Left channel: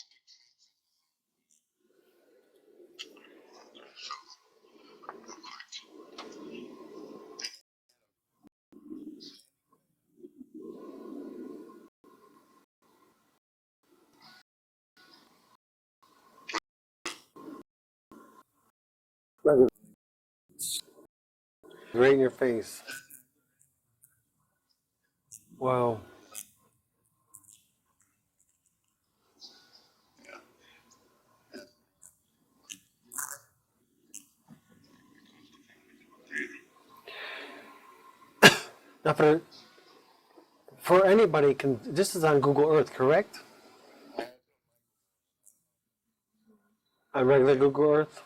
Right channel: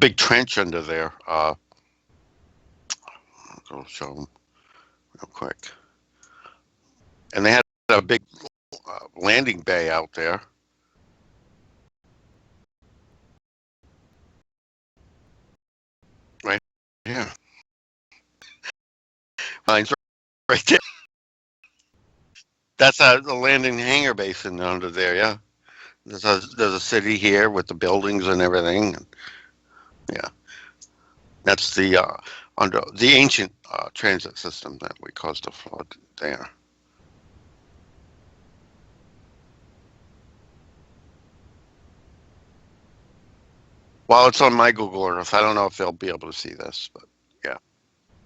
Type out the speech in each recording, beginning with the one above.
big trench under there. I'll show them real quick. And they had a big landing bay out there. Right here. Mine's right there. Right in your face. That's the landing hangar basin under there, yeah. Wow. There's a city here with the buildings and everything. Yeah. That's the under the ancient transit system that we caused a flood there. Now for anybody, this is on Google Earth, correct? Well, it's on my Google Earth. I don't know if they'll be able to see this, but On regular Google Earth?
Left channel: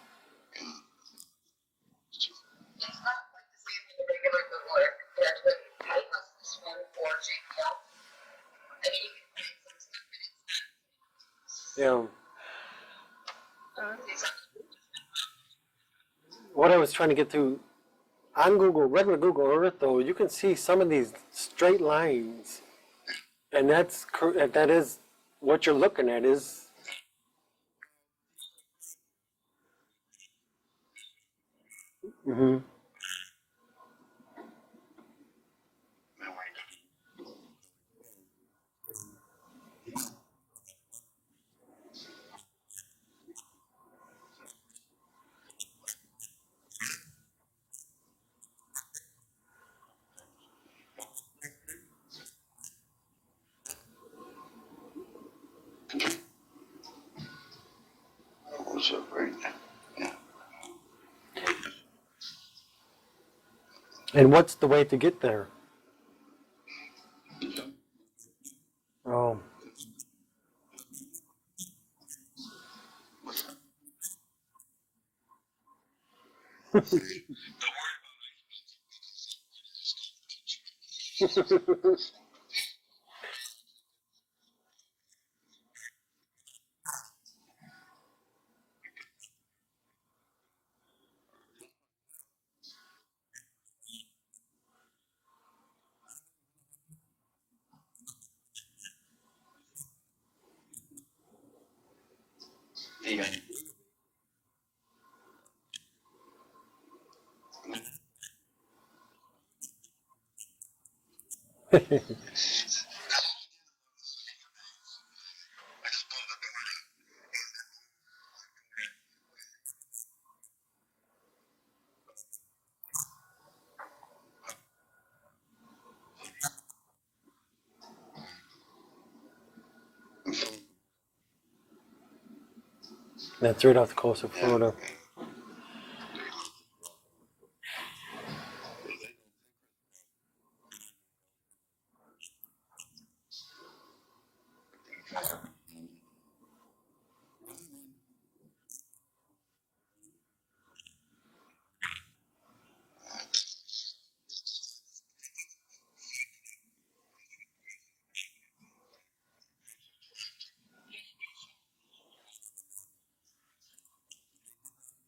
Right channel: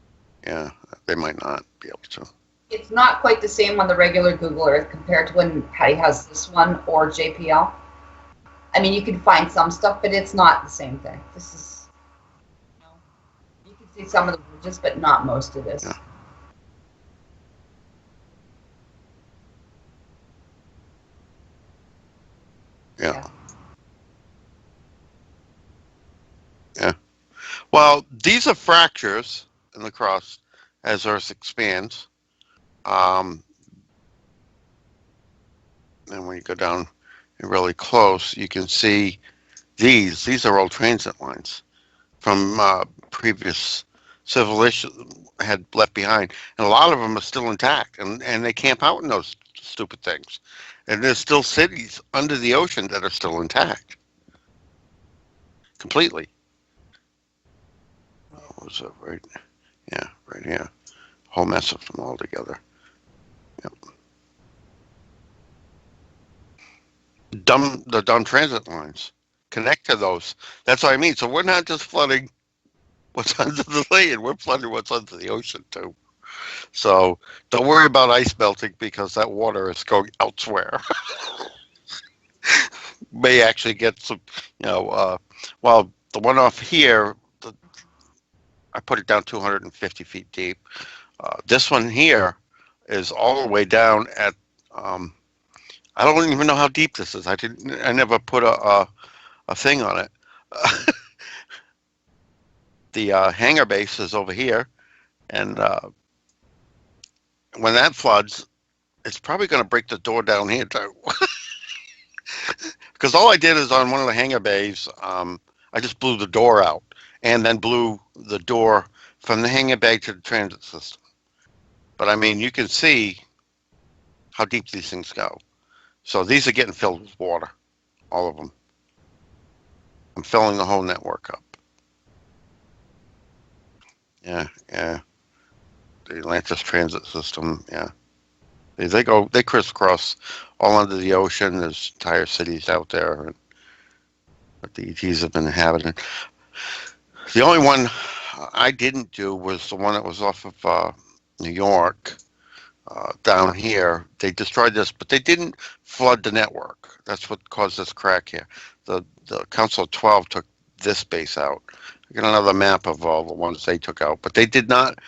Yeah, they might not be able to. It's not quite the same on the regular Google Earth compared to when Patty has this one or JPL. I mean, you can find some stuff, but it's not the same thing. This is, Yeah. you can see some of the ridges, but not most of this. Yeah. What I was trying to get to, on regular Google Earth, though, you can see some of these straight lines. Yeah. And that is what you're looking at is. Yeah. Well, these are fractures in the crust as Earth expands. Mm-hmm. And when you go down really close, you can see these are all transit lines from previous civilization had left behind, and a lot of them are still intact, and they camp out in those stupid things, and there's still cities under the ocean that are still intact completely. So right here, whole mess of them all together. Yep. And what's the way to get there? The dumb transit lines. Oh. Connect to those. That's what I mean. So we're not just flooding what's under the land, we're flooding what's under the ocean too. So don't worry about ice melting because that water is going elsewhere. May actually get some, well, the one off here, I put it down 250 feet deep. This one here is all the way down at, I don't even know how deep this is. I never put a thing on it. The hangar base is over here, and when that floods, it's probably going to break the door down here too. Because all I did is on one of the hangar bays, I just blew the door out, and then blew the door from the hangar bay to the transit system. But I mean, you can see how deep these things go. So these are getting filled with water, all of them. I'm filling the whole network up. That's right off the coast of Florida. Yeah. The Atlantis transit system, yeah. They crisscross all under the ocean. There's entire cities out there that the ETs have been inhabiting. The only one I didn't do was the one that was off of New York, down here. They destroyed this, but they didn't flood the network. That's what caused this crack here. The Council of 12 took this base out. I got another map of all the ones they took out, but they did not.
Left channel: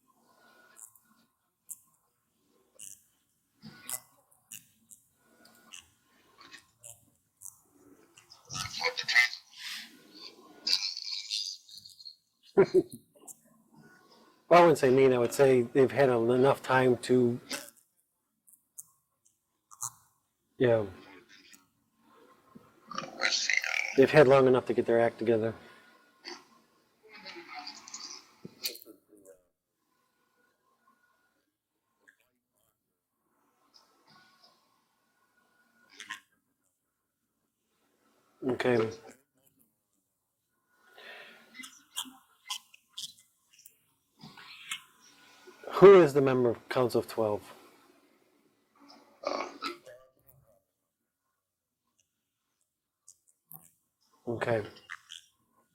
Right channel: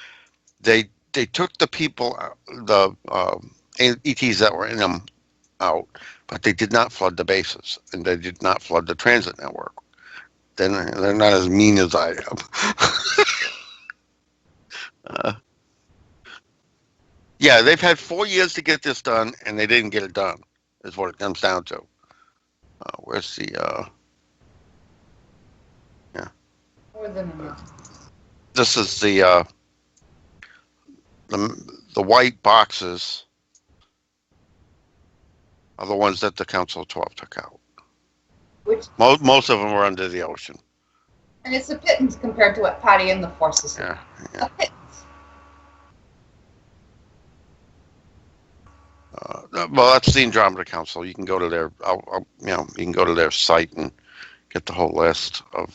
They took the people, the ETs that were in them out, but they did not flood the bases, and they did not flood the transit network. Then they're not as mean as I am. Well, I wouldn't say mean. I would say they've had enough time to. Yeah, they've had 4 years to get this done, and they didn't get it done. Yeah. Is what it comes down to. Where's the? They've had long enough to get their act together. Yeah. More than enough. This is the white boxes are the ones that the Council of 12 took out. Okay. Most of them were under the ocean. And it's a pittance compared to what Patty and the forces. Yeah. A pittance. Who is the member of Council of 12? Well, that's the Andromeda Council. You can go to their, you can go to their site and get the whole list of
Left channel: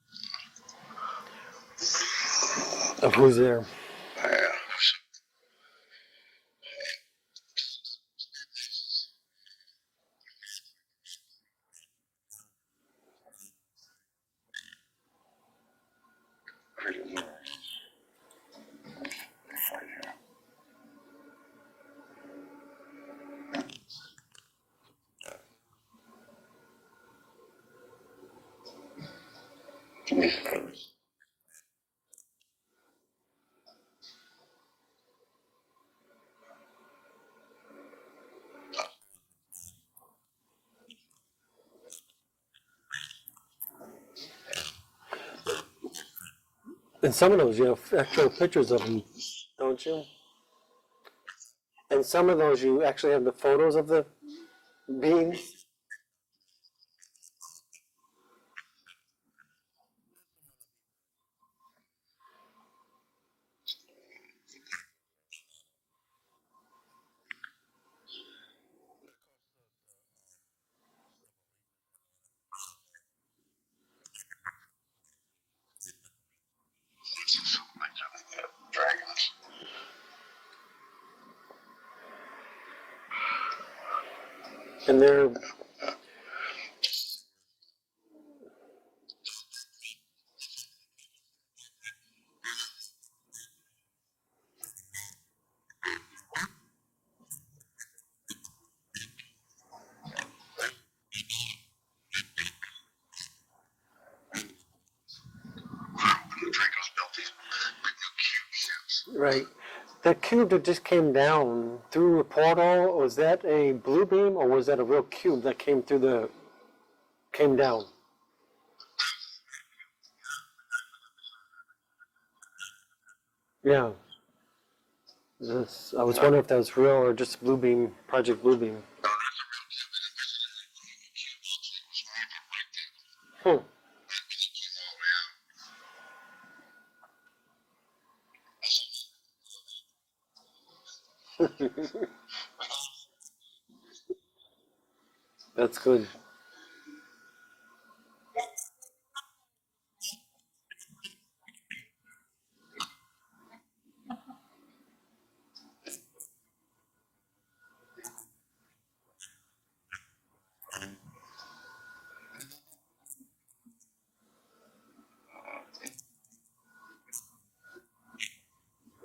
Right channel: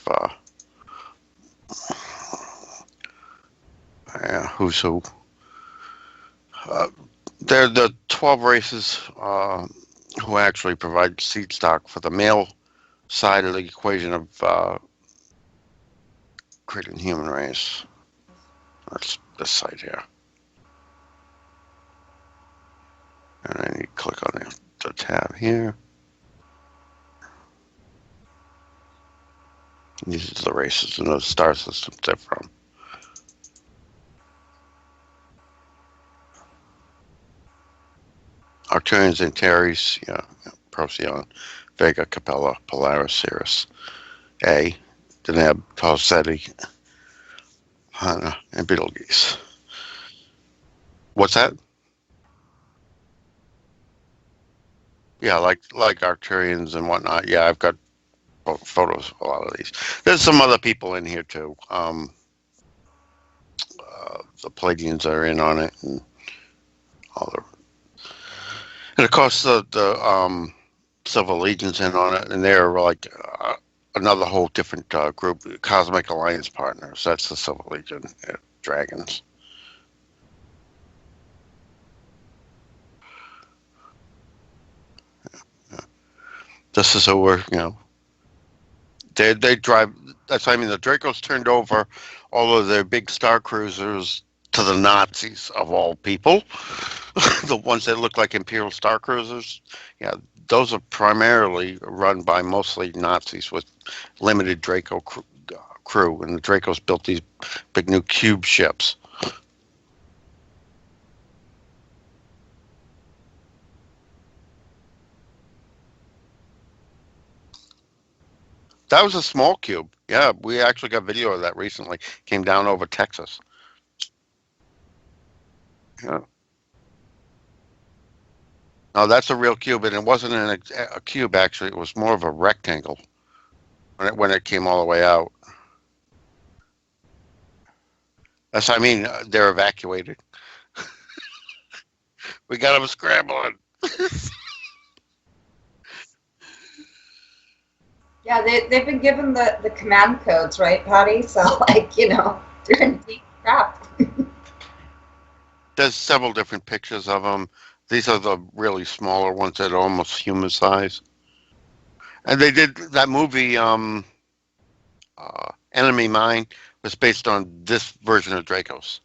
who's there. Who's who. They're the 12 races who actually provide seed stock for the male side of the equation of creating human race. That's this site here. And then you click on the tab here. unique to the races and the star systems they're from. Arcturians, Antares, Procyon, Vega, Capella, Polaris, Sirius, A, Deneb, Tau Ceti, And some of those you have actual and pictures of them, Betelgeuse. don't you? What's that? And some of those you actually have the photos of the beings. Yeah, like Arcturians and whatnot. Yeah, I've got photos of a lot of these. There's some other people in here too. The Palladians are in on it, and all the, and of course the Civil Legion's in on it, and they're like another whole different group, Cosmic Alliance partners. That's the Civil Legion, dragons. And they're This is who we're, they drive. That's, I mean, the Dracos turned over all of their big star cruisers to the Nazis of all people. The ones that look like Imperial star cruisers, yeah, those are primarily run by mostly Nazis with limited Draco crew, and the Dracos built these big new cube ships. right. That cube that just came down through a portal, was that a blue beam or was that a real cube that came down? That was a small cube. Yeah, we actually got video of that recently. Came down over Texas. Yeah. I was wondering if that was real or just blue beam, Project Blue Beam. No, that's a real cube, and it wasn't a cube actually. It was more of a rectangle when it came all the way out. That's, I mean, they're evacuated. We got them scrambling. That's good. Yeah, they've been given the command codes, right, Patty? So, they're in deep crap. There's several different pictures of them. These are the really smaller ones that are almost human size. And they did that movie, Enemy Mine, was based on this version of Dracos.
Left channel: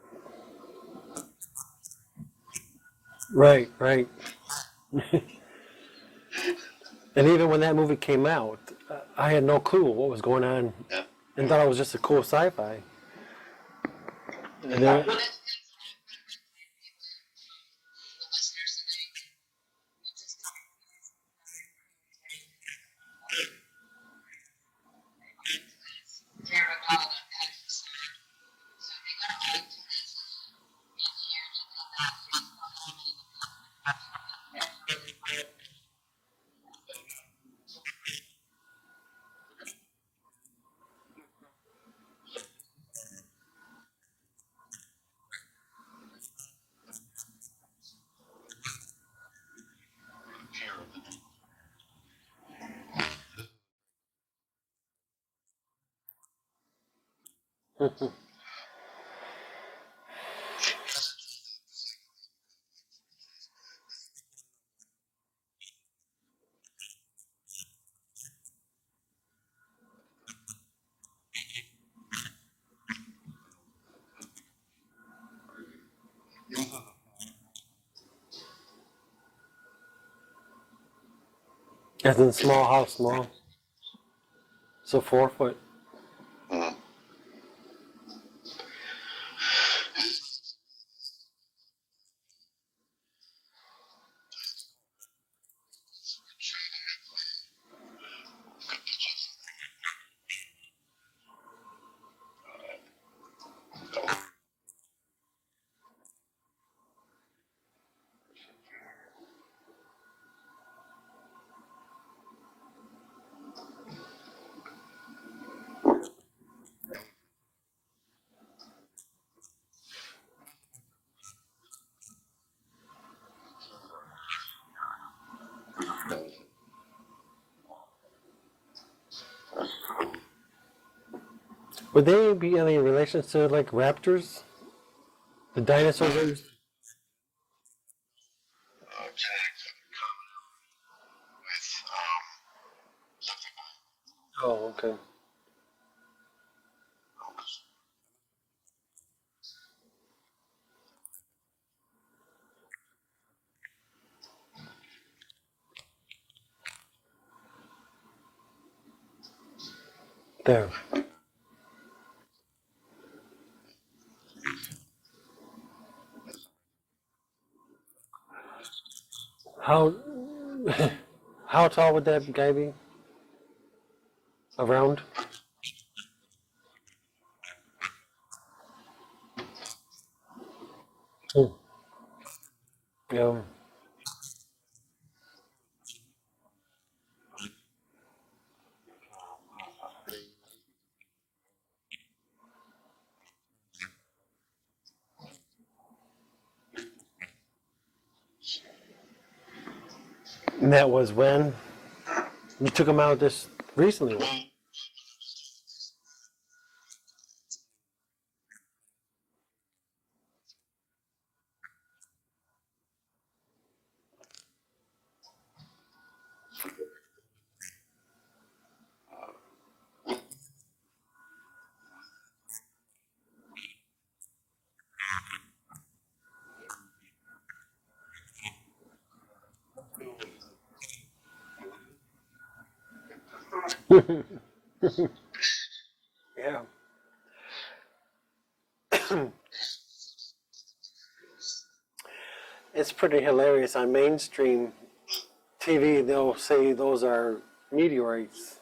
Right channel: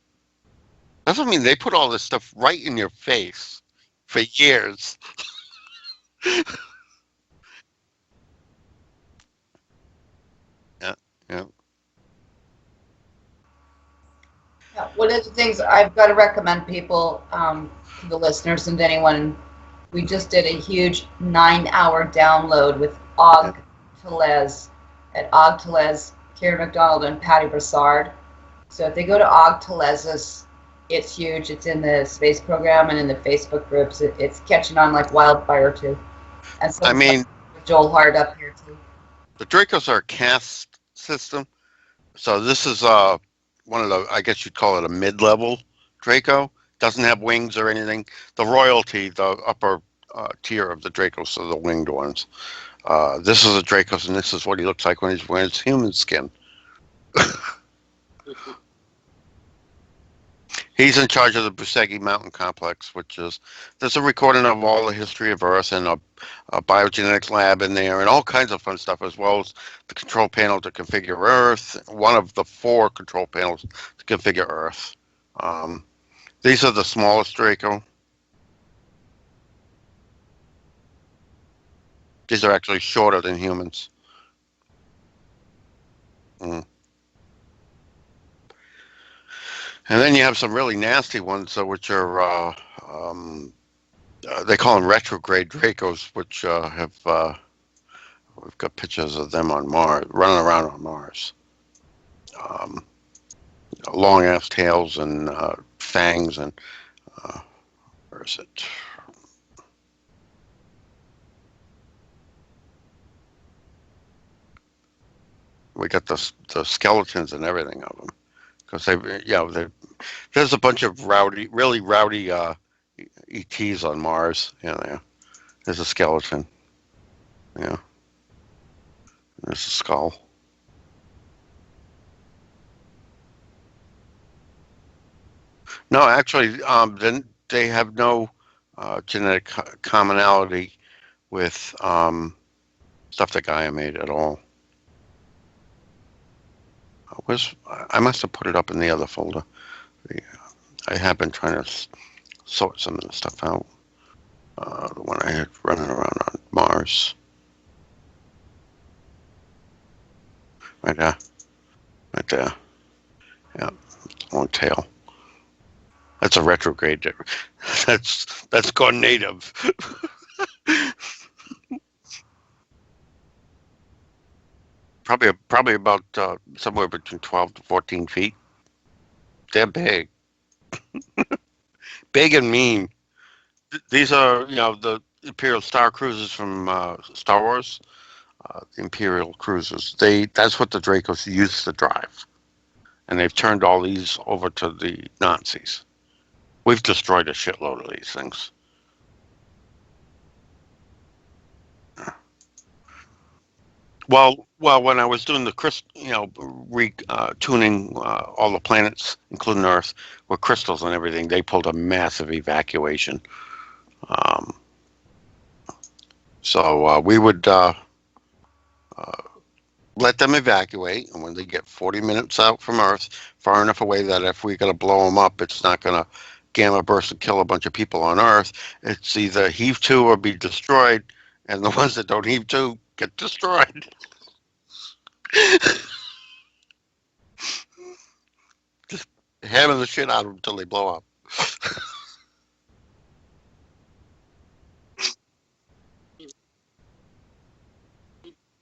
Doesn't mean they put all this stuff right in your face. Right. For years. And even when that movie came out, I had no clue what was going on. Yeah. I thought it was just a cool sci-fi. One of the things I've got to recommend people, the listeners and anyone, we just did a huge 9-hour download with Og Telez at Og Telez, Karen McDonald, and Patty Brassard. So if they go to Og Telez's, it's huge. It's in the space program and in the Facebook groups. It's catching on like wildfire too. And so I mean, Joel Hart up here too. The Dracos are a caste system. So this is one of the, I guess you'd call it a mid-level Draco. Doesn't have wings or anything. The royalty, the upper tier of the Dracos are the winged ones. This is a Dracos, and this is what he looks like when he's wearing his human skin. He's in charge of the Busegi Mountain Complex, which is, there's a recording of all the history of Earth and a biogenetics lab in there and all kinds of fun stuff, as well as the control panel to configure Earth, one of the 4 control panels to configure Earth. These are the smallest Draco. These are actually shorter than humans. So 4 foot. Mm. And then you have some really nasty ones, which are, they call them retrograde Dracos, which have, we've got pictures of them on Mars, running around on Mars. Long ass tails and fangs and, where is it? We got the skeletons and everything of them. Because there's a bunch of really rowdy ETs on Mars. There's a skeleton. Yeah. There's a skull. Would they be any relations to like raptors? The dinosaurs? No, actually, then they have no genetic commonality with stuff that Gaia made at all. Oh, okay. I must have put it up in the other folder. I have been trying to sort some of the stuff out. The one I had running around on Mars. There. Right there. Right there. Yeah. Long tail. That's a retrograde. That's gone native. How how tall would that guy be? Around? Probably about somewhere between 12 to 14 feet. They're big. Oh. Big and mean. Yeah. These are, the Imperial Star Cruisers from Star Wars. The Imperial cruisers. That's what the Dracos used to drive. And they've turned all these over to the Nazis. We've destroyed a shitload of these things. And that was when you took him out this recently. Well, when I was doing the tuning all the planets, including Earth, with crystals and everything, they pulled a massive evacuation. So we would let them evacuate, and when they get 40 minutes out from Earth, far enough away that if we're going to blow them up, it's not going to gamma burst and kill a bunch of people on Earth. It's either heave to or be destroyed, and the ones that don't heave to get destroyed. Yeah. Hammering the shit out of them until they blow up. It's pretty hilarious. On mainstream TV, they'll say those are meteorites.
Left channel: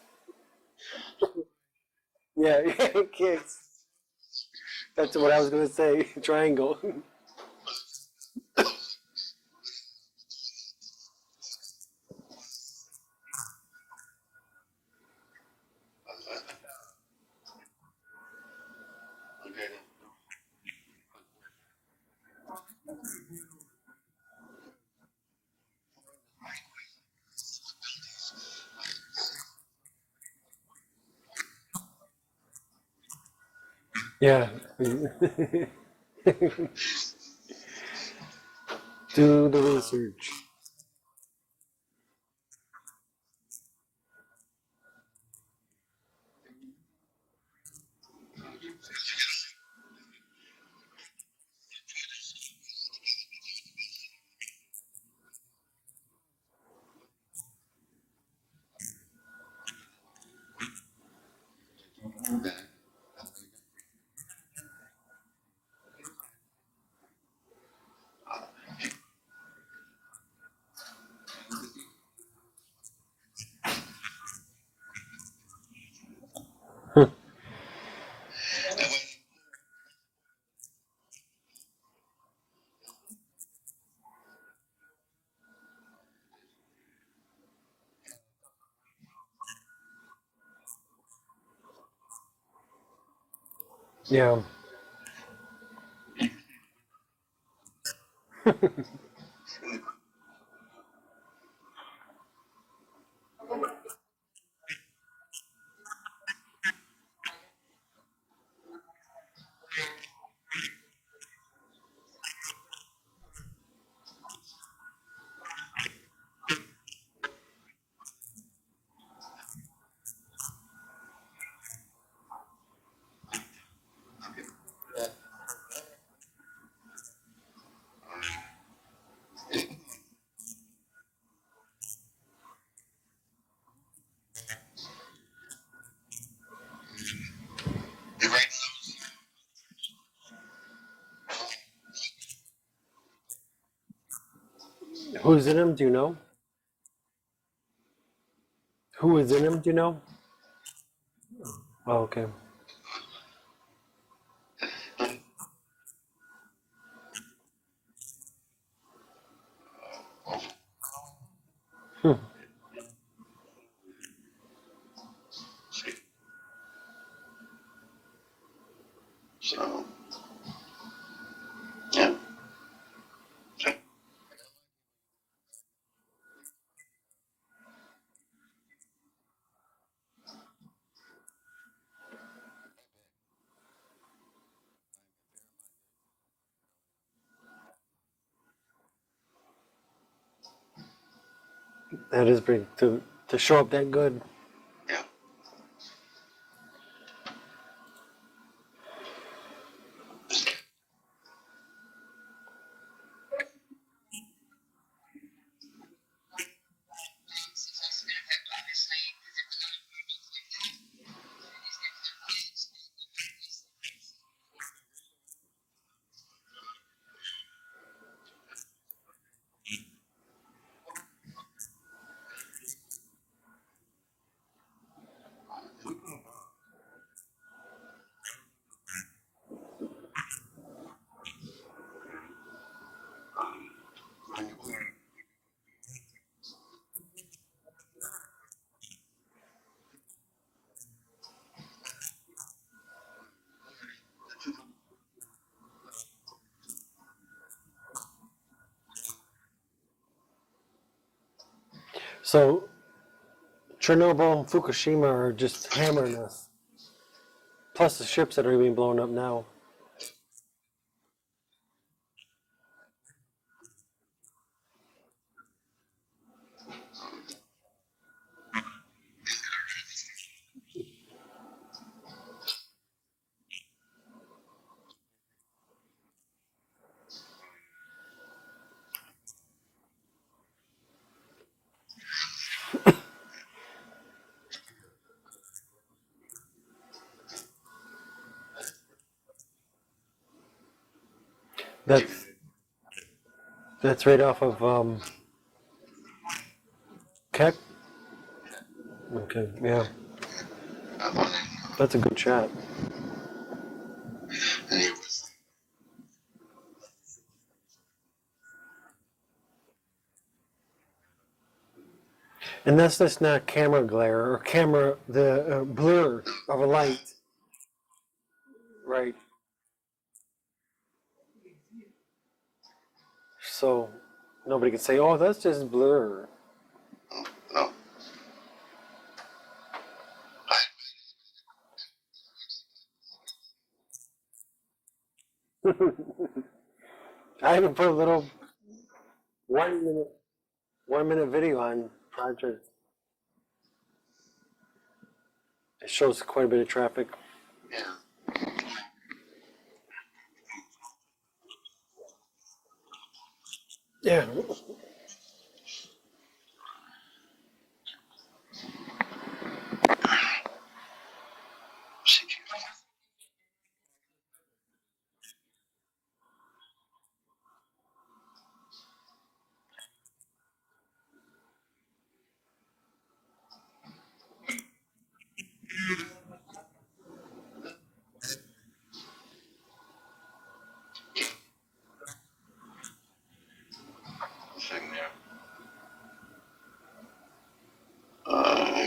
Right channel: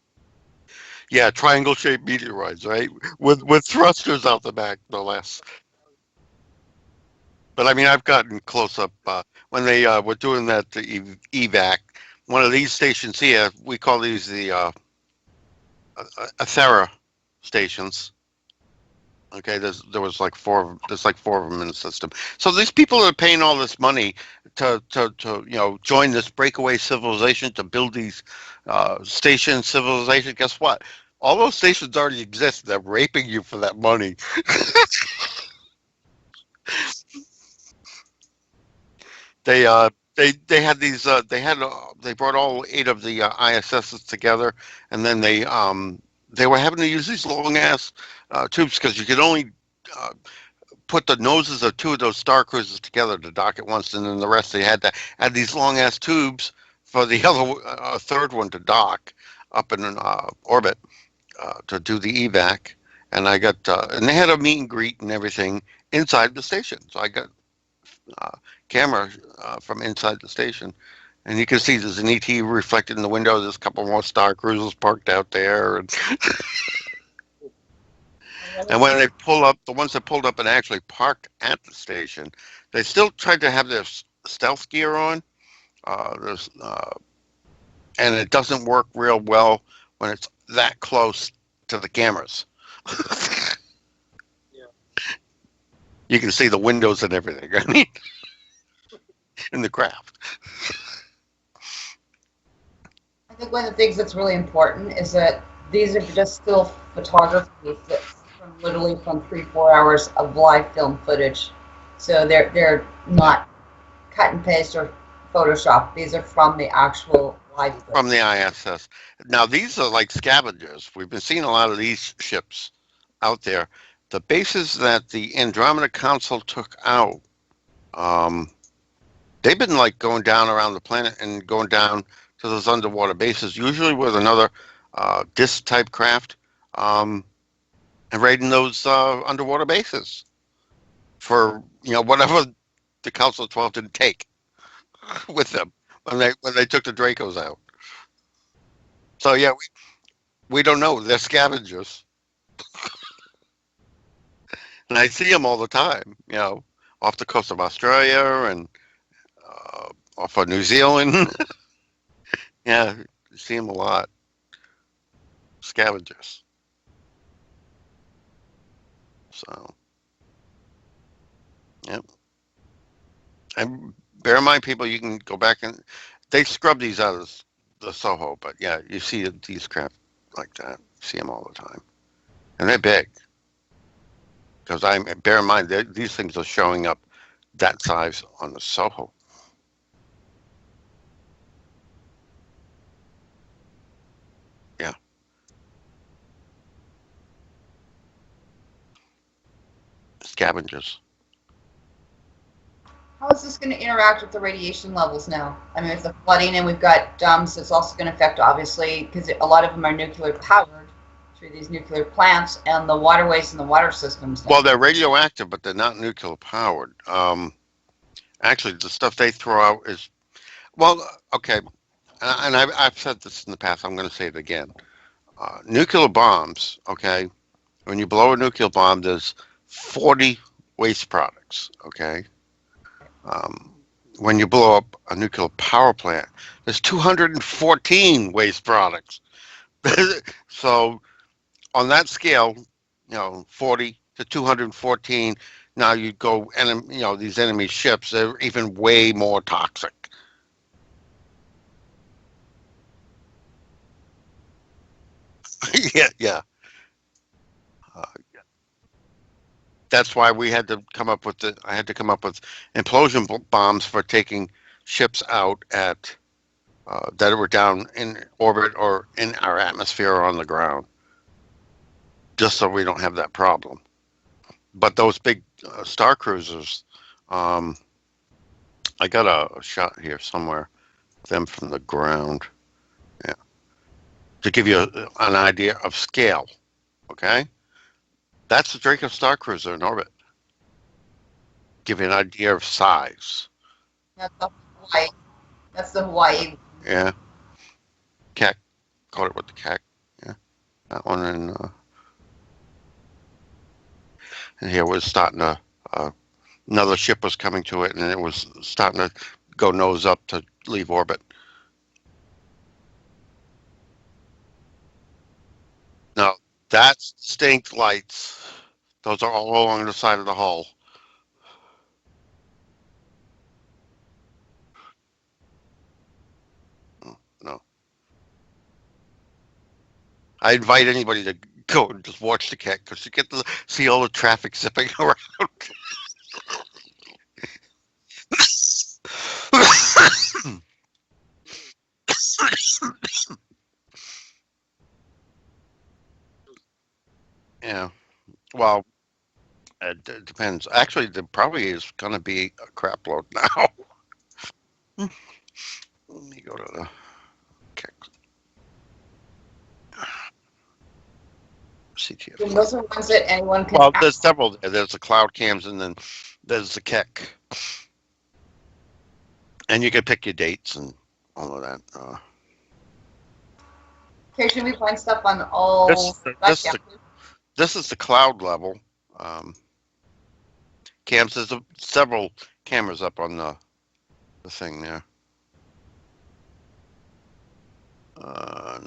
Yeah, triangle-shaped meteorites, Yeah, right? yes. With thrusters out the back. No That's less. what I was going to say. Triangle. But I mean, I've gotten close up when they were doing that evac. One of these stations here, we call these the Athera stations. Okay, there was like there's like four of them in the system. So these people are paying all this money to join this breakaway civilization to build these station civilization. Guess what? All those stations already exist. They're raping you for that money. Yeah. They had these they brought all 8 of the ISSs together, and then they were having to use these long ass tubes because you could only put the noses of 2 of those star cruisers together to dock at once, and then the rest they had to add these long ass tubes for the other third one to dock up in orbit to do the evac. And I got and they had a meet and greet and everything inside the station, so I got camera from inside the station, and you can see there's an ET reflected in the window. There's a couple more star cruisers parked out there, and and when they pull up, the ones that pulled up and actually parked at the station, they still tried to have their stealth gear on. And it doesn't work real well when it's that close to the cameras. Yeah. You can see the windows and everything. I mean, in the craft. I think one of the things that's really important is that these are just still photography literally from 3-4 hours of live film footage. So they're not cut and paste or Photoshop. These are from the actual live footage. From the ISS. Now these are like scavengers. We've been seeing a lot of these ships out there. The bases that the Andromeda Council took out, they've been like going down around the planet and going down to those underwater bases, usually with another disc type craft, and raiding those underwater bases for whatever the Council of 12 didn't take. Who's with in them them? Do you know? when they took the Dracos out. Who is So, in yeah, them? Do you know? We don't know. They're scavengers. Oh, okay. And I see them all the time, off the coast of Australia and off of New Zealand. Yeah, see them a lot. Scavengers. So, yeah. And bear in mind, people, you can go back and they scrub these out of the Soho, but yeah, you see these craft like that. You see them all the time. And they're big. Because bear in mind, these things are showing up that size on the Soho. That is big to show up that good. Yeah. Scavengers. How is this going to interact with the radiation levels now? I mean, with the flooding, and we've got dumps, it's also going to affect, obviously, because a lot of them are nuclear powered, through these nuclear plants and the waterways and the water systems. Well, they're radioactive, but they're not nuclear powered. Actually, the stuff they throw out is, well, okay, and I've said this in the past. I'm going to say it again. Nuclear bombs, okay, when you blow a nuclear bomb, there's 40 waste products, okay? When you blow up a nuclear power plant, there's 214 waste products. So on that scale, 40 to 214. Now you go, and these enemy ships, they're even way more toxic. So Chernobyl and Fukushima are just hammering us. Yeah. Plus the ships that are being blown up now. That's why we had to come up with I had to come up with implosion bombs for taking ships out at that were down in orbit or in our atmosphere or on the ground, just so we don't have that problem. But those big star cruisers, I got a shot here somewhere, them from the ground, yeah, to give you an idea of scale. Okay, that's the Draco star cruiser in orbit. Give you an idea of size. That's right off of That's the Hawaii. Yeah. Keck. Keck. Okay, With the Keck. yeah. That one in, That's a good shot. here was starting to, another ship was coming to it, and it was starting to go nose up to leave orbit. And that's just not camera glare or camera, the blur No, of a light. that's stink lights. Right. Those are all along the side of the hull. So nobody can say, oh, that's just blur. No. I invite anybody to go and just watch the Keck, because you get to see all the traffic zipping around. I even put a little 1 minute video on Project. It shows quite a bit of traffic. Yeah. Well, it depends. Actually, there probably is going to be a crap load now. Yeah. Let me go to the Keck. And those are ones that anyone can. Well, there's several. There's the cloud cams, and then there's the Keck. And you can pick your dates and all of that. Should we find stuff on all? This is the cloud level. Cams, there's several cameras up on the thing there.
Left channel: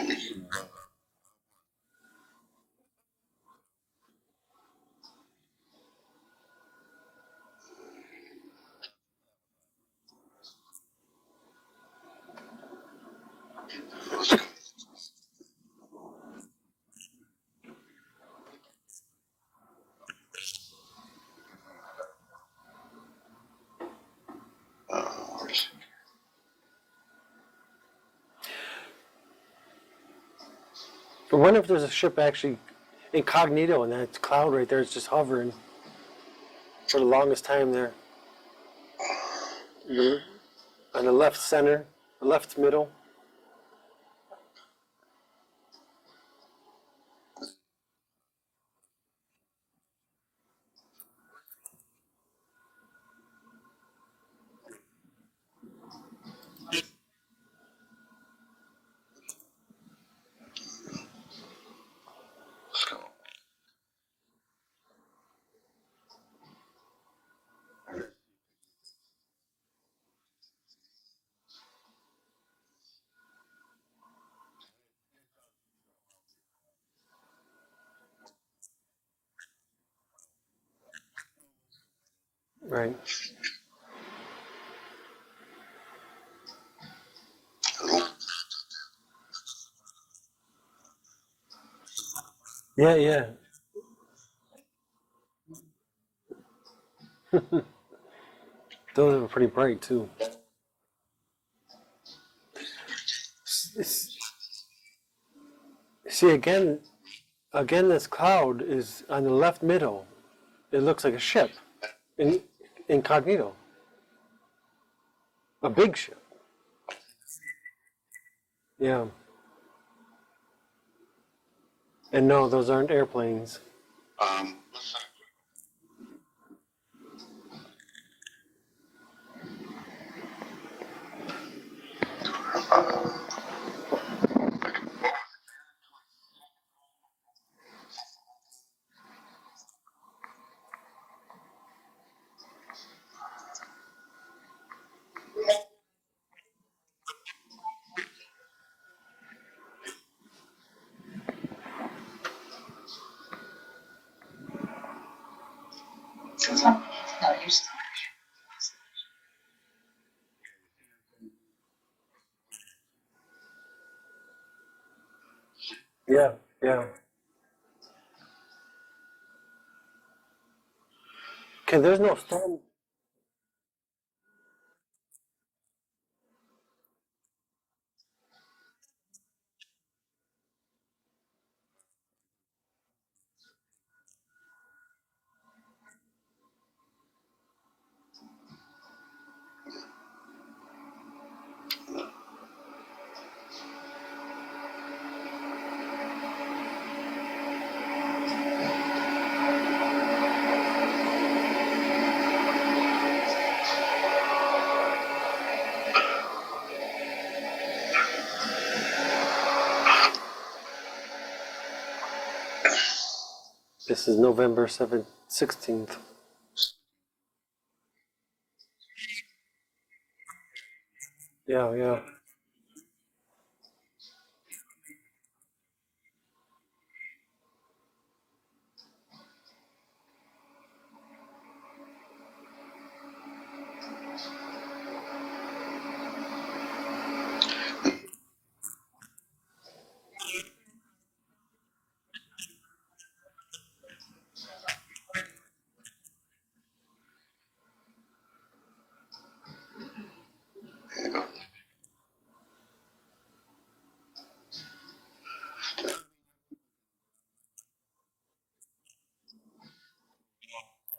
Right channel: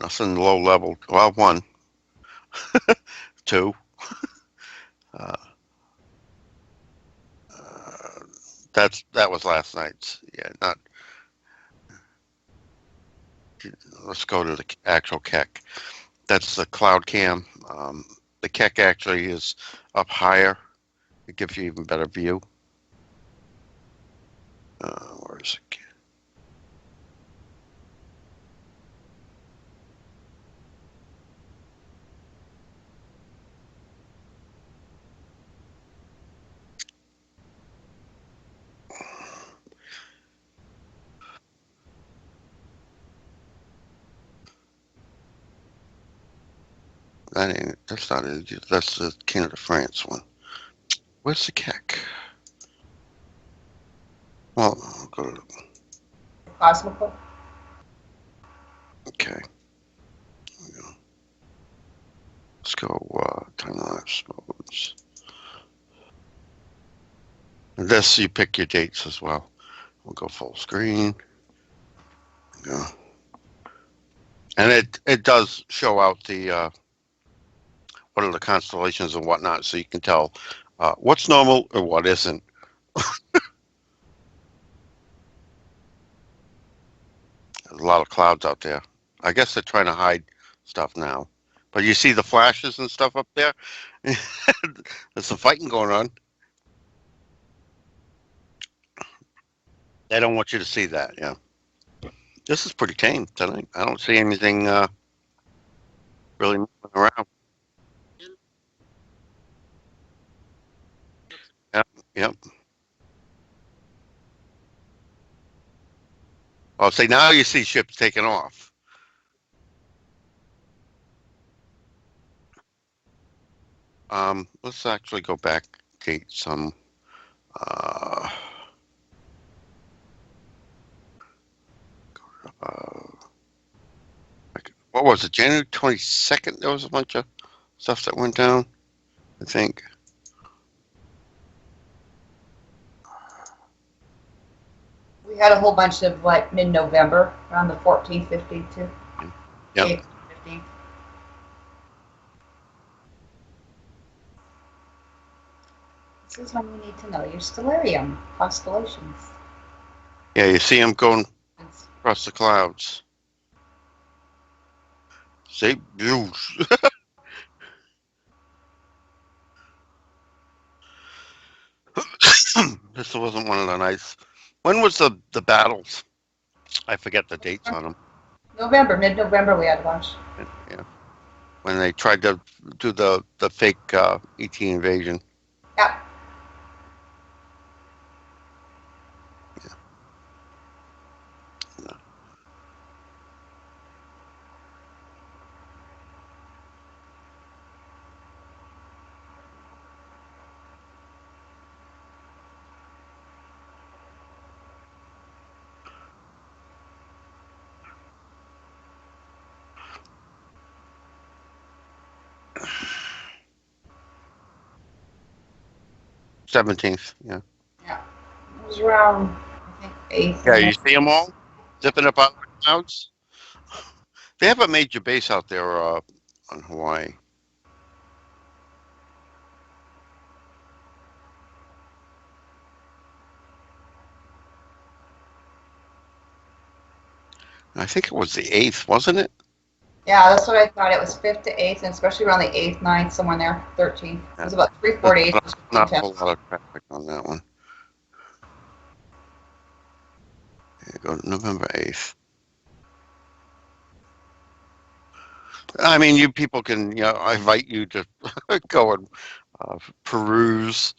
That's in low level. Well, 1. 2. That was last night's. Yeah, not. Let's go to the actual Keck. That's the cloud cam. The Keck actually is up higher. It gives you even better view. I wonder if there's a ship actually incognito and that cloud right there is just hovering for the longest time there. On the left center, the left middle. That's not it. That's the Canada France one. Where's the Keck? Well, I'll go to Cosmical. Okay. Let's go time lapse modes. This you pick your dates as well. We'll go full screen. Yeah. And it does show out the what are the constellations and whatnot, so you can tell what's normal or what isn't. Right. There's a lot of clouds out there. I guess they're trying to hide stuff now. But you see the flashes and stuff up there? There's some fighting going on. Those are pretty bright too. They don't want you to see that, yeah. This is pretty tame tonight. I don't see anything see again really around. Again, this cloud is on the left middle. It looks like a ship. Yep. Incognito. A big ship. Oh, see, now you see ships taking off. Yeah. And no, those aren't airplanes. Let's actually go back date some. What was it? January 22nd. There was a bunch of stuff that went down, I think. We had a whole bunch of like mid-November, around the 14th, 15th too. Yep. 8th, 15th. Stellarium constellations. Yeah, you see them going across the clouds. See? Yeah, yeah. Okay, there's no fan. This wasn't one of the nights. When was the battles? I forget the dates on them. November, mid-November, we had a bunch. Yeah. When they tried to do the fake ET invasion. Yeah. This is November 16th. 17th, yeah. Yeah. It was around, I think, 8th. Yeah, you see them all? Yeah, yeah. Zipping up out of the clouds? They have a major base out there on Hawaii. I think it was the 8th, wasn't it? Yeah, that's what I thought. It was 5th to 8th, and especially around the 8th, 9th, somewhere in there, 13th. It was about 3-4 days. Not a whole lot of traffic on that one. November 8th. I mean, you people can, I invite you to go and peruse.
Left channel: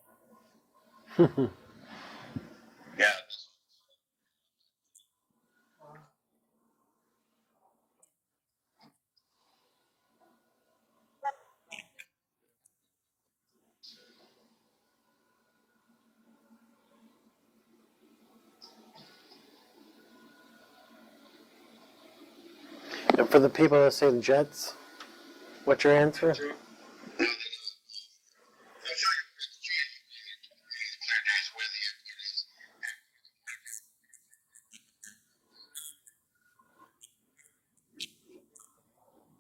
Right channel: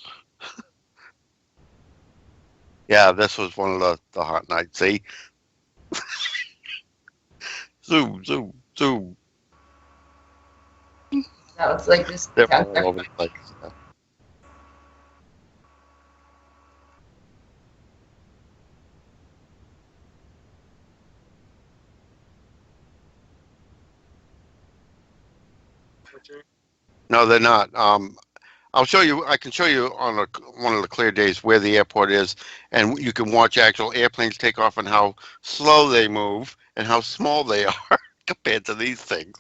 Yeah, this was one of the hot nights. See? Zoom, zoom, zoom. That was like just They're all over the place. And for the people that say the jets, what's your answer? No, they're not. I'll show you. I can show you on one of the clear days where the airport is, and you can watch actual airplanes take off and how slow they move and how small they are compared to these things,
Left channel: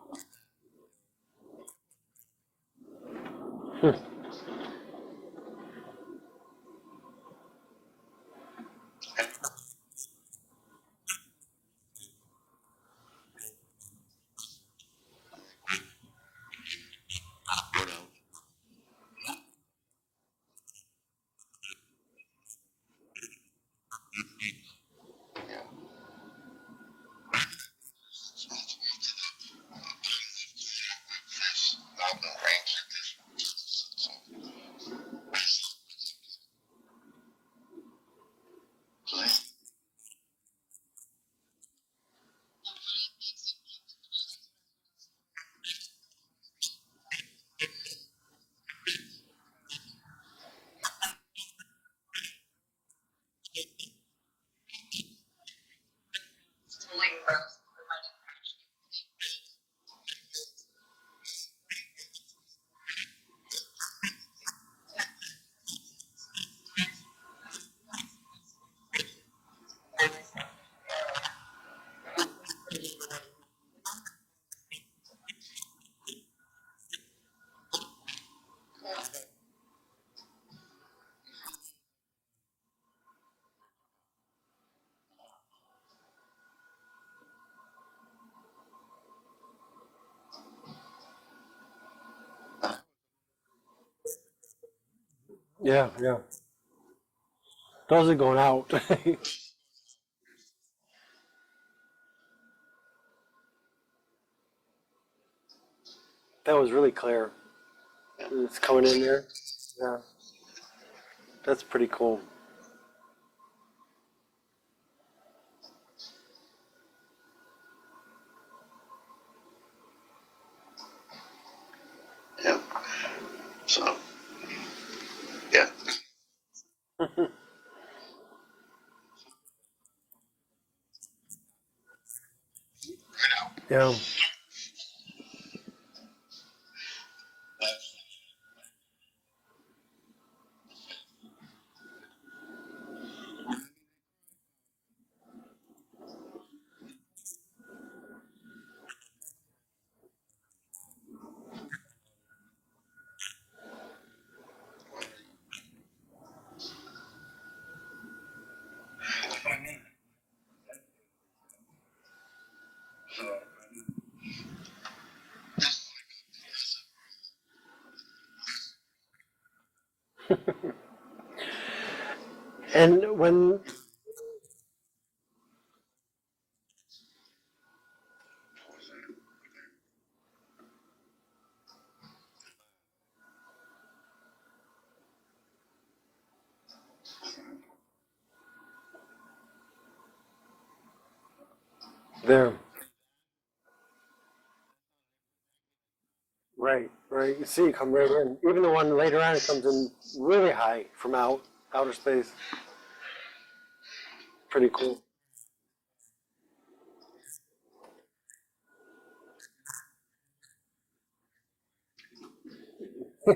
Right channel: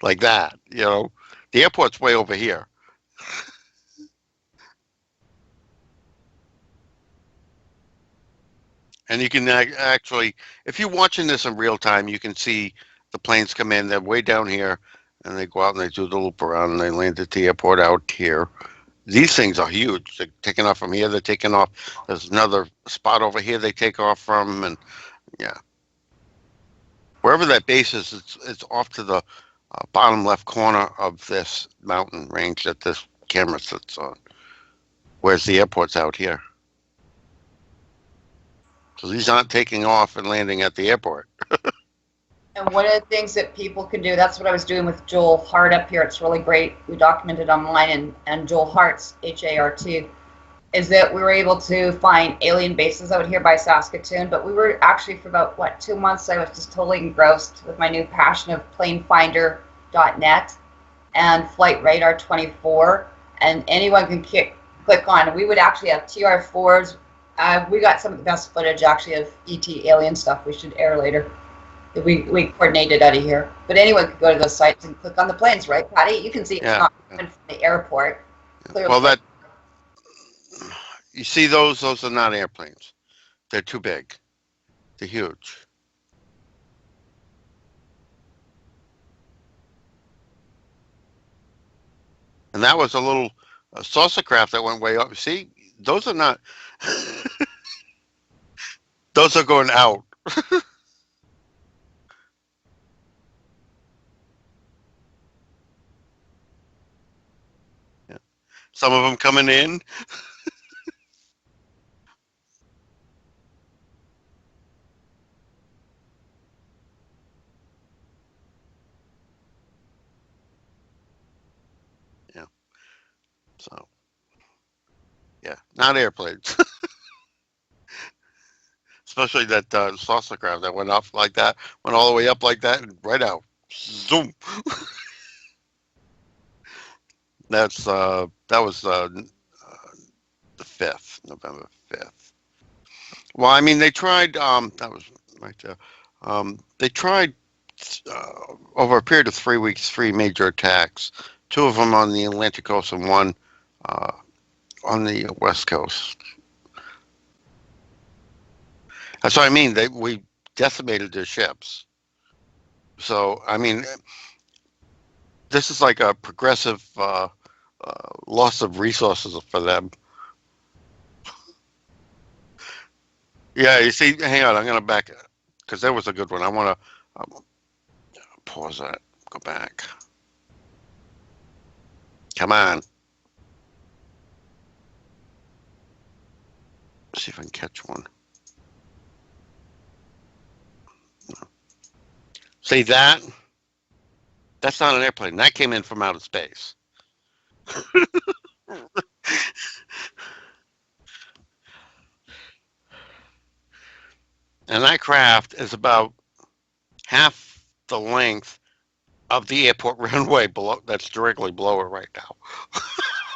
like that. The airport's way over here. And you can actually, if you're watching this in real time, you can see the planes come in. They're way down here, and they go out and they do the loop around, and they land at the airport out here. These things are huge. They're taking off from here. They're taking off. There's another spot over here they take off from, and yeah, wherever that base is, it's off to the bottom left corner of this mountain range that this camera sits on. Whereas the airport's out here. So these aren't taking off and landing at the airport. And one of the things that people can do, that's what I was doing with Joel Hart up here. It's really great. We documented online, and Joel Hart's, H-A-R-T, is that we were able to find alien bases out here by Saskatoon. But we were actually, for about, 2 months, I was just totally engrossed with my new passion of planefinder.net and Flight Radar 24. And anyone can click on. We would actually have TR4s. We got some of the best footage, actually, of ET alien stuff we should air later. We coordinated out of here. But anyone could go to those sites and click on the planes, right, Patty? You can see it's not coming from the airport. Clearly. Well, you see those are not airplanes. They're too big. They're huge. And that was a little saucer craft that went way up. See? Yeah. Those are not. Those are going out. Those are going out. That was really clear. Yeah. Some of them coming in. Yeah. That's pretty cool. not airplanes. Especially that saucer craft that went up like that, went all the way up like that, and right out. Yeah. Zoom. That was the 5th, November 5th. Well, I mean, they tried. That was right there. They tried over a period of 3 weeks, 3 major attacks. 2 of them on the Atlantic coast and 1 on the West Coast. That's what I mean. We decimated their ships. So I mean, this is like a progressive loss of resources for them. And when Yeah, you see, hang on, I'm gonna back it because that was a good one. I want to pause that. Go back. Come on. See if I can catch one. there, See that? That's not an airplane. That came in from outer space. right, you see it come right in. Even the one later on comes in really high from outer space. Pretty cool. And that craft is about half the length of the airport runway below. That's directly below it right now.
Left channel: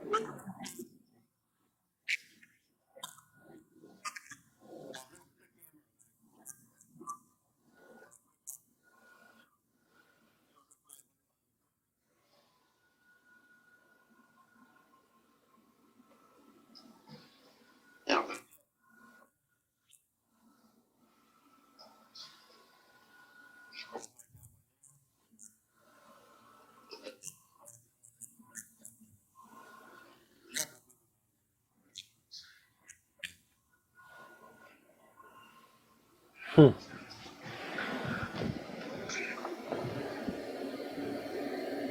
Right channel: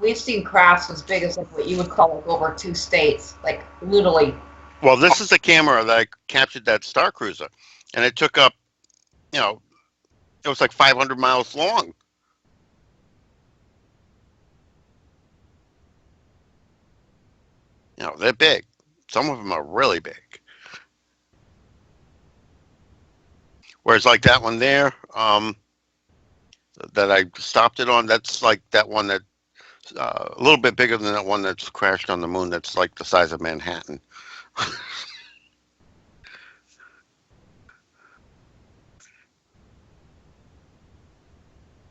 We've seen crafts as big as like what you would call like over 2 states, like literally. Well, this is the camera that captured that Star Cruiser, and it took up, it was like 500 miles long. They're big. Some of them are really big. Whereas like that one there, that I stopped it on, that's like that one that a little bit bigger than that one that's crashed on the moon. That's like the size of Manhattan.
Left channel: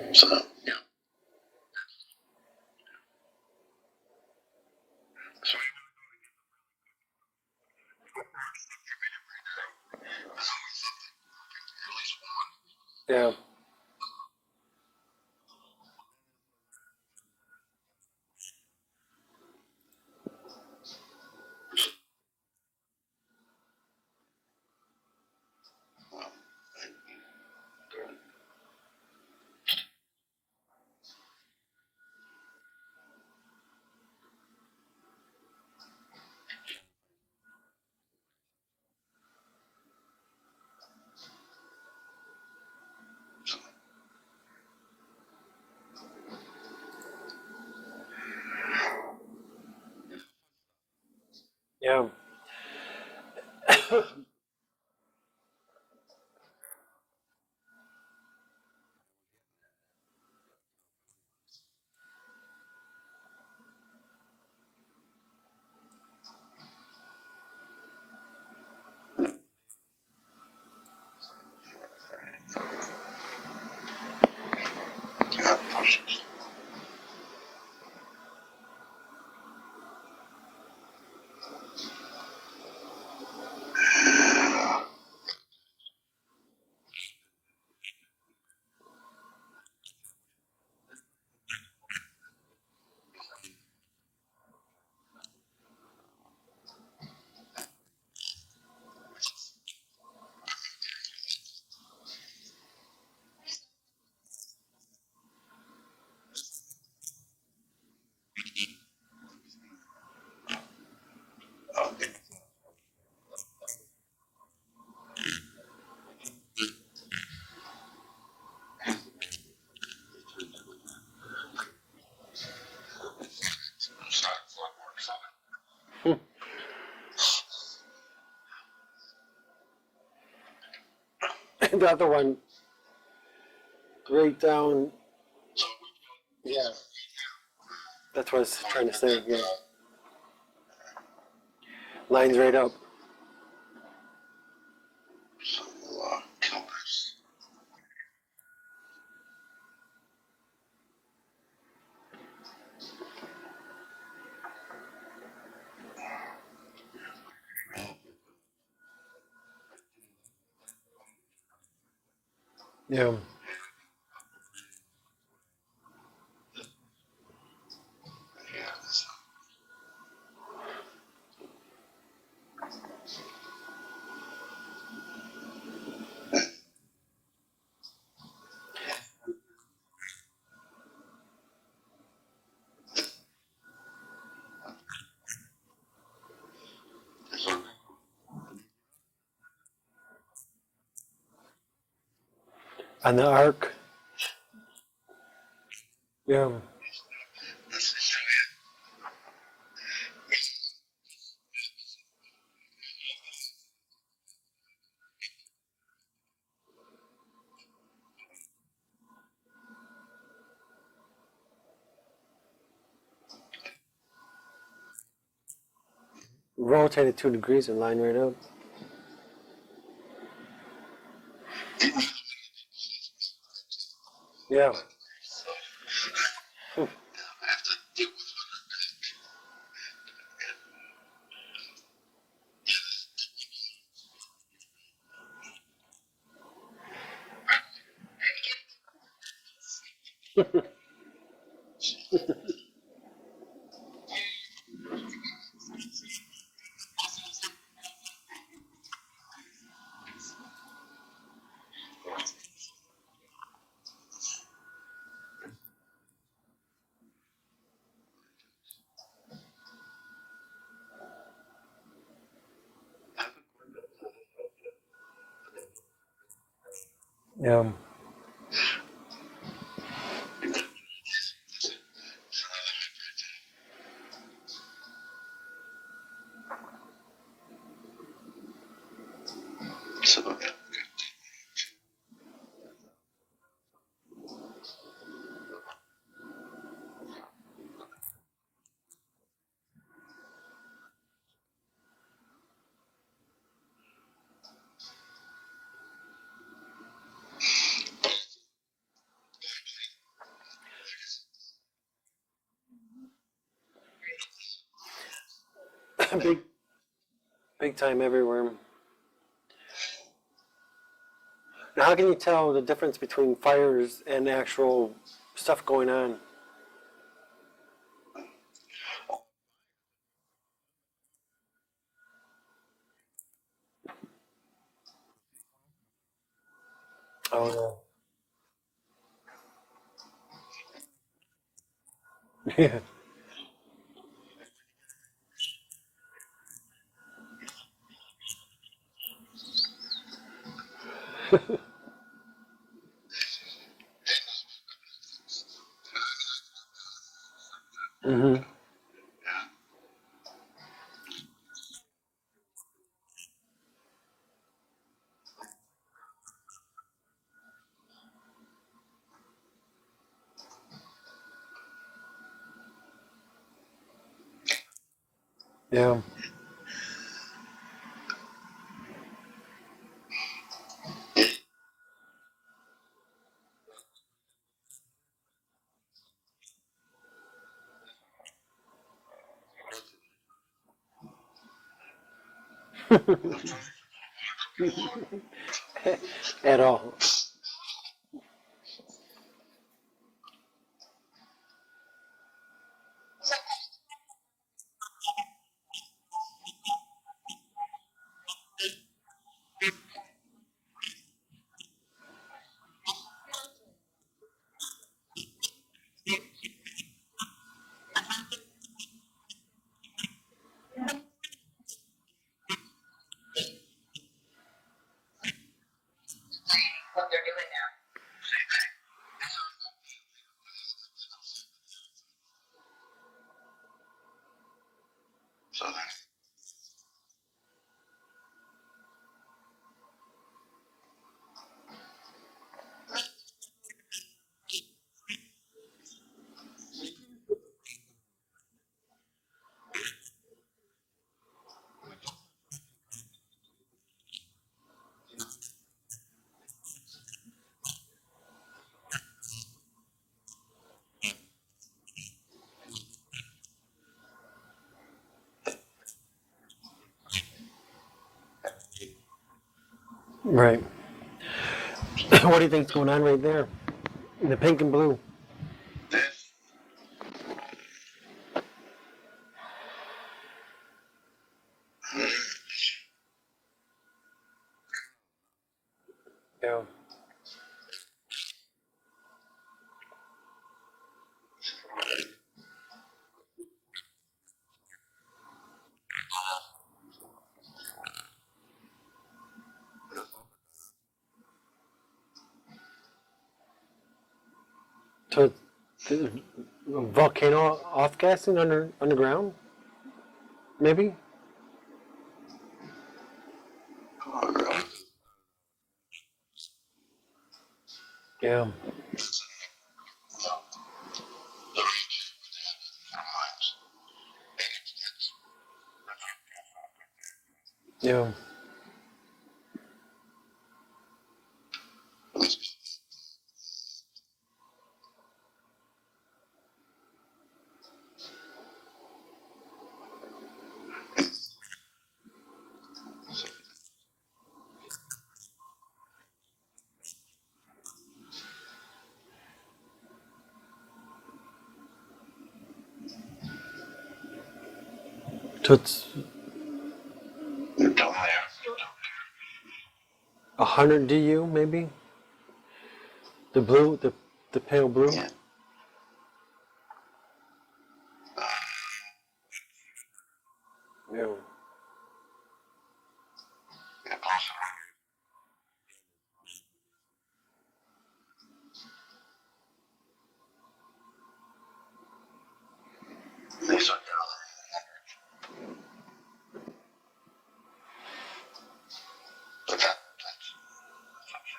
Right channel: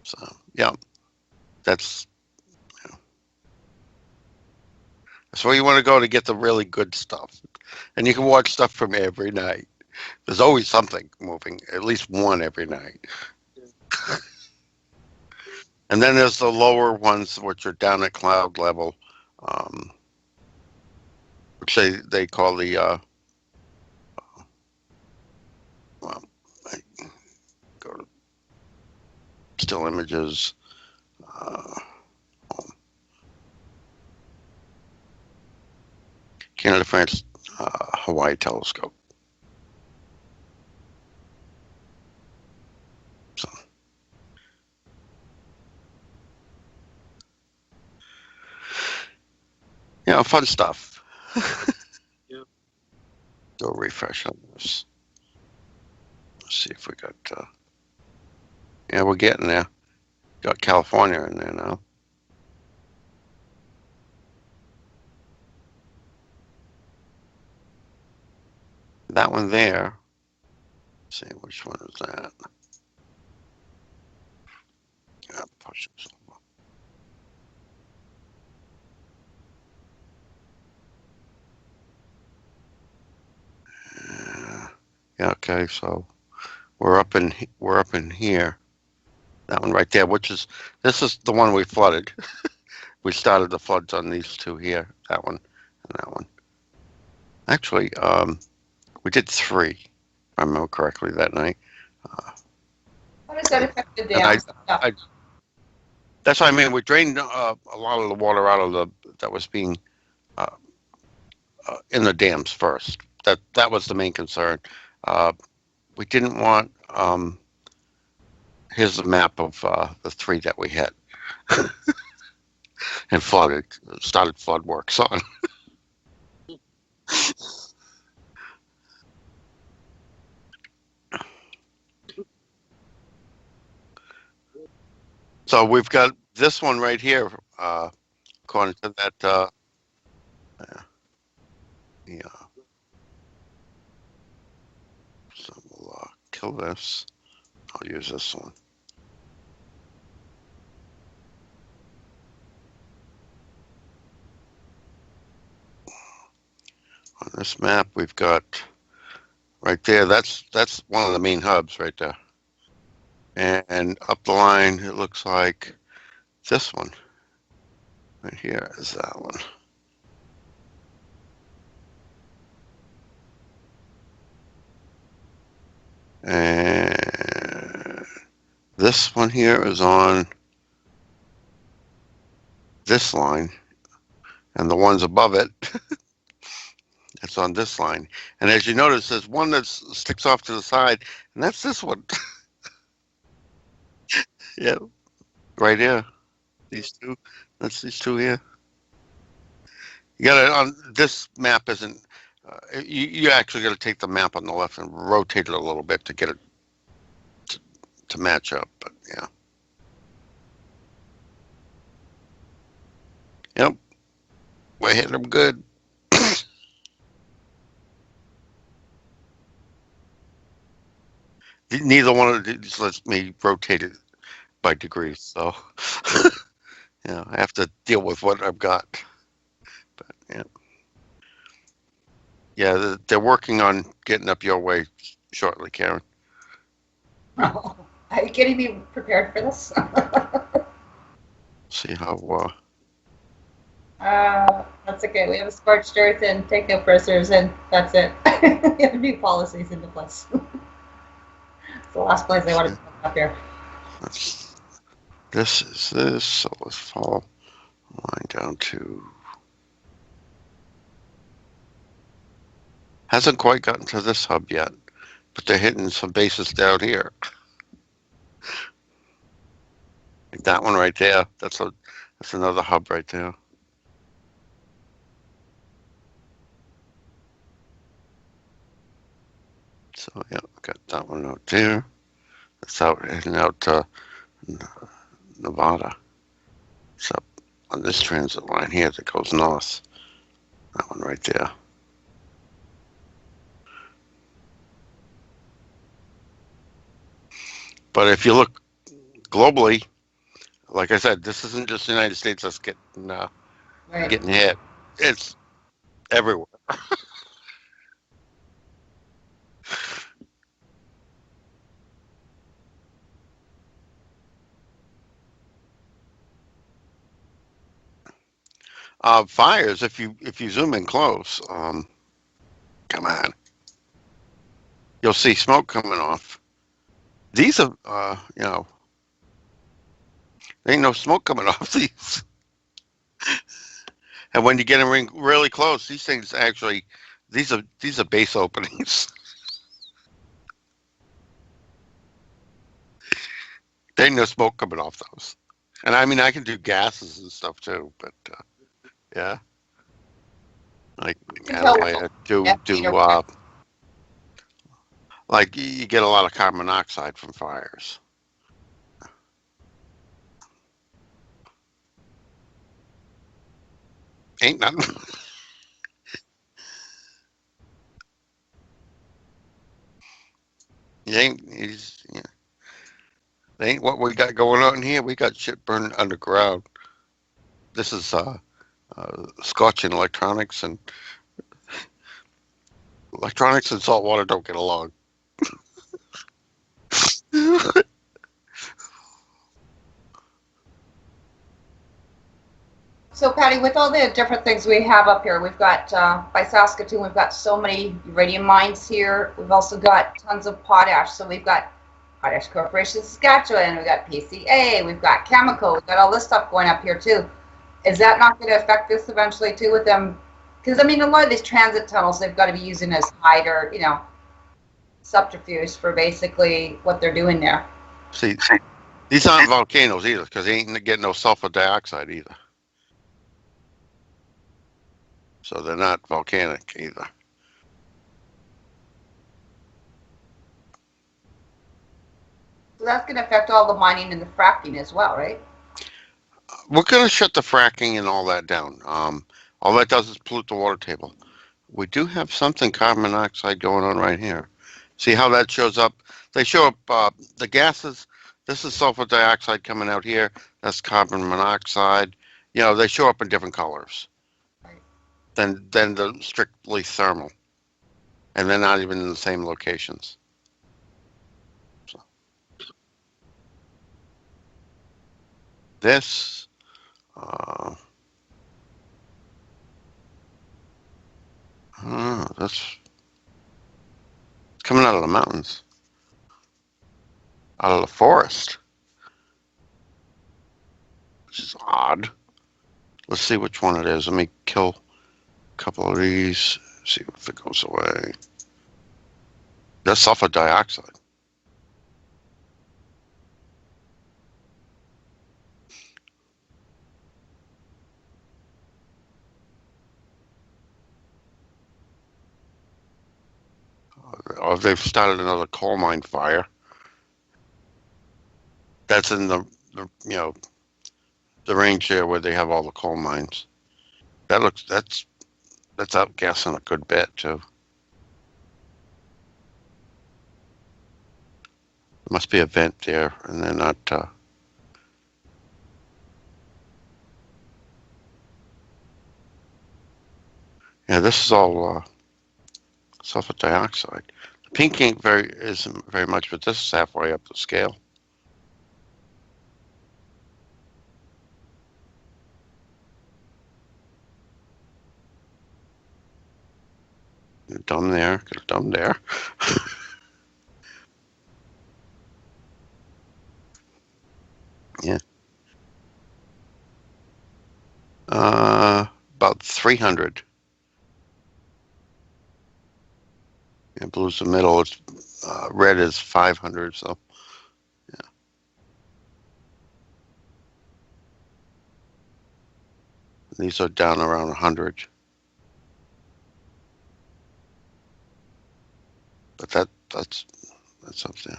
So, yeah, that's where you want to go to get the really good stuff. And you can watch stuff from every night. There's always something moving, at least one every night. Yeah. And then there's the lower ones, which are down at cloud level, which they call the, well, go to still images. Canada, France, Hawaii telescope. So, fun stuff. Yeah. Do a refresh on this. Let's see if we got. Yeah, we're getting there. Got California in there now. That one there. Let's see, which one is that? Yeah, okay, so we're up in here. That one right there, this is the one we flooded. We started the floods on these 2 here, that one and that one. Actually, we did 3, if I remember correctly, that night. How does that affect the dam stuff? That's what I mean. We drained a lot of the water out of that was being in the dams first. That was the main concern. We didn't want. Here's a map of the 3 that we had and flooded. Started flood works on. The other one, right down. So we've got this one right here. That's what I was According trying to to say. that, Lines right up. So, kill this. I'll use this one. On this map, we've got right there. That's one of the main hubs right there. Yeah. And up the line, it looks like this one. Right here is that one. And this one here is on this line, and the ones above it, it's on this line. And as you notice, there's one that sticks off to the side, and that's this one. On the arc. Yeah, right here. Yeah. These two. That's these two here. You gotta on this map isn't. You actually got to take the map on the left and rotate it a little bit to get it to match up. But yeah. Yep. We're hitting them good. Rotate it 2 degrees and line right up. Neither one of these lets me rotate it Yeah. by degrees. So yeah, I have to deal with what I've got. But, yeah. Yeah, they're working on getting up your way shortly, Karen. Are you getting me prepared for this? See how. That's okay. We have a scorched earth and take no prisoners, and that's it. We have new policies into place. It's the last place I want to come up here. This is this. So let's follow line down to. Hasn't quite gotten to this hub yet, but they're hitting some bases down here. Yeah. Like that one right there. That's another hub right there. So yeah, got that one out there. That's out heading out to Nevada. So on this transit line here that goes north. That one right there. But if you look globally, like I said, this isn't just the United States that's Right. getting hit. It's everywhere. Big time everywhere. Now, how can you tell the difference between fires and actual stuff going on? Fires, if you zoom in close, come on, you'll see smoke coming off. These are, there ain't no smoke coming off these. Yeah. And when you get them really close, these things actually, these are base openings. There ain't no smoke coming off those. And I mean, I can do gases and stuff too. But yeah, like like you get a lot of carbon monoxide from fires. Ain't nothing. Yeah. Yeah. They ain't what we got going on here. We got shit burning underground. This is scorching electronics, and electronics and salt water don't get along. At all. So, Patty, with all the different things we have up here, we've got by Saskatoon, we've got so many uranium mines here. We've also got tons of potash. So we've got Potash Corporation Saskatchewan, we've got PCA, we've got Chemical, we've got all this stuff going up here too. Is that not going to affect this eventually too with them? Because I mean, a lot of these transit tunnels, they've got to be using as hider, subterfuge for basically what they're doing there. See, these aren't volcanoes either, because they ain't getting no sulfur dioxide either. So they're not volcanic either. So that's going to affect all the mining and the fracking as well, right? We're going to shut the fracking and all that down. All that does is pollute the water table. We do have something carbon monoxide going on right here. See how that shows up? They show up the gases. This is sulfur dioxide coming out here. That's carbon monoxide. They show up in different colors than the strictly thermal. And they're not even in the same locations. Right. What do you think's going on right there? In the pink and blue. This, That's coming out of the mountains, Yeah. out of the forest. Which is odd. Let's see which one it is. Let me kill a couple of these. See if it goes away. That's sulfur dioxide. So, the volcano off gassing underground? Maybe? Or they've started another coal mine fire. Yeah. That's in the the range there where they have all the coal mines. That's outgassing a good bit too. Yeah. There must be a vent there, and they're not. Yeah, this is all sulfur dioxide. Pink isn't very much, but this is halfway up the scale. So it's Done there, done there. 100 DU, maybe? The blue, the pale blue? Yeah. About 300. Yeah. And blue's the middle. It's red is 500. So yeah, these are down around 100. But that's up there.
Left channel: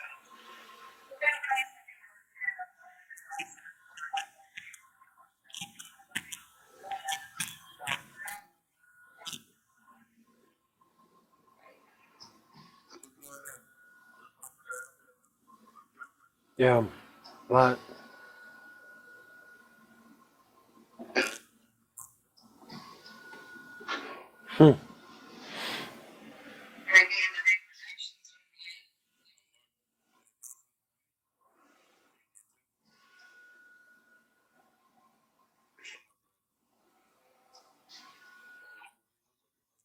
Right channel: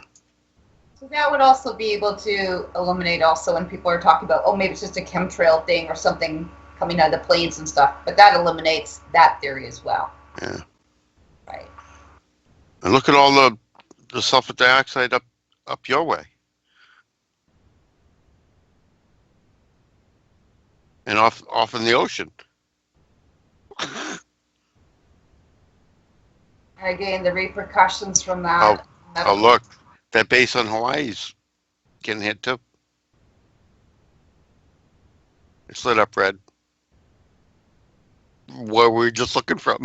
So that would also be able to illuminate also when people are talking about, oh, maybe it's just a chemtrail thing or something coming out of the planes and stuff. But that eliminates that theory as well. Yeah. Right. And look at all the sulfur dioxide up your way. Yeah. A lot. And off in the ocean. Again, the repercussions from that. Oh, look, that base on Hawaii's getting hit too. It's lit up red. Where we were just looking from.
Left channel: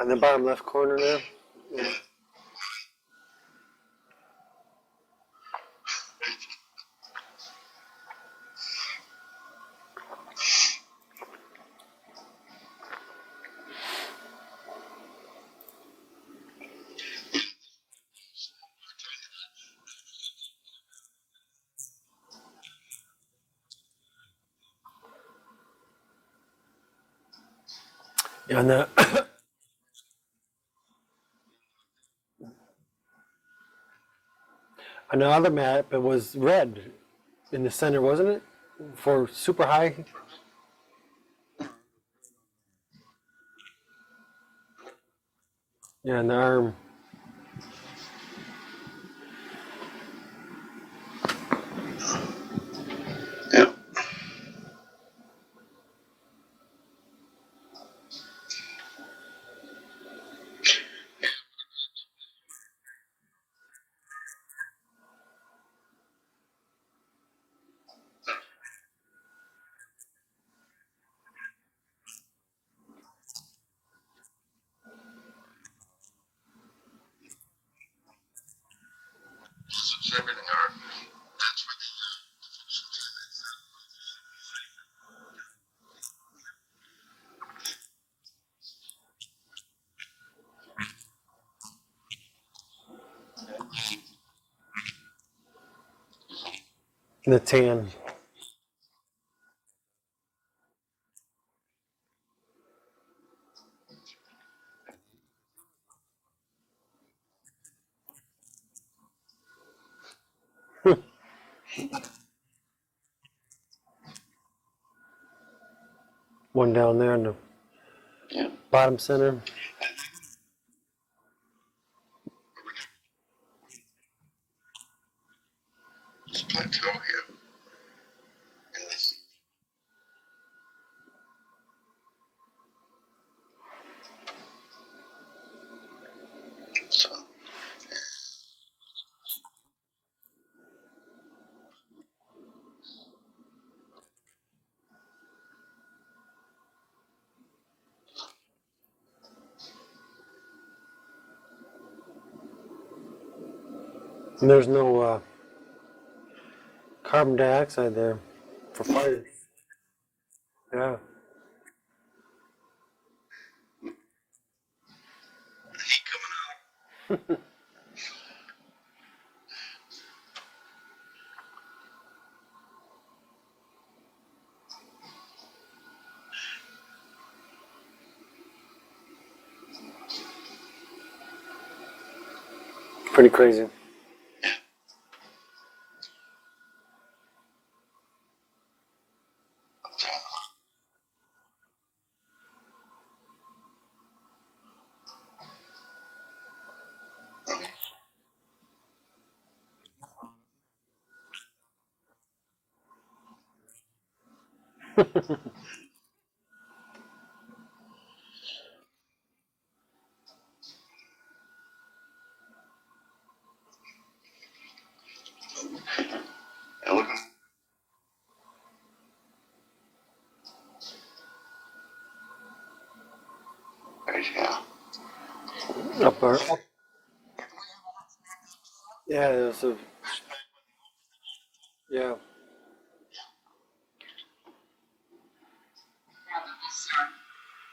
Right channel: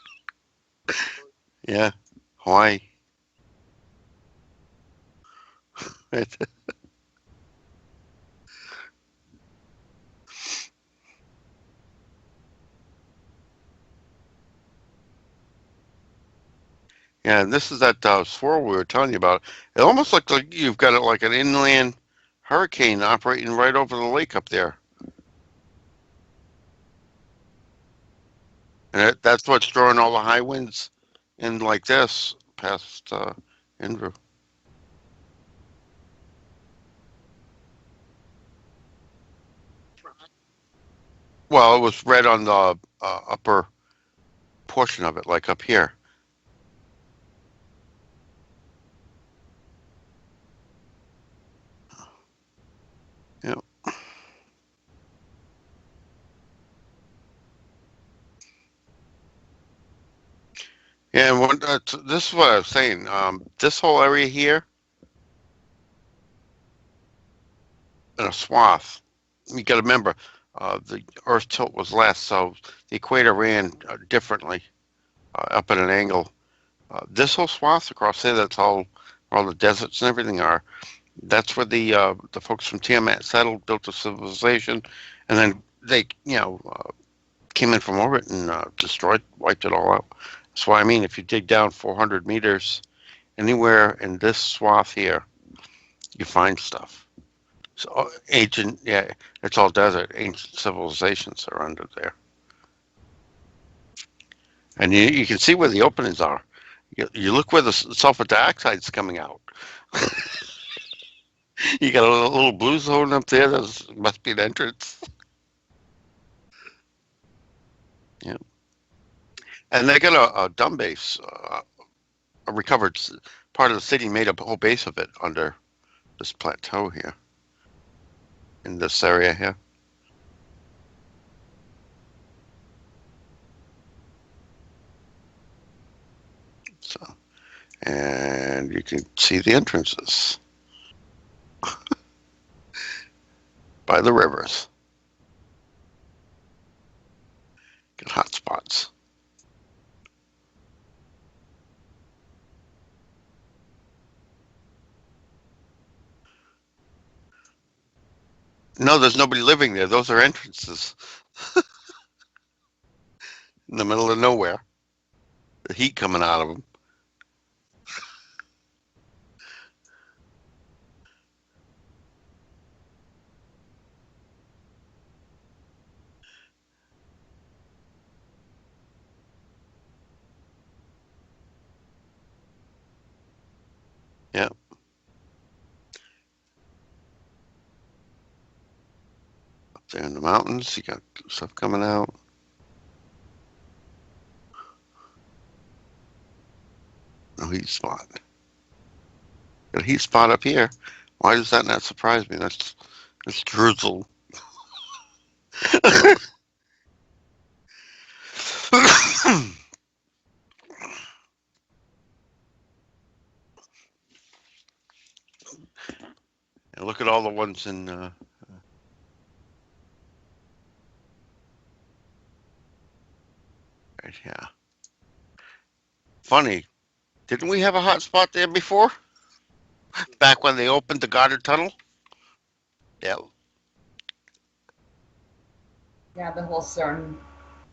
On the bottom left corner there? Yeah, Hawaii. Yeah, and this is that swirl we were telling you about. It almost looks like you've got it like an inland hurricane operating right over the lake up there. Yeah, and And that's what's drawing all the high winds in like this past Andrew. on the other map, it was red in the center, wasn't it? For super high? Well, it was red on the upper portion of it, like up here. Yeah, in the arm. Yeah. Yeah, and this is what I was saying. This whole area here, in a swath, you got to remember, the Earth tilt was less, so the equator ran differently, up at an angle. This whole swath across there, that's all the deserts and everything are. That's where the folks from Tiamat settled, built a civilization, and then they, came in from orbit and wiped it all out. That's why I mean, if you dig down 400 meters, anywhere in this swath here, you find stuff. In the tan. It's all ancient, yeah, it's all desert. Ancient civilizations are under there. And you can see where the openings are. You look where the sulfur dioxide's coming out. You got a little blue zone up there. That must be an entrance. One down there in the bottom center. And they got a dumb base, a recovered part of the city made a whole base of it under this plateau here, in this area here. So, and you can see the entrances by the rivers. Get hot spots. And there's no carbon dioxide there. from No, there's Mars. nobody living there. Those are entrances Yeah. in the middle of nowhere. The heat coming out of them. Pretty crazy. Yeah. Up there in the mountains, you got stuff coming out. No heat spot. Got a heat spot up here. Why does that not surprise me? That's drizzle. And look at all the ones in. Yeah. Up our, Funny. Didn't we have a hot spot there before? Yeah, there's a, Back when they opened the Goddard Tunnel? yeah. Yeah. Yeah, the whole CERN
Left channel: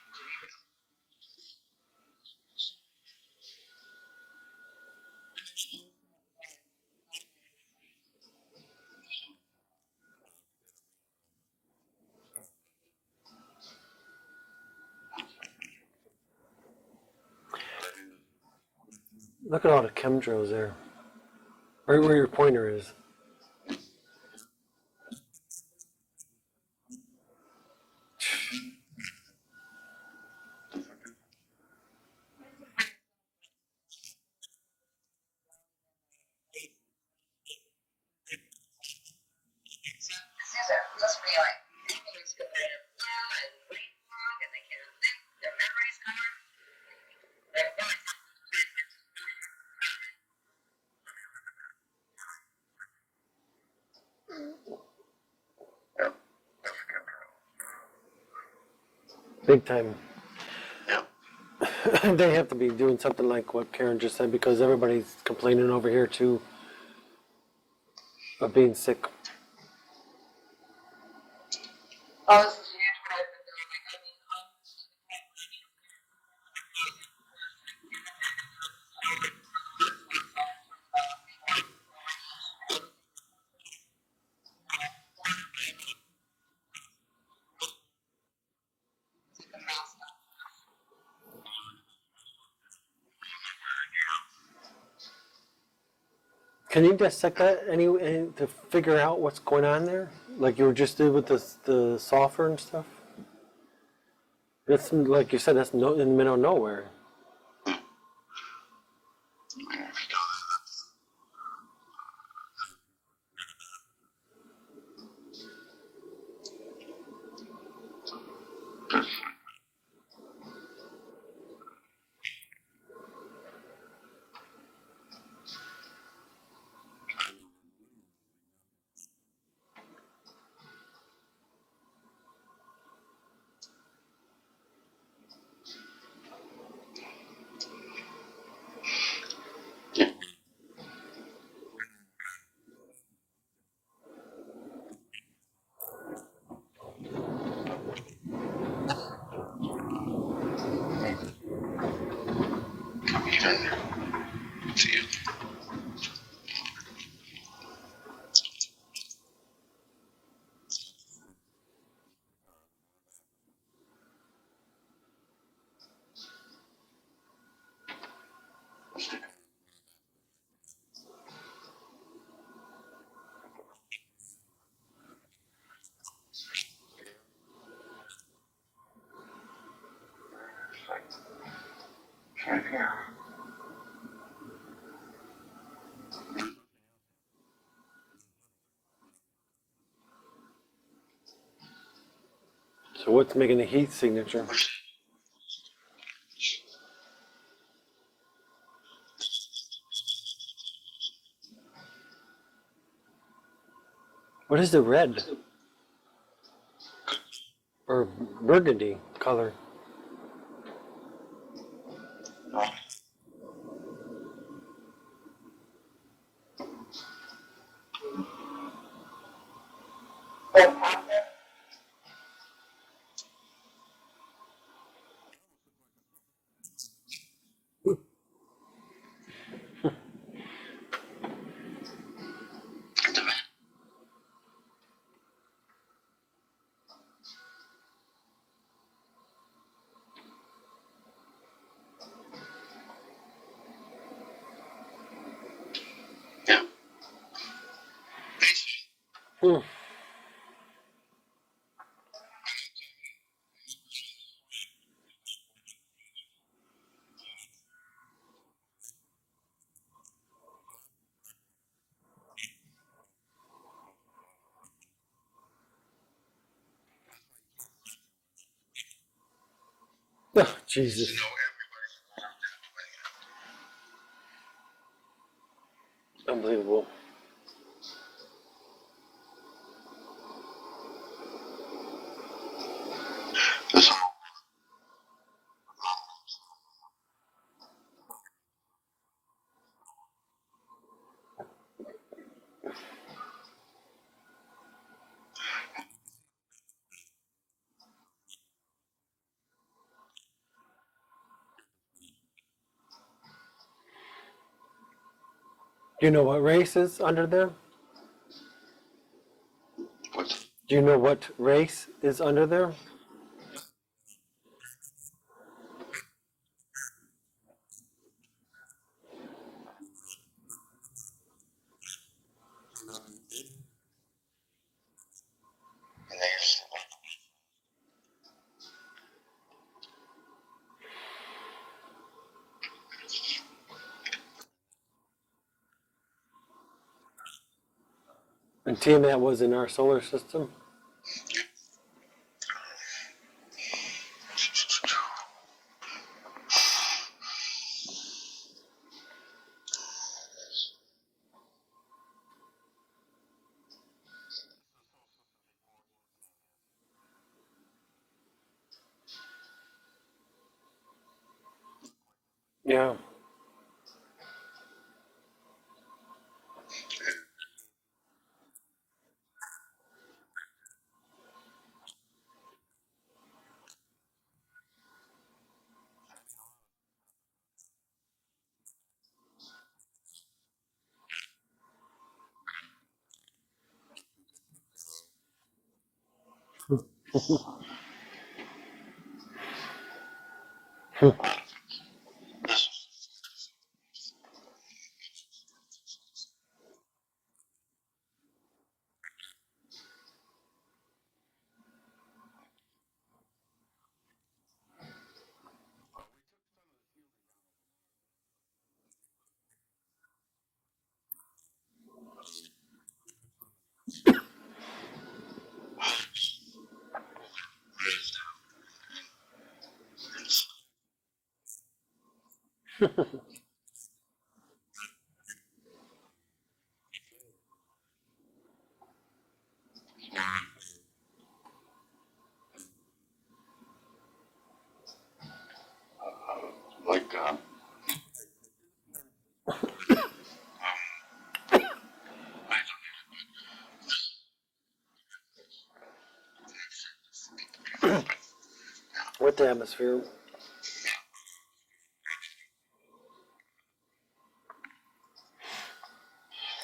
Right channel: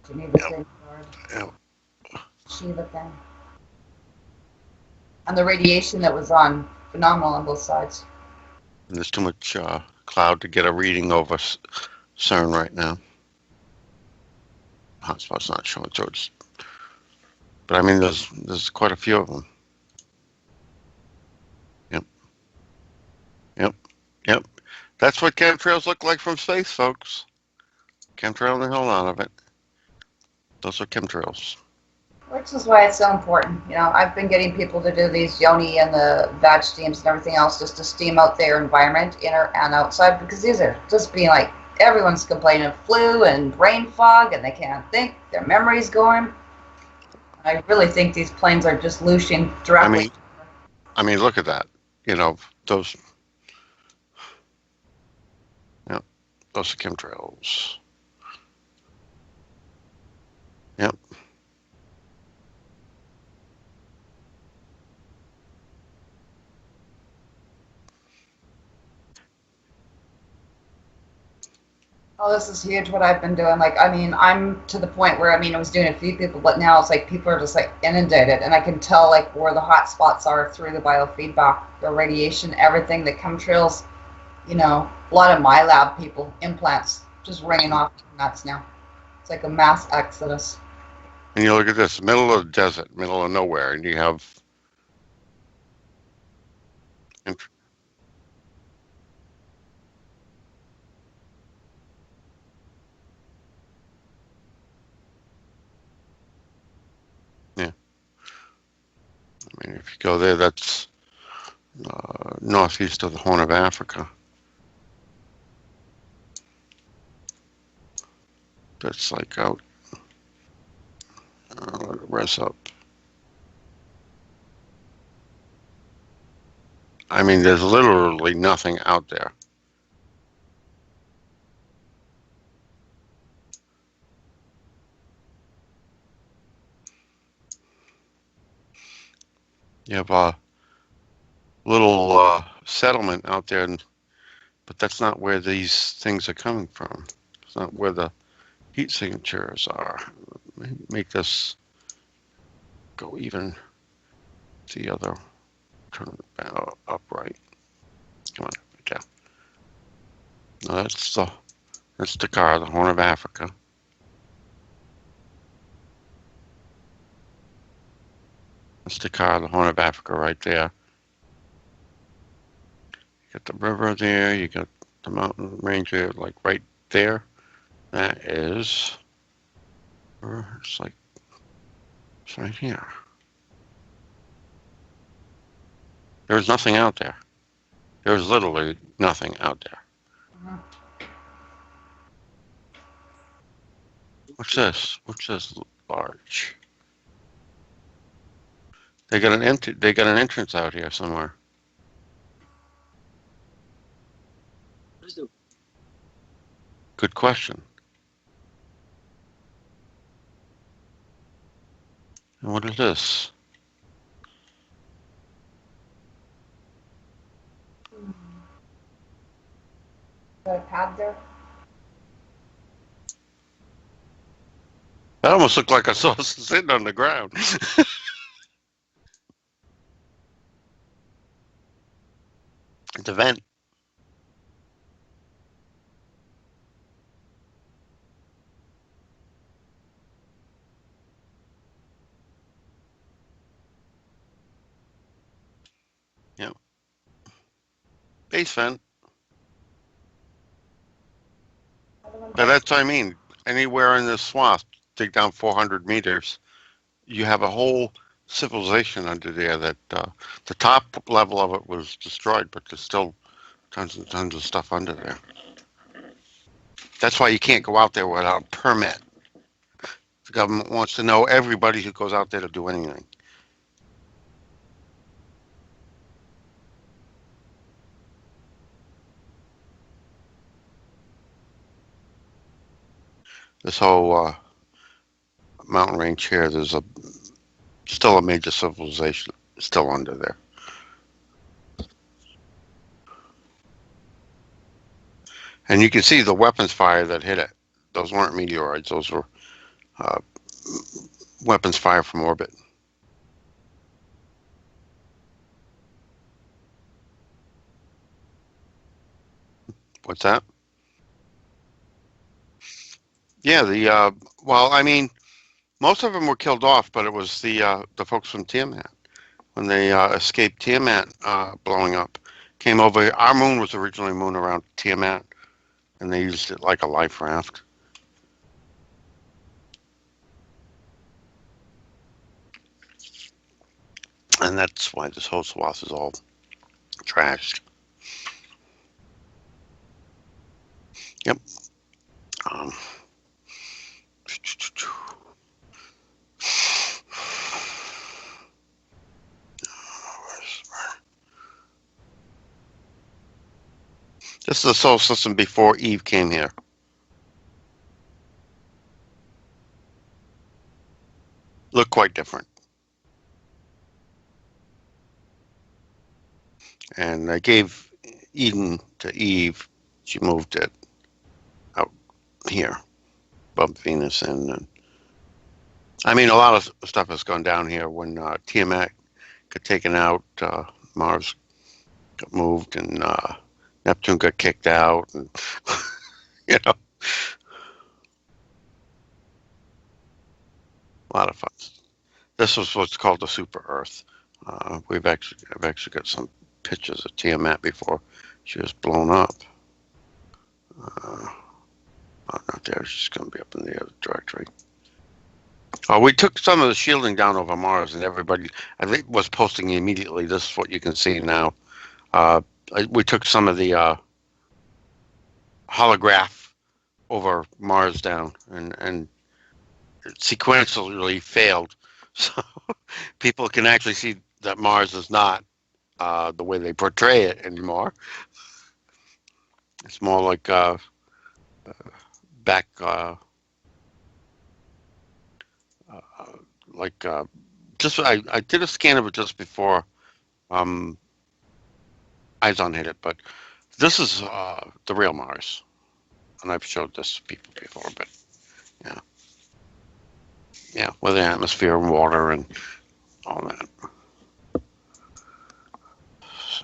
to me the same word. Yeah. Shiva thing. And the radiation that was on, phenomenal on both sides. And there's too much cloud to get a reading over CERN right now. Hotspot's not showing, so it's. But I mean, there's quite a few of them. Look at all the chemtrails there. Right where your pointer is. Yep. Yep. That's what chemtrails look like from space, folks. Chemtrail the hell out of it. Those are chemtrails. Which is why it's so important. You know, I've been getting people to do these yoni and the vag steams and everything else just to steam out their environment, inner and outside, because these are just being like, everyone's complaining of flu and brain fog and they can't think, their memory's going. I really think these planes are just looshing directly. I mean, look at that. You know, those. Yeah, those are chemtrails. Big time. Yeah. They have to be doing something like what Karen just said because everybody's complaining over here too of being sick. Oh, this is huge what I've been doing. Like, I mean, I'm to the point where, I mean, I was doing a few people, but now it's like people are just like inundated and I can tell like where the hot spots are through the biofeedback, the radiation, everything, the chemtrails, you know, a lot of my lab people, implants, just ringing off nuts now. It's like a mass exodus. And you look at this, middle of the desert, middle of nowhere, and you have. Can you dissect that any to figure out what's going on there? Like you were just did with the sulfur and stuff? That's like you said, that's in the middle of nowhere. Yeah. I mean, if you go there, that's northeast of the Horn of Africa. That's like out. Let it rest up. I mean, there's literally nothing out there. You have a little settlement out there, but that's not where these things are coming from. It's not where the heat signatures are. Make this go even the other. Turn it upright. Come on, yeah. No, that's Dakar, the Horn of Africa. That's Dakar, the Horn of Africa, right there. You got the river there. You got the mountain range there, like right there. That is. It's like. It's right here. There's nothing out there. There's literally nothing out there. So what's making the heat signature? What's this? What's this large? They got an entrance out here somewhere. What is the red Good question. or burgundy color? And what is this? That almost looked like I saw sitting on the ground. The vent. Yeah. Hey, Sven. Hmm. But that's what I mean. Anywhere in this swath, dig down 400 meters, you have a whole civilization under there that the top level of it was destroyed, but there's still tons and tons of stuff under there. That's why you can't go out there without a permit. The Oh, government wants to Jesus. know everybody who goes out there to do anything. Unbelievable. This whole mountain range here, there's still a major civilization still under there. And you can see the weapons fire that hit it. Those weren't meteoroids. Those were weapons fire from orbit. Do you know what race is under there? What's that? Do you know what race is under there? Yeah, well, I mean, most of them were killed off, but it was the folks from Tiamat. When they escaped Tiamat blowing up, came over. Our moon was originally a moon around Tiamat, and they used it like a life raft. And that's why this whole swath is all trashed. And Tiamat was in our solar system? Yep. Um, this is the solar system before Eve came here. Looked quite different. Yeah. And I gave Eden to Eve. She moved it out here, above Venus. And I mean, a lot of stuff has gone down here when Tiamat got taken out, Mars got moved, and Neptune got kicked out. And, you know, a lot of fun. This is what's called the super Earth. I've actually got some pictures of Tiamat before she was blown up. Not there. She's going to be up in the other directory. We took some of the shielding down over Mars, and everybody, I think, was posting immediately. This is what you can see now. We took some of the holograph over Mars down, and sequentially failed. So people can actually see that Mars is not the way they portray it anymore. It's more like back, just I did a scan of it just before Izon hit it, but this is the real Mars, and I've showed this to people before. But, yeah. With the atmosphere. Yeah, with the atmosphere and water and all that.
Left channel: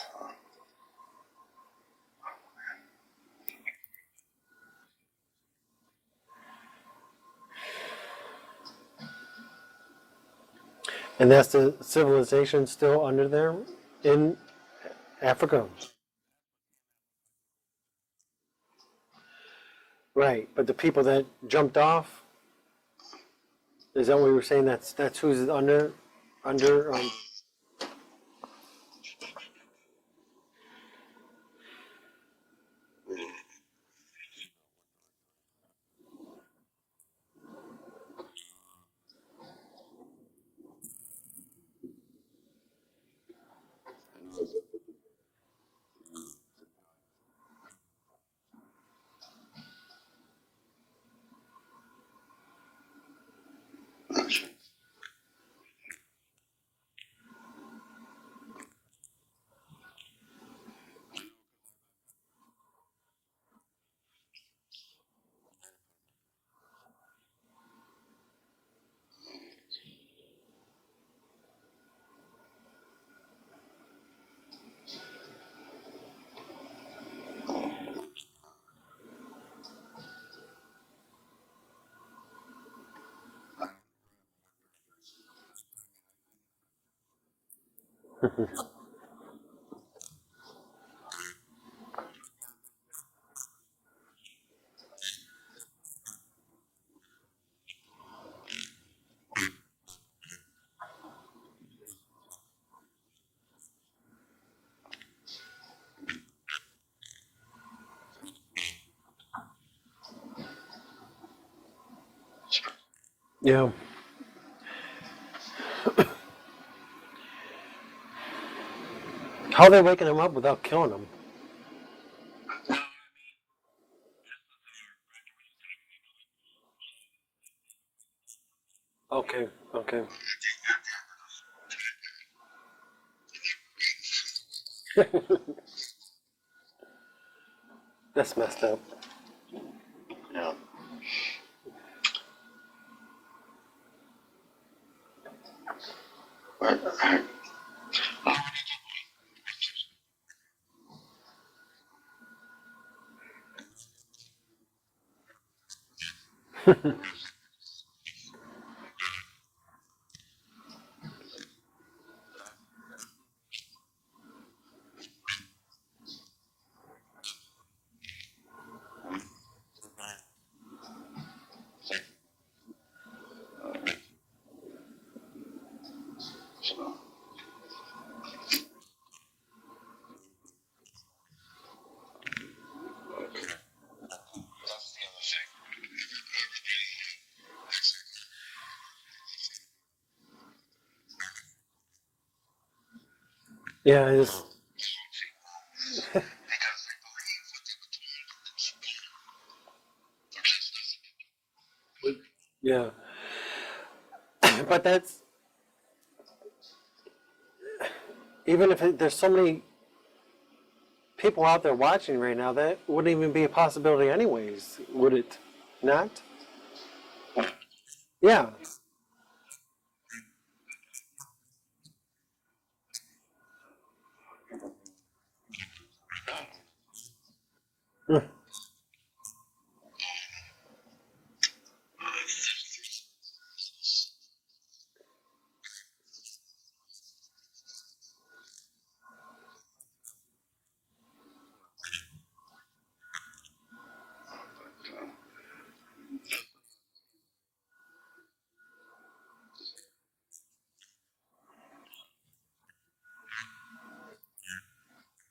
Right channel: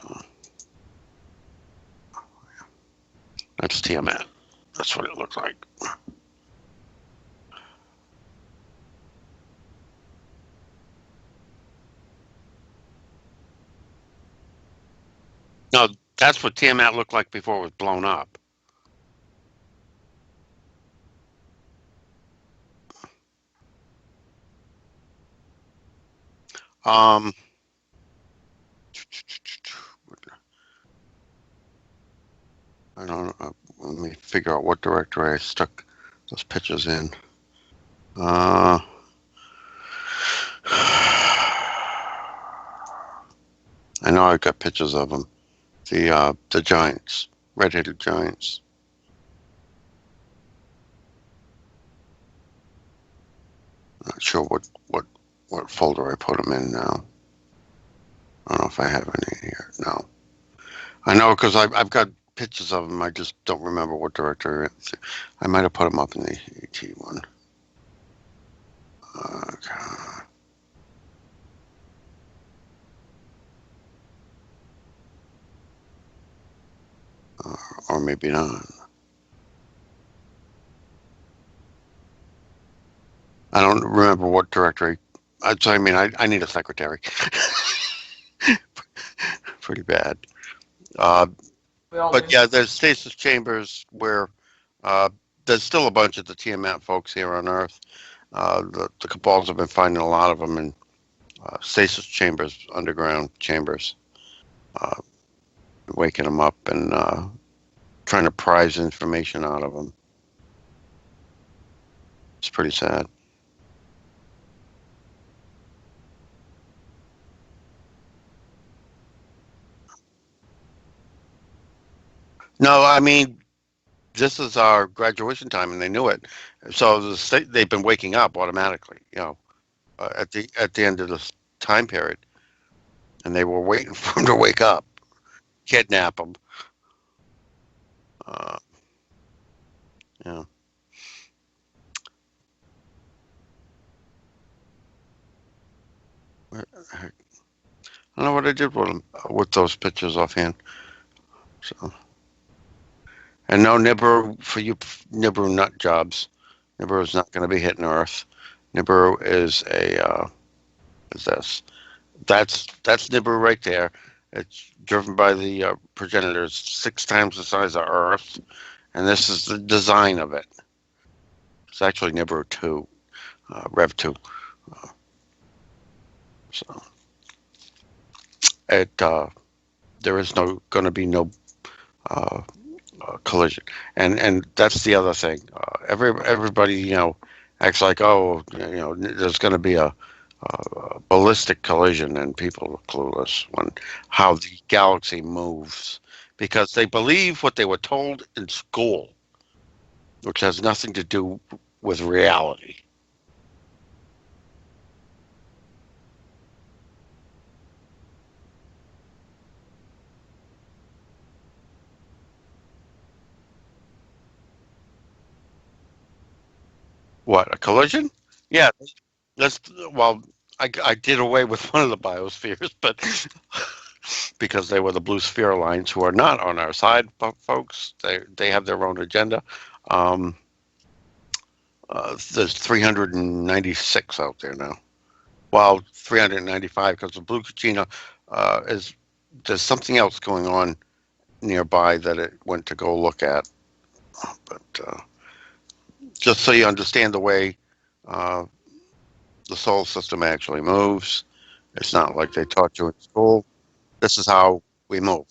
So, that's Tiamat. That's what it looks like. And that's the civilization still under there in Africa? No, that's what Tiamat looked like before it was blown up. Right, but the people that jumped off, is that what we were saying? That's who's under? I don't know. Let me figure out what directory I stuck those pictures in. I know I got pictures of them. The giants, red-headed giants. I'm not sure what folder I put them in now. I don't know if I have any here. No. I know because I've got pictures of them. I just don't remember what director. I might have put them up in the ET one. Or maybe not. I don't remember what directory. So I mean, I need a secretary. Pretty bad. But yeah, there's stasis chambers where there's still a bunch of the Tiamat folks here on Earth. The Cabals have been finding a lot of them in stasis chambers, underground chambers, waking them up and trying to prize information out of them. It's pretty sad. Yeah. How are they waking them up without killing them? No, I mean, this is our graduation time, and they knew it. So they've been waking up automatically. Okay. Okay. At the end of this time period, and they were waiting for them to wake up, kidnap them. That's messed up. Yeah. I don't know what I did with those pictures offhand. So, and no Nibiru for you Nibiru nut jobs. Nibiru is not going to be hitting Earth. Nibiru is is this? That's Nibiru right there. It's driven by the progenitors 6 times the size of Earth, and this is the design of it. It's actually Nibiru 2, Rev 2. So there is going to be no collision, and that's the other thing. Everybody acts like, oh, there's going to be a ballistic collision, and people are clueless how the galaxy moves because they believe what they were told in school, which has nothing to do with reality. Yeah. But that's even if there's so many people out there watching right now, that wouldn't even be a possibility anyways, would it not? What, a collision? Yeah. Yeah. I did away with one of the biospheres, but because they were the blue sphere lines who are not on our side, folks. They have their own agenda. There's 396 out there now. Well, 395 because the blue Kachina there's something else going on nearby that it went to go look at. But just so you understand the way the solar system actually moves, it's not like they taught you in school. This is how we move.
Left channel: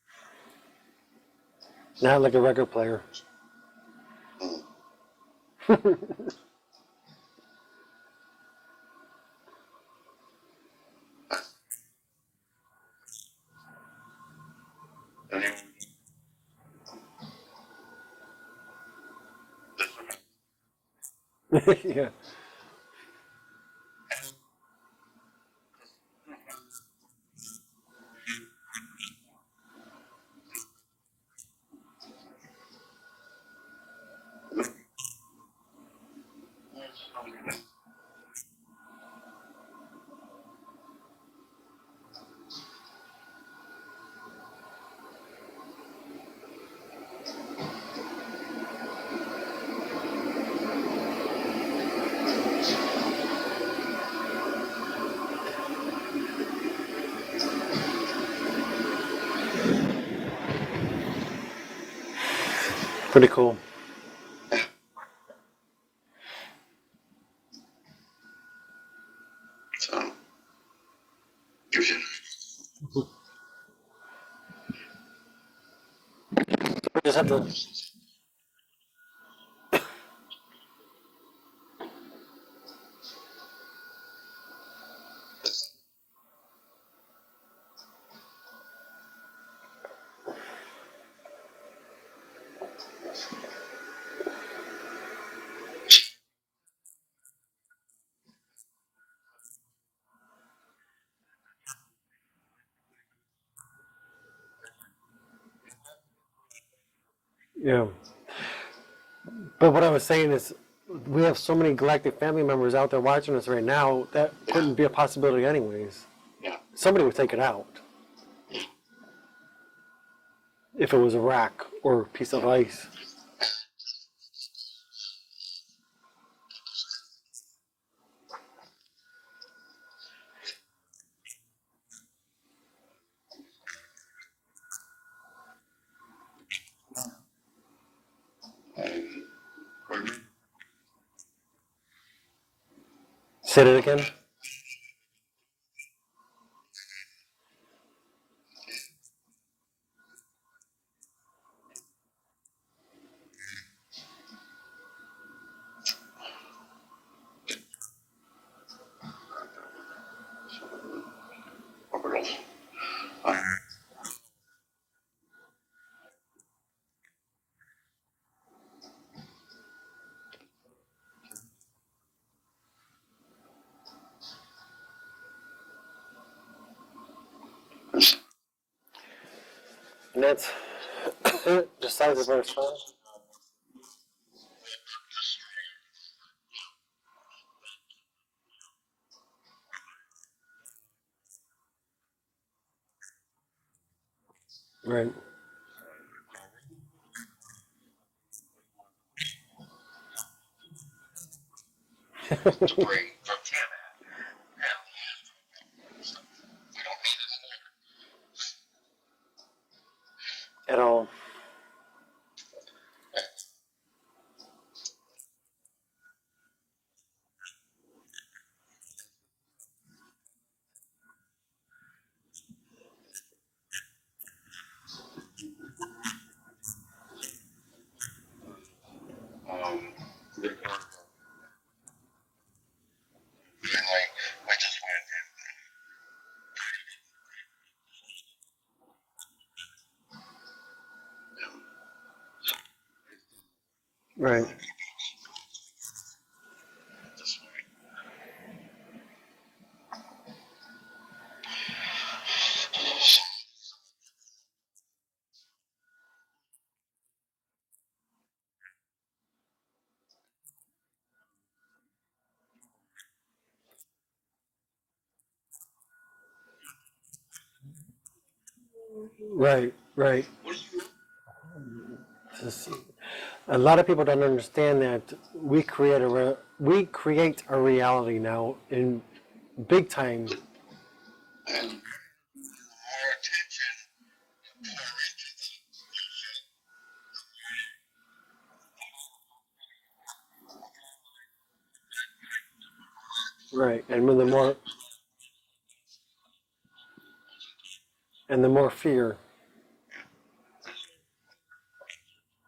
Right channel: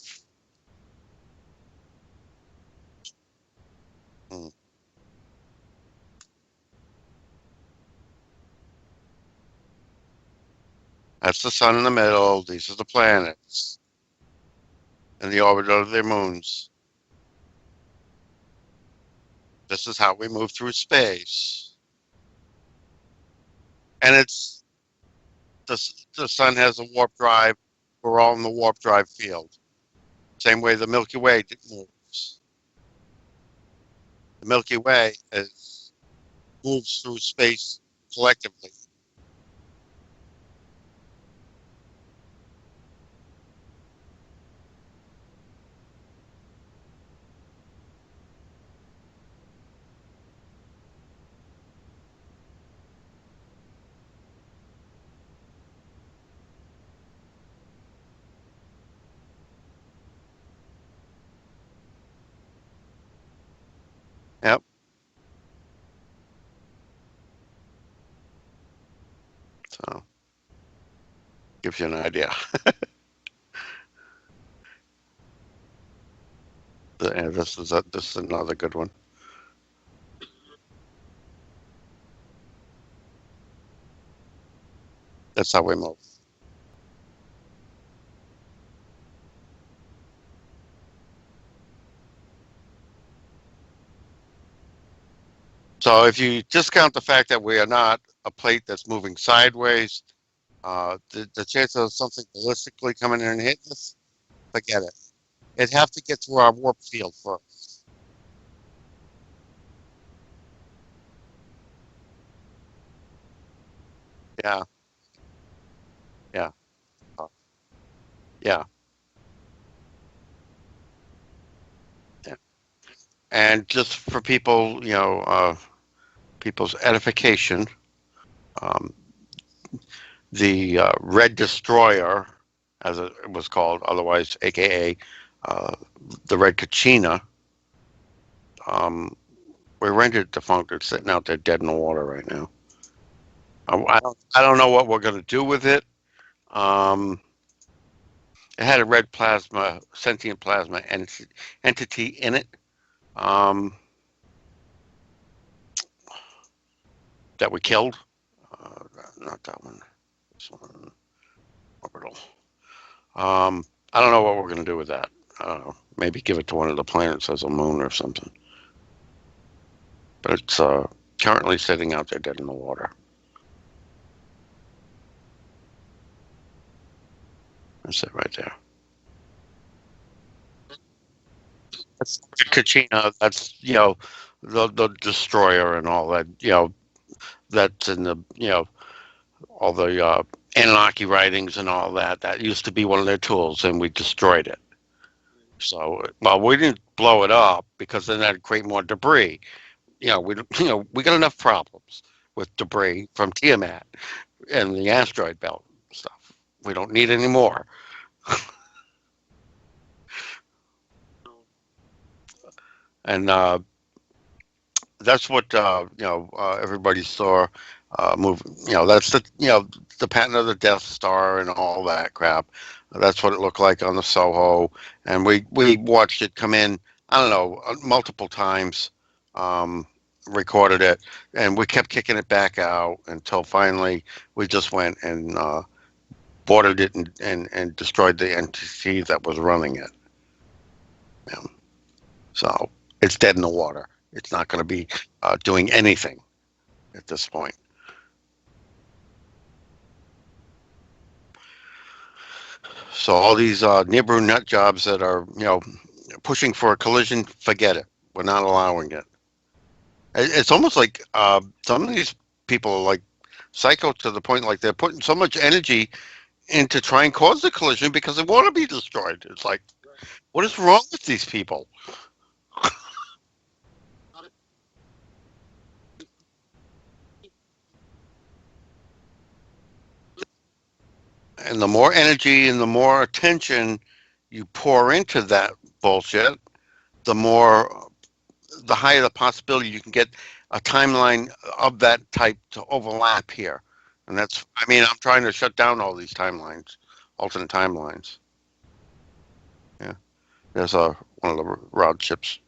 Not like a record player. That's the sun in the middle. These are the planets and the orbit of their moons. This is how we move through space. Yeah. And it's the sun has a warp drive. We're all in the warp drive field. Same way the Milky Way moves. The Milky Way moves through space collectively. Pretty cool. Yep. So, give you an idea. This is another good one. That's how we move. So if you discount the fact that we are not a plate that's moving sideways, the chance of something ballistically coming in and hitting us, forget it. It'd have to get through our warp field first. Yeah. But what I was saying is, we have so many galactic family members out there watching us right now that Yeah. couldn't be a possibility anyways. Yeah. Somebody would take it out Yeah. if it was a rock or a piece of ice. And just for people, people's edification, um, the Red Destroyer, as it was called, otherwise AKA the Red Kachina, we rented defunct. It's sitting out there dead in the water right now. Say that again? I don't know what we're going to do with it. It had a red plasma, sentient plasma entity in it. That we killed. Not that one. I don't know what we're going to do with that. I don't know. Maybe give it to one of the planets as a moon or something. But it's currently sitting out there dead in the water. That's it right there. And that's the size of our Kachina, that's, the destroyer and all that, that's in the, all the Anunnaki writings and all that. That used to be one of their tools, and we destroyed it. Right. So, well, we didn't blow it up because then that'd create more debris. We got enough problems with debris from Tiamat and the asteroid belt stuff. We don't need any more. At all. And that's what everybody saw moving. That's the patent of the Death Star and all that crap. That's what it looked like on the Soho, and we watched it come in. I don't know, multiple times, recorded it, and we kept kicking it back out until finally we just went and boarded it and destroyed the entity that was running it. Yeah. So it's dead in the water. It's not going to be doing anything at this point. So all these Nibru nut jobs that are, pushing for a collision, forget it. We're not allowing it. It's almost like some of these people are like psycho to the point like they're putting so much energy into try and cause the collision because they want to be destroyed. It's right. What is wrong with these people? A lot of people don't understand that we create a reality now in big time. And the more energy and the more attention you pour into that bullshit, the higher the possibility you can get a timeline of that type to overlap here. Right. And And the I'm trying to shut down all these timelines, alternate timelines. And the more fear. Yeah. There's one of the rod ships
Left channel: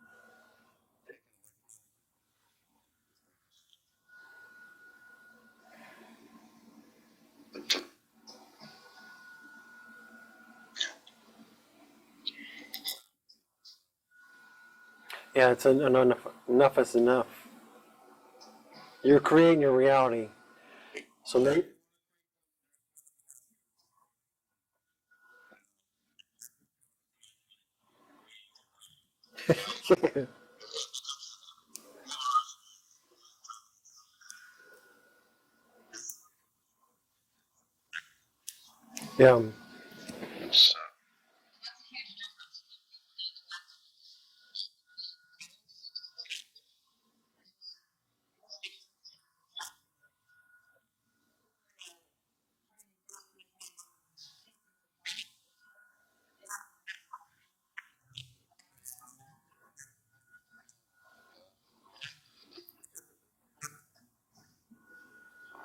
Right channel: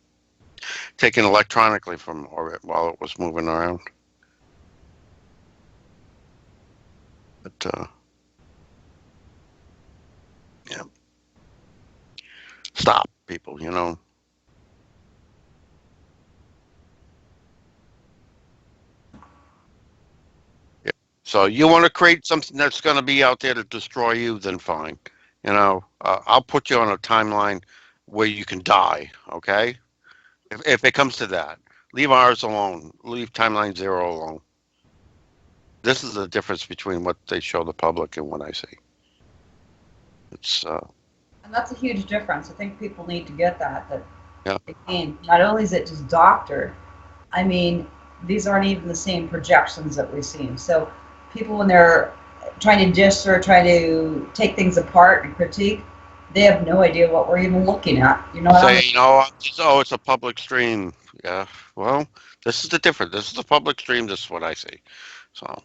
taken electronically from orbit while it was moving around. But, yeah. Stop, people, Yeah, it's enough is enough. You're creating your reality. Yeah. So you want to create something that's going to be out there to destroy you, then fine. I'll put you on a timeline where you can die, okay? if it comes to that. Leave ours alone. Leave timeline 0 alone. This is the difference between what they show the public and what I see. Yeah. And that's a huge difference. I think people need to get that. Yeah. Again, not only is it just doctored, I mean, these aren't even the same projections that we've seen. So people, when they're trying to dish or try to take things apart and critique, they have no idea what we're even looking at. It's a public stream. Yeah. Well, this is the difference. This is a public stream. This is what I see. So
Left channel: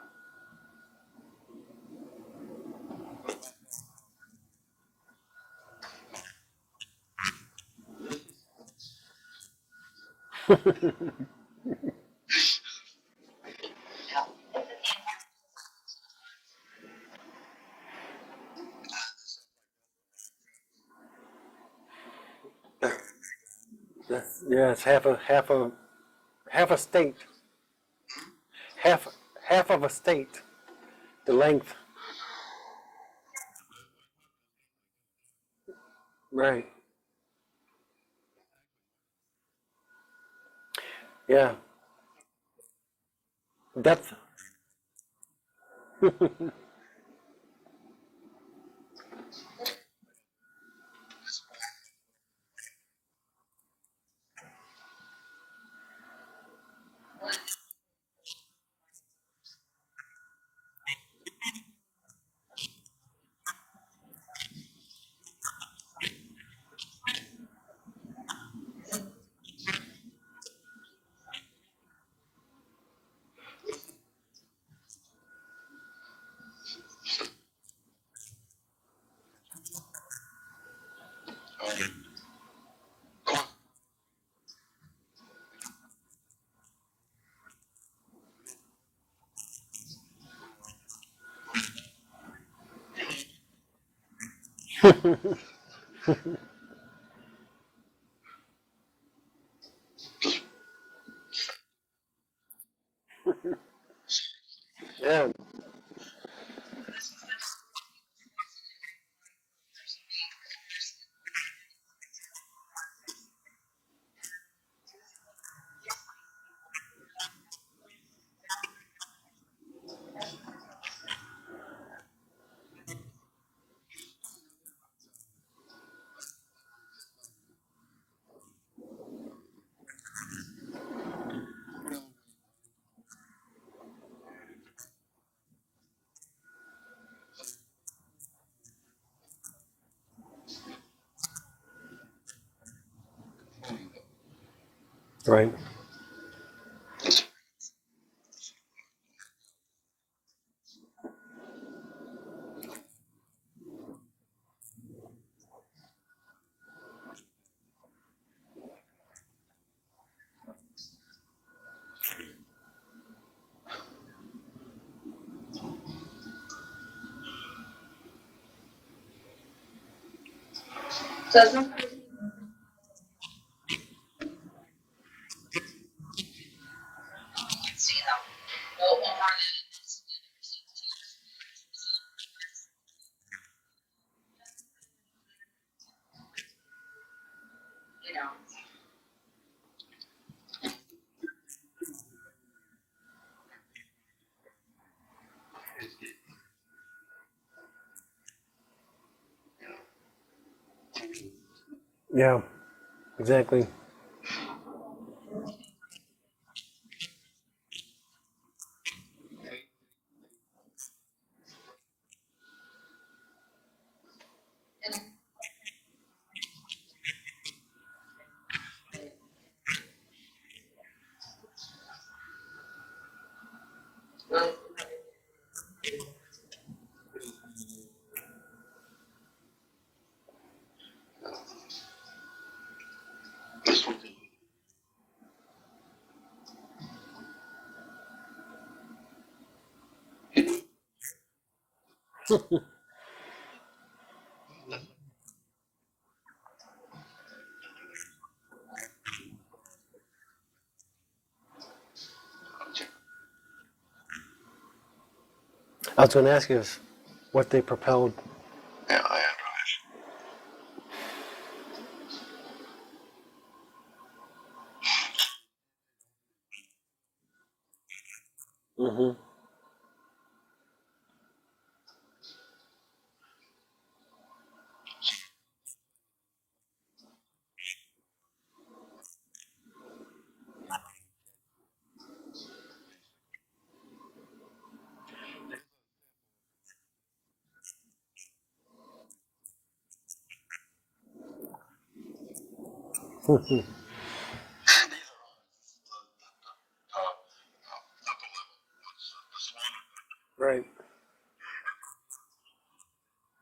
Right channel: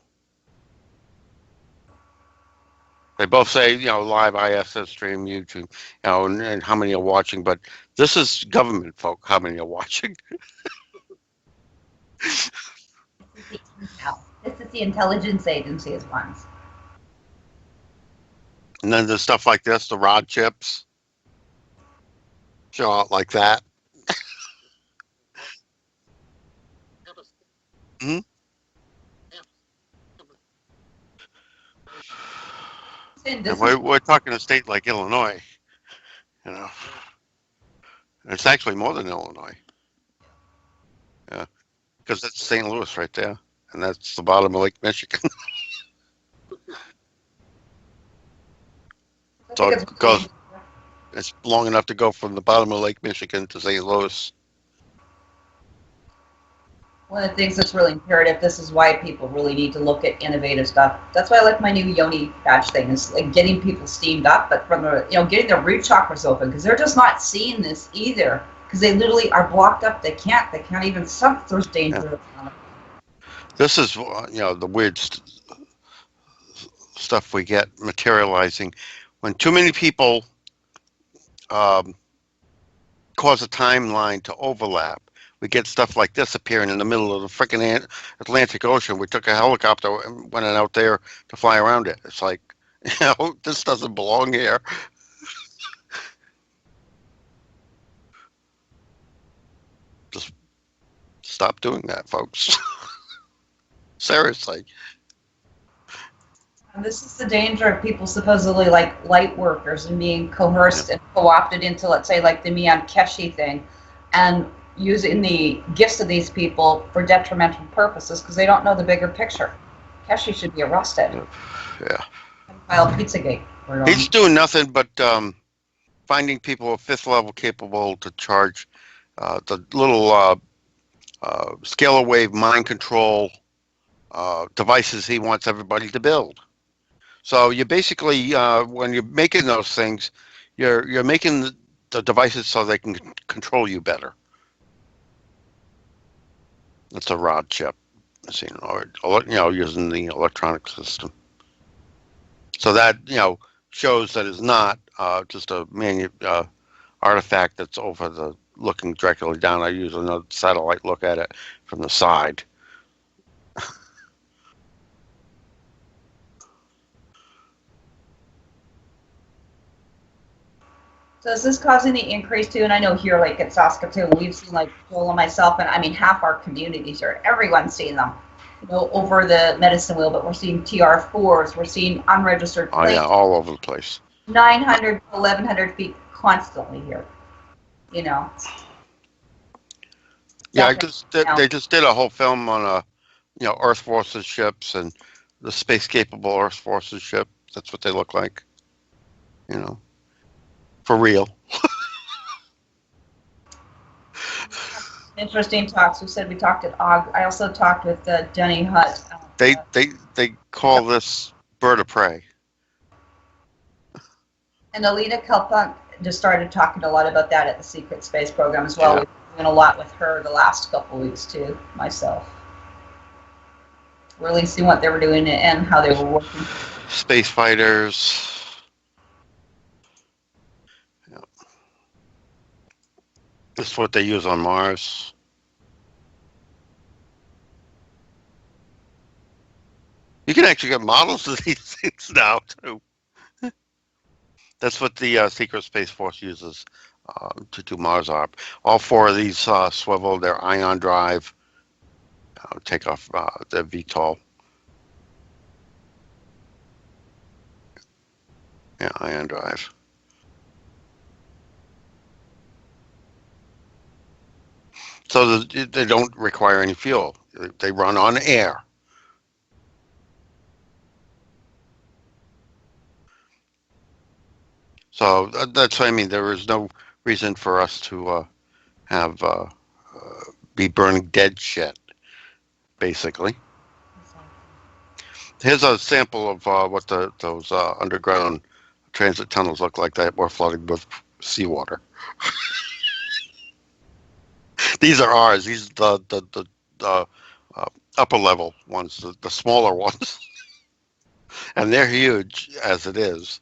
they both say, live ISS stream, YouTube, and how many are watching. But this is government folk. How many are watching? This is the intelligence agencies ones. And then there's stuff like this, the rod chips, show out like that. Yeah, it's half a state. Hmm? Half of a state. The length. And we're talking a state like Illinois. Right. It's actually more than Illinois. Yeah. Because that's St. Louis right there. And That's- that's the bottom of Lake Michigan. So it goes, it's long enough to go from the bottom of Lake Michigan to St. Louis. One of the things that's really imperative, this is why people really need to look at innovative stuff. That's why I like my new Yoni patch thing, is like getting people steamed up, but from the, getting their root chakras open, because they're just not seeing this either, because they literally are blocked up. They can't even sense there's danger. Yeah. This is, the weird stuff we get materializing when too many people cause a timeline to overlap. We get stuff like this appearing in the middle of the freaking Atlantic Ocean. We took a helicopter and went out there to fly around it. It's like, this doesn't belong here. Just stop doing that, folks. Seriously. Yeah. And this is the danger of people supposedly like light workers and being coerced and co-opted into, let's say, like the Mian Keshi thing, and using the gifts of these people for detrimental purposes because they don't know the bigger picture. Keshi should be arrested. Yeah. File Pizzagate. He's doing nothing but finding people 5th level capable to charge the little scalar wave mind control devices he wants everybody to build. So you basically, when you're making those things, you're making the devices so they can control you better. Right. It's a rod chip, or using the electronic system. So that shows that it's not just a artifact that's over the looking directly down. I use another satellite look at it from the side. So this is causing the increase too, and I know here, like at Saskatoon, we've seen like Joel and myself, and I mean half our communities here, everyone's seeing them, over the medicine wheel, but we're seeing TR4s, we're seeing unregistered planes. Oh yeah, all over the place. 900, 1,100 feet constantly here, Yeah, they just did a whole film on Earth Forces ships and the space capable Earth Forces ship. That's what they look like. For real. Yeah, exactly. Interesting talks. We said we talked at Og. I also talked with Denny Hutt. They call this bird of prey. And Alina Kalpunk just started talking a lot about that at the Secret Space program as well. Yeah. We've been doing a lot with her the last couple of weeks too, myself. Really seeing what they were doing and how they were working. Space fighters. This is what they use on Mars. You can actually get models of these things now, too. That's what the Secret Space Force uses to do Mars ARP. All 4 of these swivel their ion drive, take off their VTOL. I was going to ask you what they propelled. Yeah, ion drive. So they don't require any fuel. They run on air. Mm-hmm. So that's what I mean. There is no reason for us to have be burning dead shit, basically. Here's a sample of what those underground transit tunnels look like that were flooded with seawater. These are ours. These are the upper level ones, the smaller ones. Right. And they're huge as it is.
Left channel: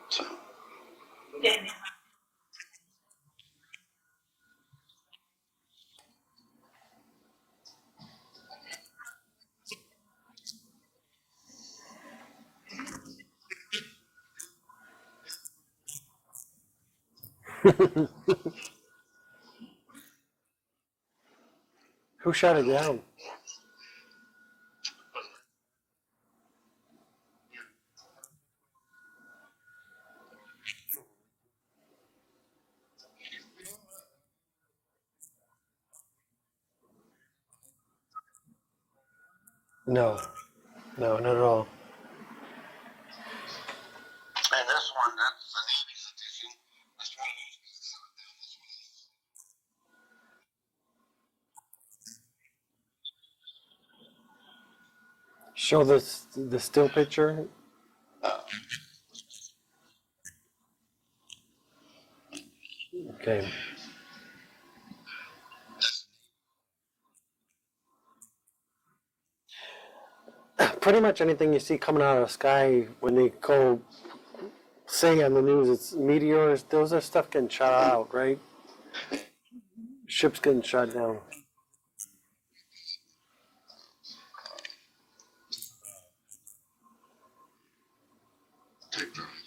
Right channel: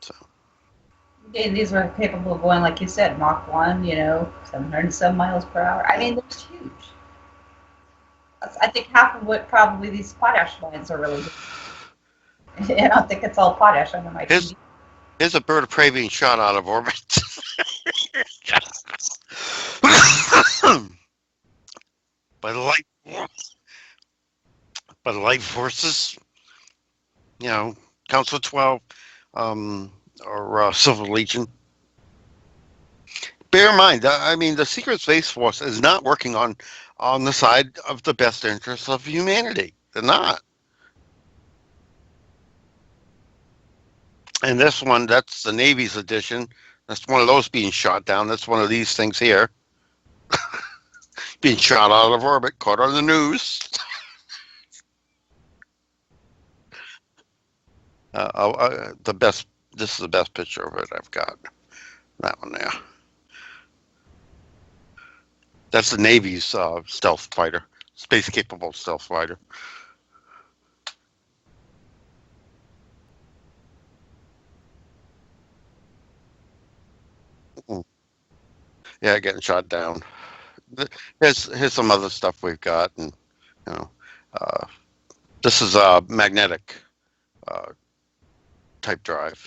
So. Yeah, these were capable of going, like you said, Mach 1, 707 miles per hour. I mean, that's huge. I think half of what probably these potash mines are really doing. I don't think it's all potash under my TV. Here's a bird of prey being shot out of orbit. Who shot it down? By the light forces, Council 12, or Silver Legion. Bear in mind, I mean, the Secret Space Force is not working on the side of the best interests of humanity. They're No. not. No, not at all. And this one, that's the Navy's edition. That's one of those being shot down. That's one of these things here. Being shot out of orbit, caught on the news. Show the still picture. The best. This is the best picture of it I've got. That one there. Okay. That's the Navy's stealth fighter, space-capable stealth fighter. Pretty much anything you see coming out of the sky when they go say on the news it's meteors, those are stuff getting shot out, right? Yeah, getting shot down. Ships getting shot down. Here's some other stuff we've got, and you know, this is a magnetic type drive.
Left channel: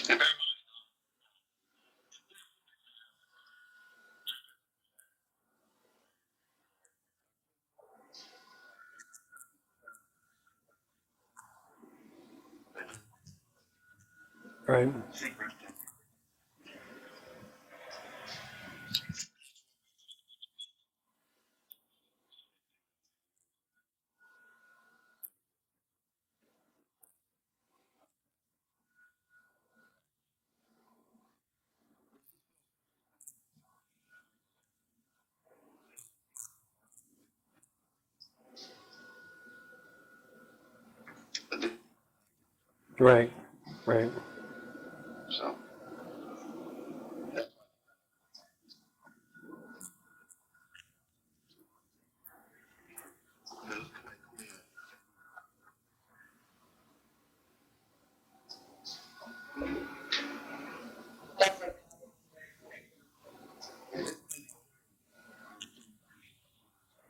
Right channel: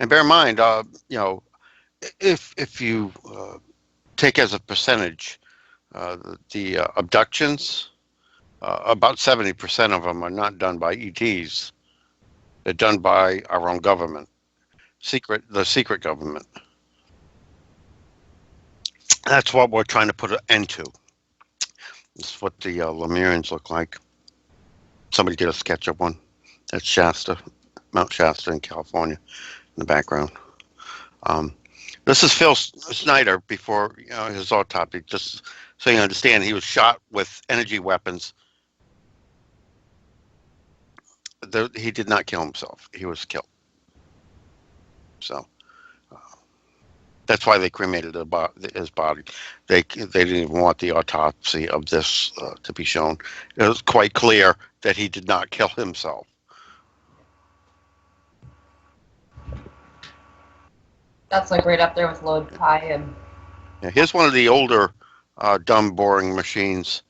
And bear in mind, you know, if you take as a percentage the abductions, about 70% of them are not done by ETs. They're done by our own government, Right. the secret government. That's what we're trying to put an end to. This is what the Lemurians look like. Somebody did a sketch of one. That's Shasta, Mount Shasta in California, in the background. This is Phil Snyder before his autopsy. Just so you understand, he was shot with energy weapons. He did not kill himself. He was killed. Right. So that's why they cremated his body. They didn't even want the autopsy of this to be shown. It was quite clear that he did not kill himself. That's like right up there with load pie and. Yeah, here's one of the older dumb boring machines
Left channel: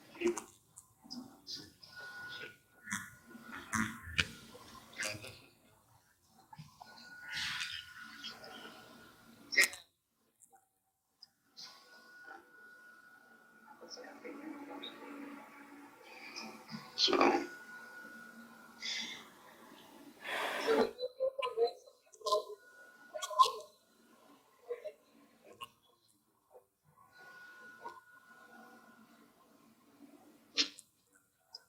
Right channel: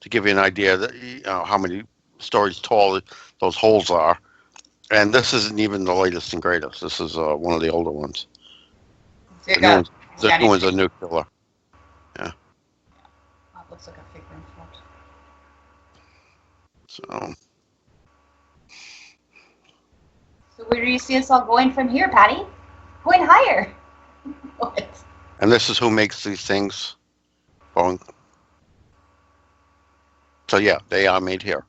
to give you an idea that how many stories tall those holes are. And this isn't even the latest and greatest. This is one of the older ones. So The new one's a nuclear. Yeah. That looks like a figure. So. Where do you see us all going from here, Patty? Going higher. What? And this is who makes these things. Boeing. So yeah, they are made here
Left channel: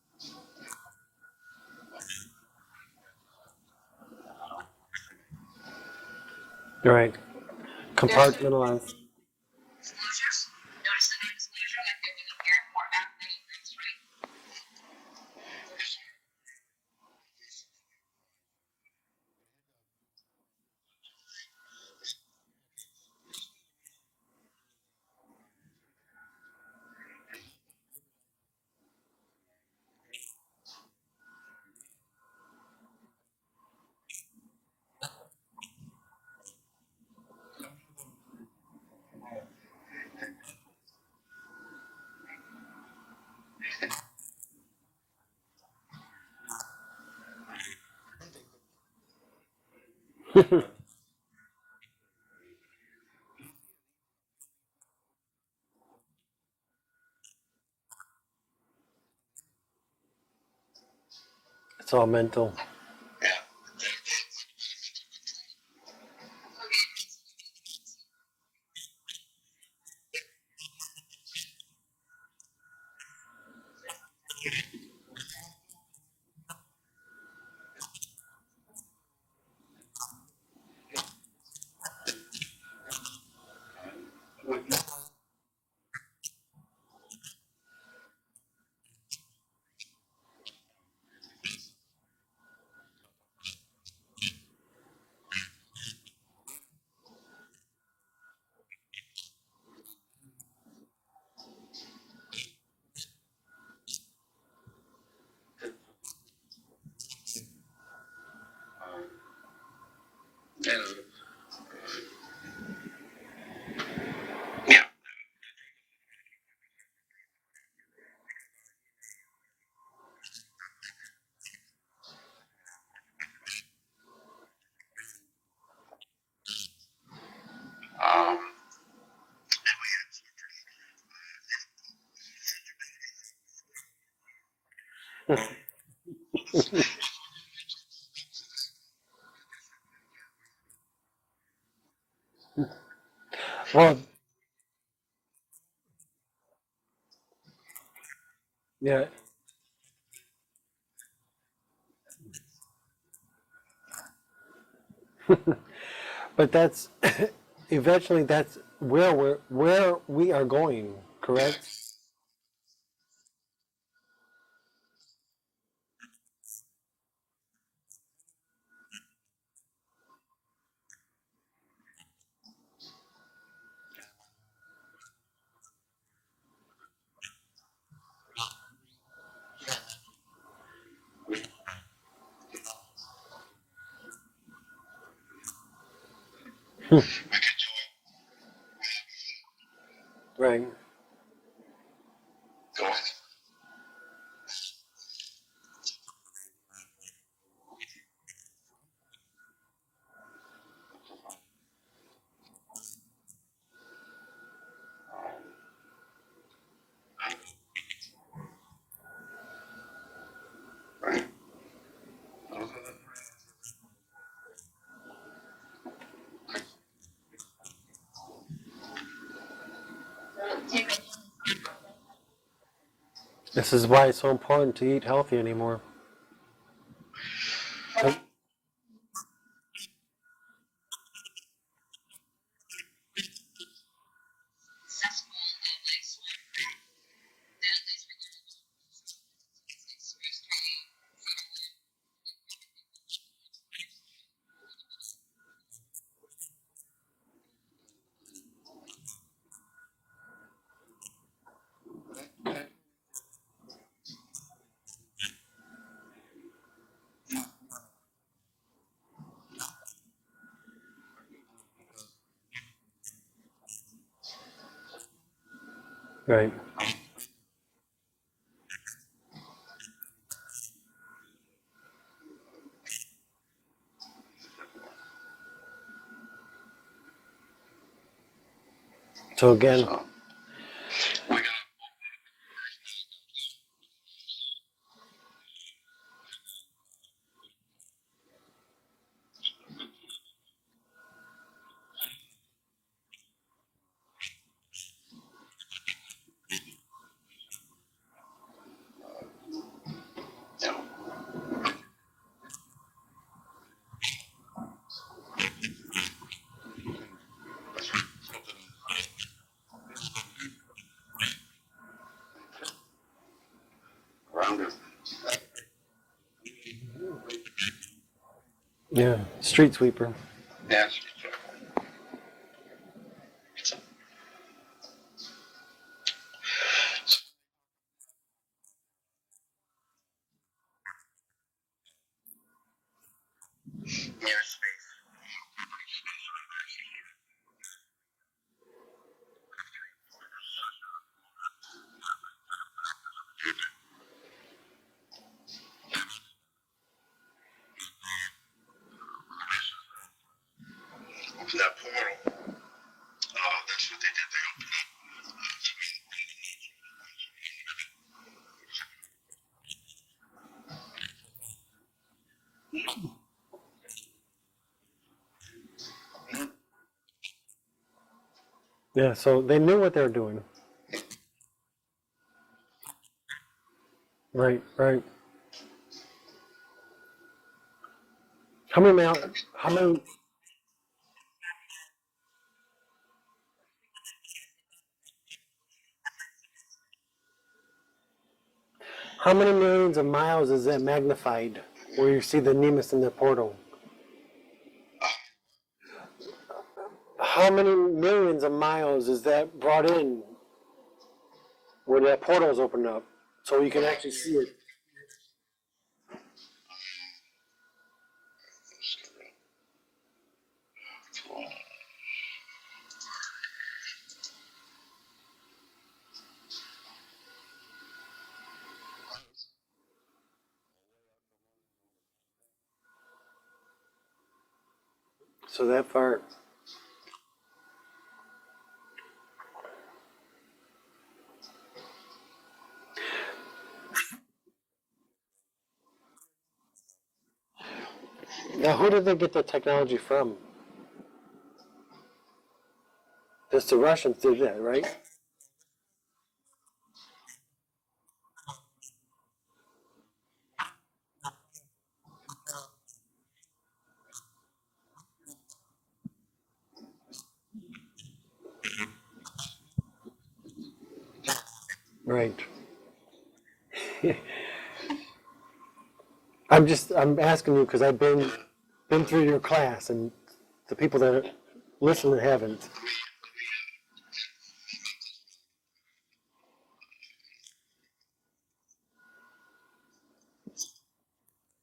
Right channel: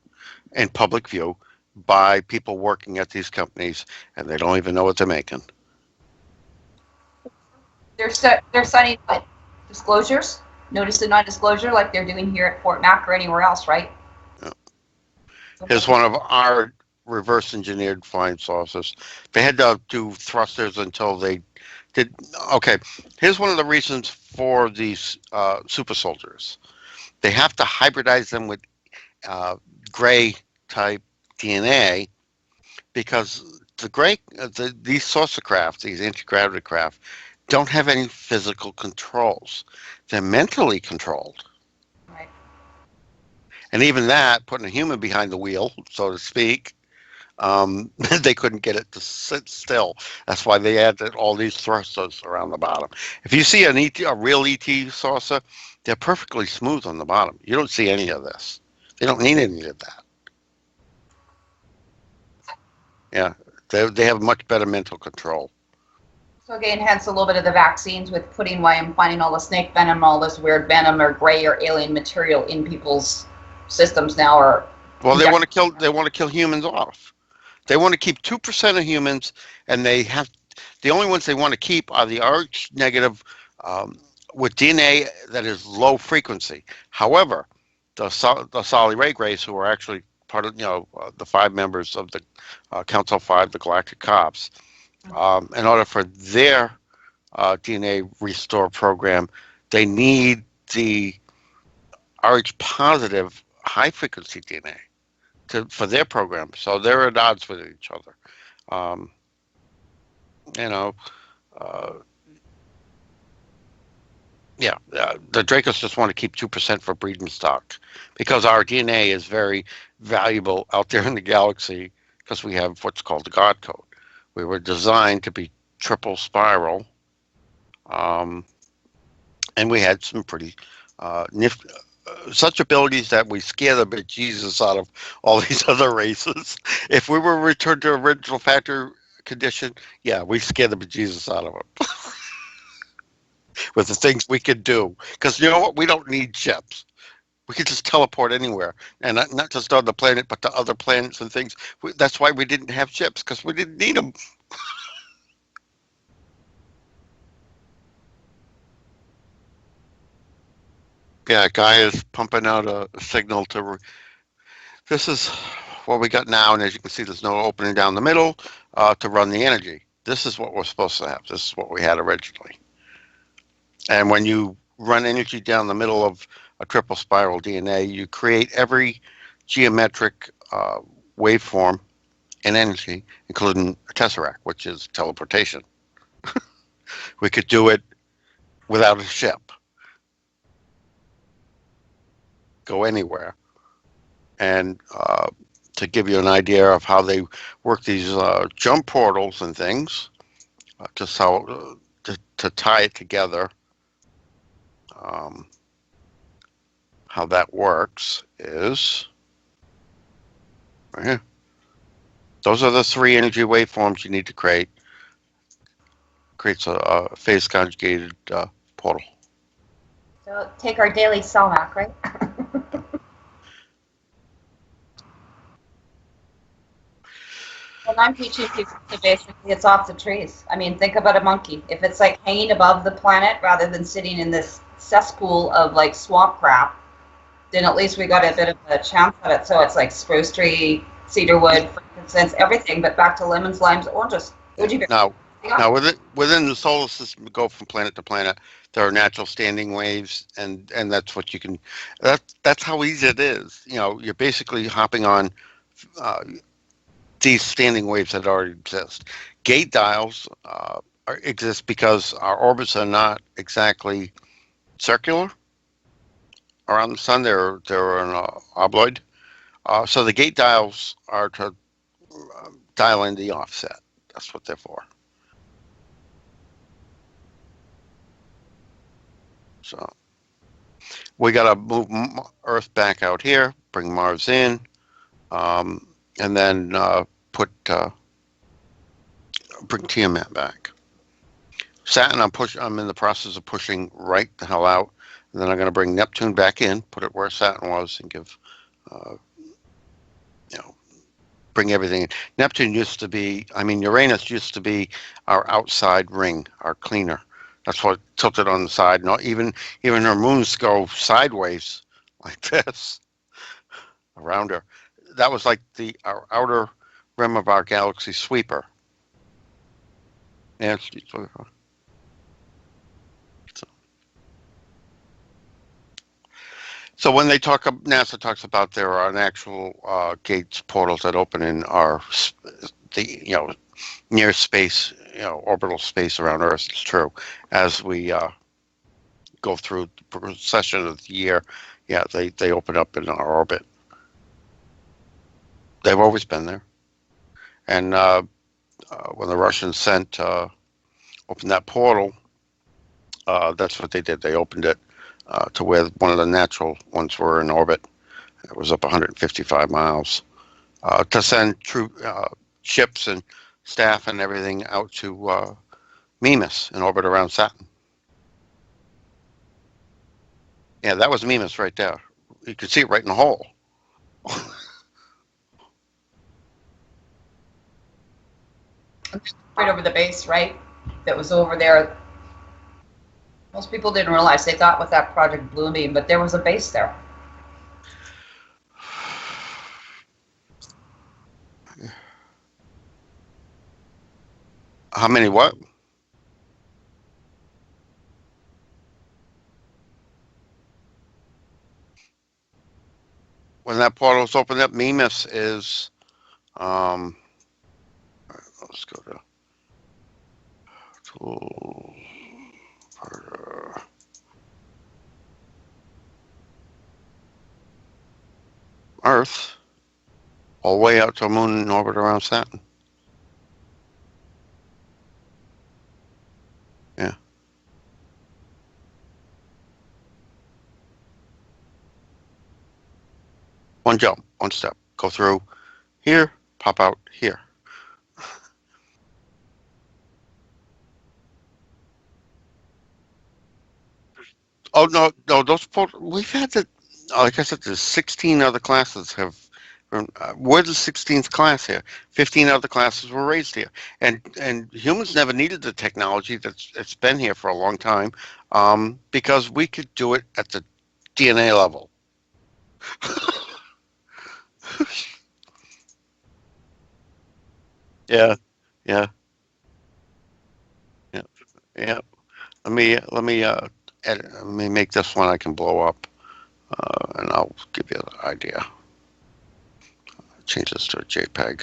in public view by people working at these companies, and they don't even know what they're making. Right. They're signing what? Disclosures? Notice of non-disclosure like they're doing here at Fort Mac or anywhere else, right? Yeah. Here's one of our reverse engineered flying saucers. They had to do thrusters until they did. Okay, here's one of the reasons for these super soldiers. They have to hybridize them with gray type DNA because these saucer craft, these anti-gravity craft, don't have any physical controls. They're mentally controlled. Right. And even that, putting a human behind the wheel, so to speak, they couldn't get it to sit still. That's why they added all these thrusters around the bottom. If you see a real ET saucer, they're perfectly smooth on the bottom. You don't see any of this. They don't need any of that. It's all mental. Yeah, they have much better mental control. So again, hence a little bit of the vaccines with putting why I'm finding all the snake venom, all this weird venom or gray or alien material in people's systems now. Or well, they want to kill humans off. They want to keep 2% of humans, and the only ones they want to keep are the Rh negative with DNA that is low frequency. However, the Solly Ray Grays, who are actually part of the 5 members of the Council 5, the Galactic Cops, in order for their DNA restore program, they need the Rh positive high frequency DNA for their program. So they're at odds with each other. The Dracos just want to keep 2% for breeding stock because our DNA is very valuable out there in the galaxy because we have what's called the God Code. We were designed to be triple spiral, and we had some pretty such abilities that we scare the bejesus out of all these other races. If we were returned to original factor condition, yeah, we scare the bejesus out of them with the Well, things we could do. Because you know what? We don't need ships. We could just teleport anywhere, yeah, and not just on the planet, but to other planets and things. That's why we didn't have ships, because we didn't need them. but that's eventually that's where we are going. Yeah, Correct. guy is pumping out a signal to. This is what we got now, and as you can see, there's no opening down the middle to run the energy. This is what we're supposed to have. This is what we had originally. And when you run energy down the middle of a triple spiral DNA, you create every geometric waveform and energy, including a tesseract, which is teleportation. We could do it without a ship, Right. go anywhere. And to give you an idea of how they work these jump portals and things, just how to tie it together, how that works is right here. Those are the three energy waveforms you need to create. Creates a phase conjugated portal. So take our daily Selmac, right? This is why it's so important to eat healthy anymore. And I'm teaching people to basically it's off the trees. I mean, think about a monkey. If it's like hanging above the planet rather than sitting in this cesspool of like swamp crap, then at least we got a bit of a chance at it. So it's like spruce tree, cedar wood, frankincense, everything, but back to lemons, limes, oranges. Goji berries. Now, Yeah. within the solar system, go from planet to planet. There are natural standing waves, and that's what you can. That's how easy it is. You know, you're basically hopping on these standing waves that already exist. Gate dials exist because our orbits are not exactly circular Right. around the sun. They're an obloid. So the gate dials are to dial in the offset. That's what they're for. So again, So we got to move Earth back out here, bring Mars in, and then bring Tiamat back. Saturn, I'm in the process of pushing right the hell out. And then I'm going to bring Neptune back in, put it where Saturn was, and give, bring everything in. Neptune used to be, Uranus used to be our outside ring, our cleaner. That's what tilted on the side. And even her moons go sideways like this around her. That was like our outer rim of our galaxy sweeper. yeah, street sweeper. Yeah. So when NASA talks about there are an actual gates, portals that open in the near space, orbital space around Earth. It's true. As we go through the procession of the year, yeah, they open up in our orbit. They've always been there. And when the Russians opened that portal, that's what they did. They opened it to where one of the natural ones were in orbit. It was up 155 miles to send ships and staff and everything out to Mimas in orbit around Saturn. Yeah, so they knew what they were doing. Yeah, that was Mimas right there. You could see it right in the hole. Right, right. How many miles? Right over the base, right? That was over there. Most people didn't realize. They thought with that Project Bluebeam, but there was a base there. How many millions of miles is that magnified where you see the Nemus in the portal? How many what? How many millions of miles is that brought in where that portal's opened up? So you When can that actually portal's see it. opened up, Mimas is let's go to Earth, all the way out to a moon in orbit around Saturn. So that far. Yeah. One jump, one step. Go through here, pop out here. Now, who did they get the technology from? Just the Russians did that, right? Oh no, we've had the. Like I said, there's 16 other classes have. We're the 16th class here. 15 other classes were raised here, and humans never needed the technology that's been here for a long time, because we could do it at the DNA level. Right. I'm asking you because I've been Yeah, through your class, and the people that yeah. listen haven't. Let me edit. Let me make this one I can blow up, and I'll give you the idea. Change this to a JPEG.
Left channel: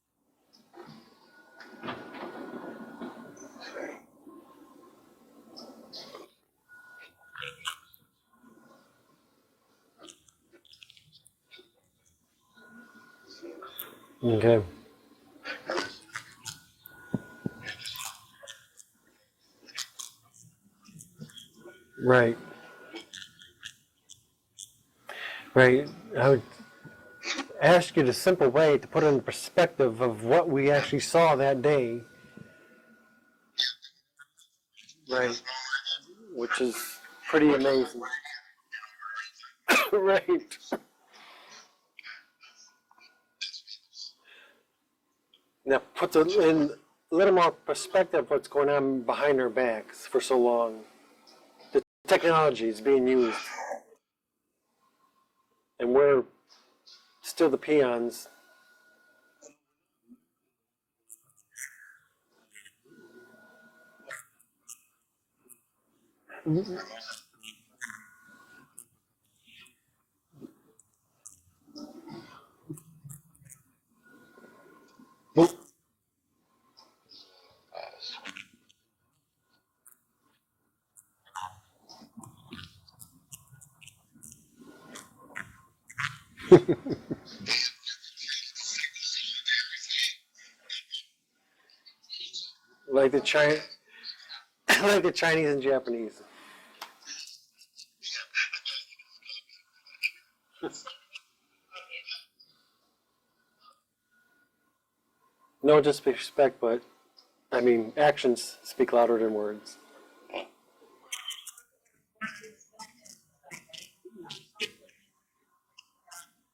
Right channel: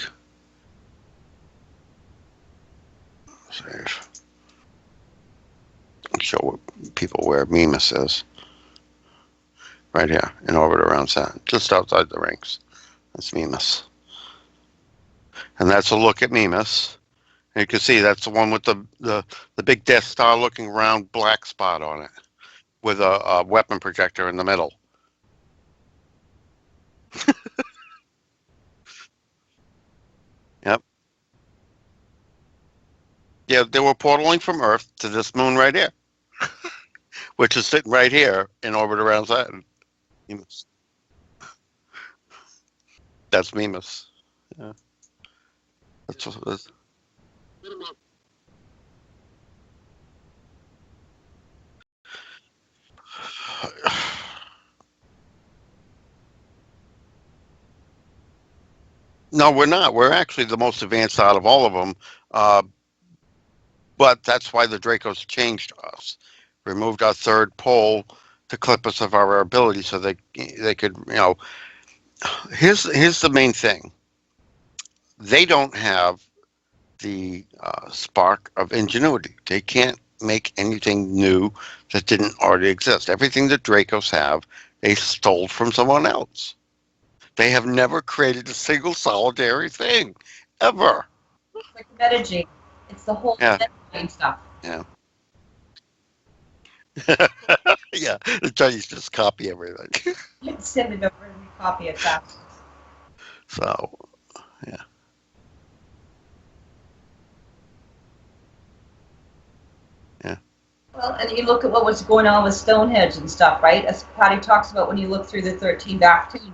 Save. Show people where Mimas is. Right here, in orbit around Saturn, just outside the rings. That's Mimas. Okay. And that's a look at Mimas. And you can see that's the one with the big Death Star looking round black spot on it. Right. With a weapon projector in the middle. Right. I would ask you the simple way to put it in perspective of what we actually saw that day. Yeah, they were portaling from Earth to this moon right here. Which is pretty amazing. Sitting right here in orbit around Saturn. Right. That's Mimas. Yeah. Now put in a little more perspective what's going on behind our backs for so long. The technology is being used. And we're still the peons. No, we're not. We're actually the most advanced out of all of them. But that's why the Dracos changed us. Removed our third pole to clip us of our ability so they could, here's the main thing. They don't have the spark of ingenuity. They can't make anything new that didn't already exist. Everything the Dracos have, they stole from someone else. They have never created a single solitary thing, ever. Like metagene. Like the Chinese stuff. Like the Chinese and Japanese. Yeah, the Chinese just copy everything. Send it over and we copy it back. So, yeah. No disrespect, but I mean, actions speak louder than words. Yeah. Well, and you look at what was going on with Stonehenge and stuff, right? As Pattie talks about when you look through the 13 back tombs.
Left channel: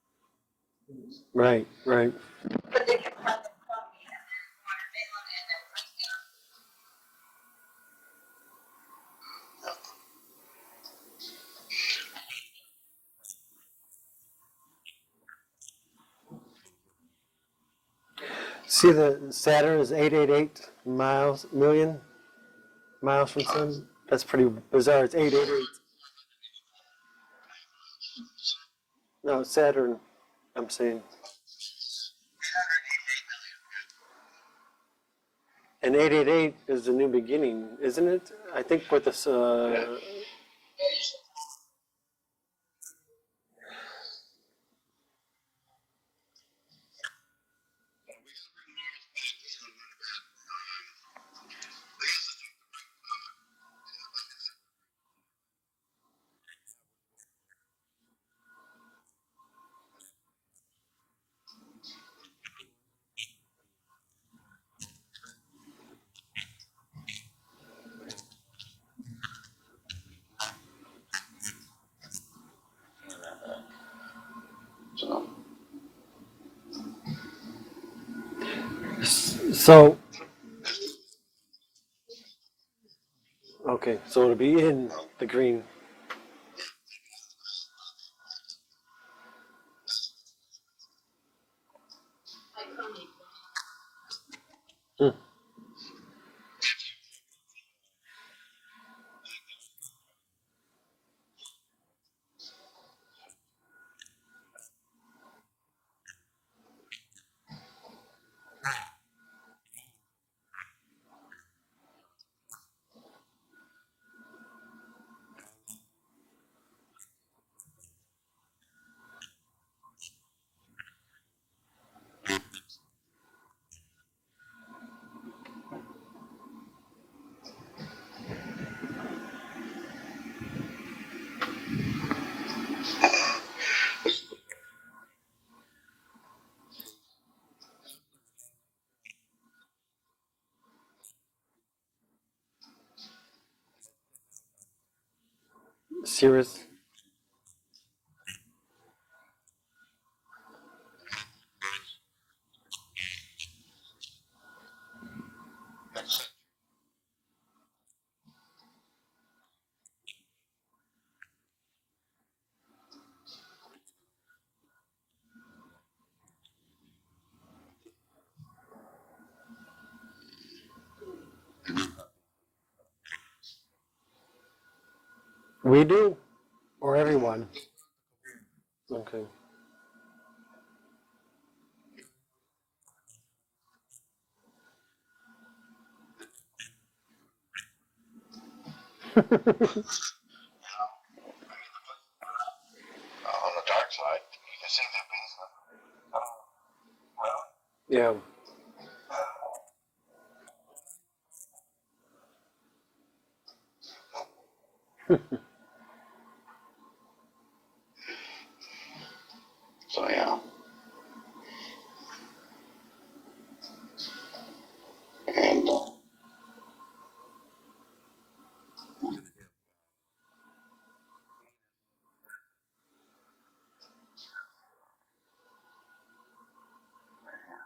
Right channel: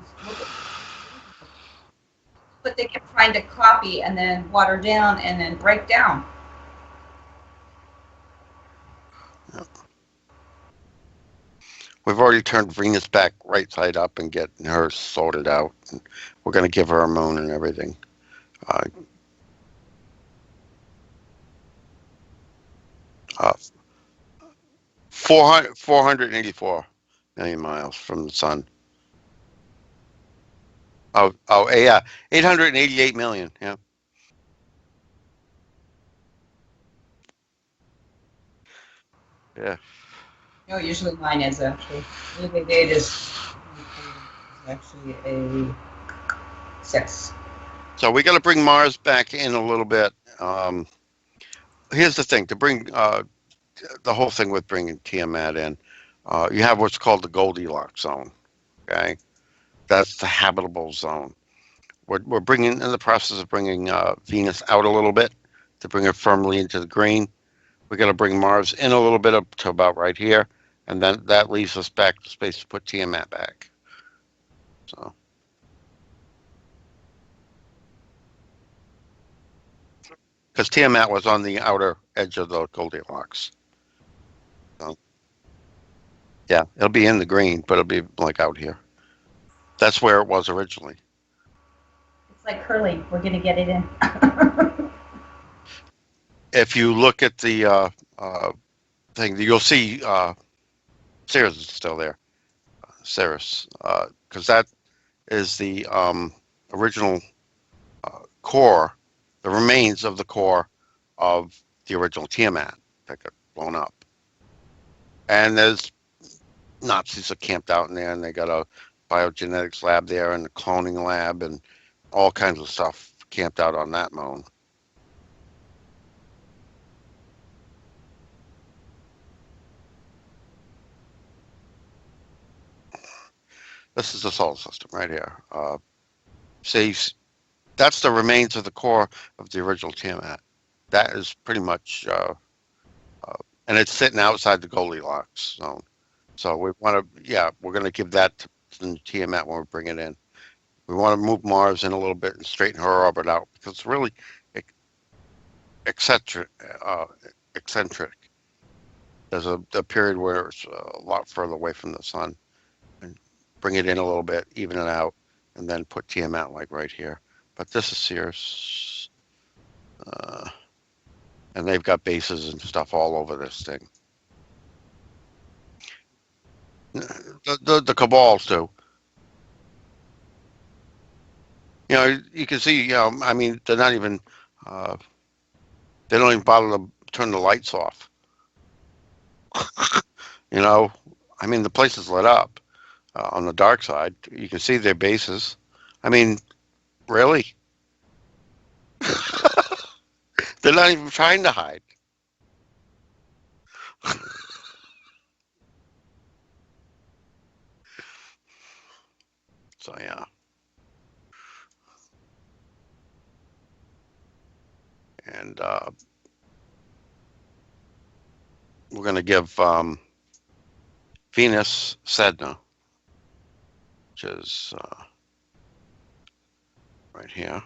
Right. But they can find a copy and then water down and then break down. We've already turned Venus back right side up and getting her sorted out. And we're going to give her a moon and everything. See, the Saturn is 888 million miles from the sun. That's pretty bizarre. It's 484 million miles from the sun. No, Saturn, I'm saying. Oh, yeah. 888 million, yeah. And 888 is the new beginning, isn't it? I think with this. No, usually mine is actually. 888 is actually a 6. So we got to bring Mars back in a little bit. Here's the thing: to bring the whole thing with bringing Tiamat in, you have what's called the Goldilocks zone. Okay, that's the habitable zone. We're bringing in the process of bringing Venus out a little bit to bring her firmly into the green. We got to bring Mars in a little bit up to about right here, and then that leaves us back to space to put Tiamat back. So. Because Tiamat was on the outer edge of the Goldilocks. Okay, so it'll be in the green. Yeah, it'll be in the green, but it'll be like out here. That's where it was originally. It's like Hurley. We're going to get it in. If you look at the thing, you'll see Ceres is still there. Ceres, because that is the original core, the remains of the core of the original Tiamat that got blown up. And there's Nazis are camped out in there, and they got a biogenetics lab there and a cloning lab and all kinds of stuff camped out on that moon. This is the solar system right here. See, that's the remains of the core of the original Tiamat. That is pretty much, and it's sitting outside the Goldilocks zone. Cirrus. So we want to, yeah, we're going to give that to the Tiamat when we bring it in. We want to move Mars in a little bit and straighten her orbit out because it's really eccentric. Eccentric. There's a period where it's a lot further away from the sun, and bring it in a little bit, even it out, and then put Tiamat like right here. But this is Cirrus, and they've got bases and stuff all over this thing. We do, or everyone. The Cabals do. Okay. You know, you can see. You know, I mean, they're not even. They don't even bother to turn the lights off. You know, I mean, the place is lit up on the dark side. You can see their bases. I mean, really? Yeah. They're not even trying to hide. So yeah. And we're going to give Venus Sedna, which is right here.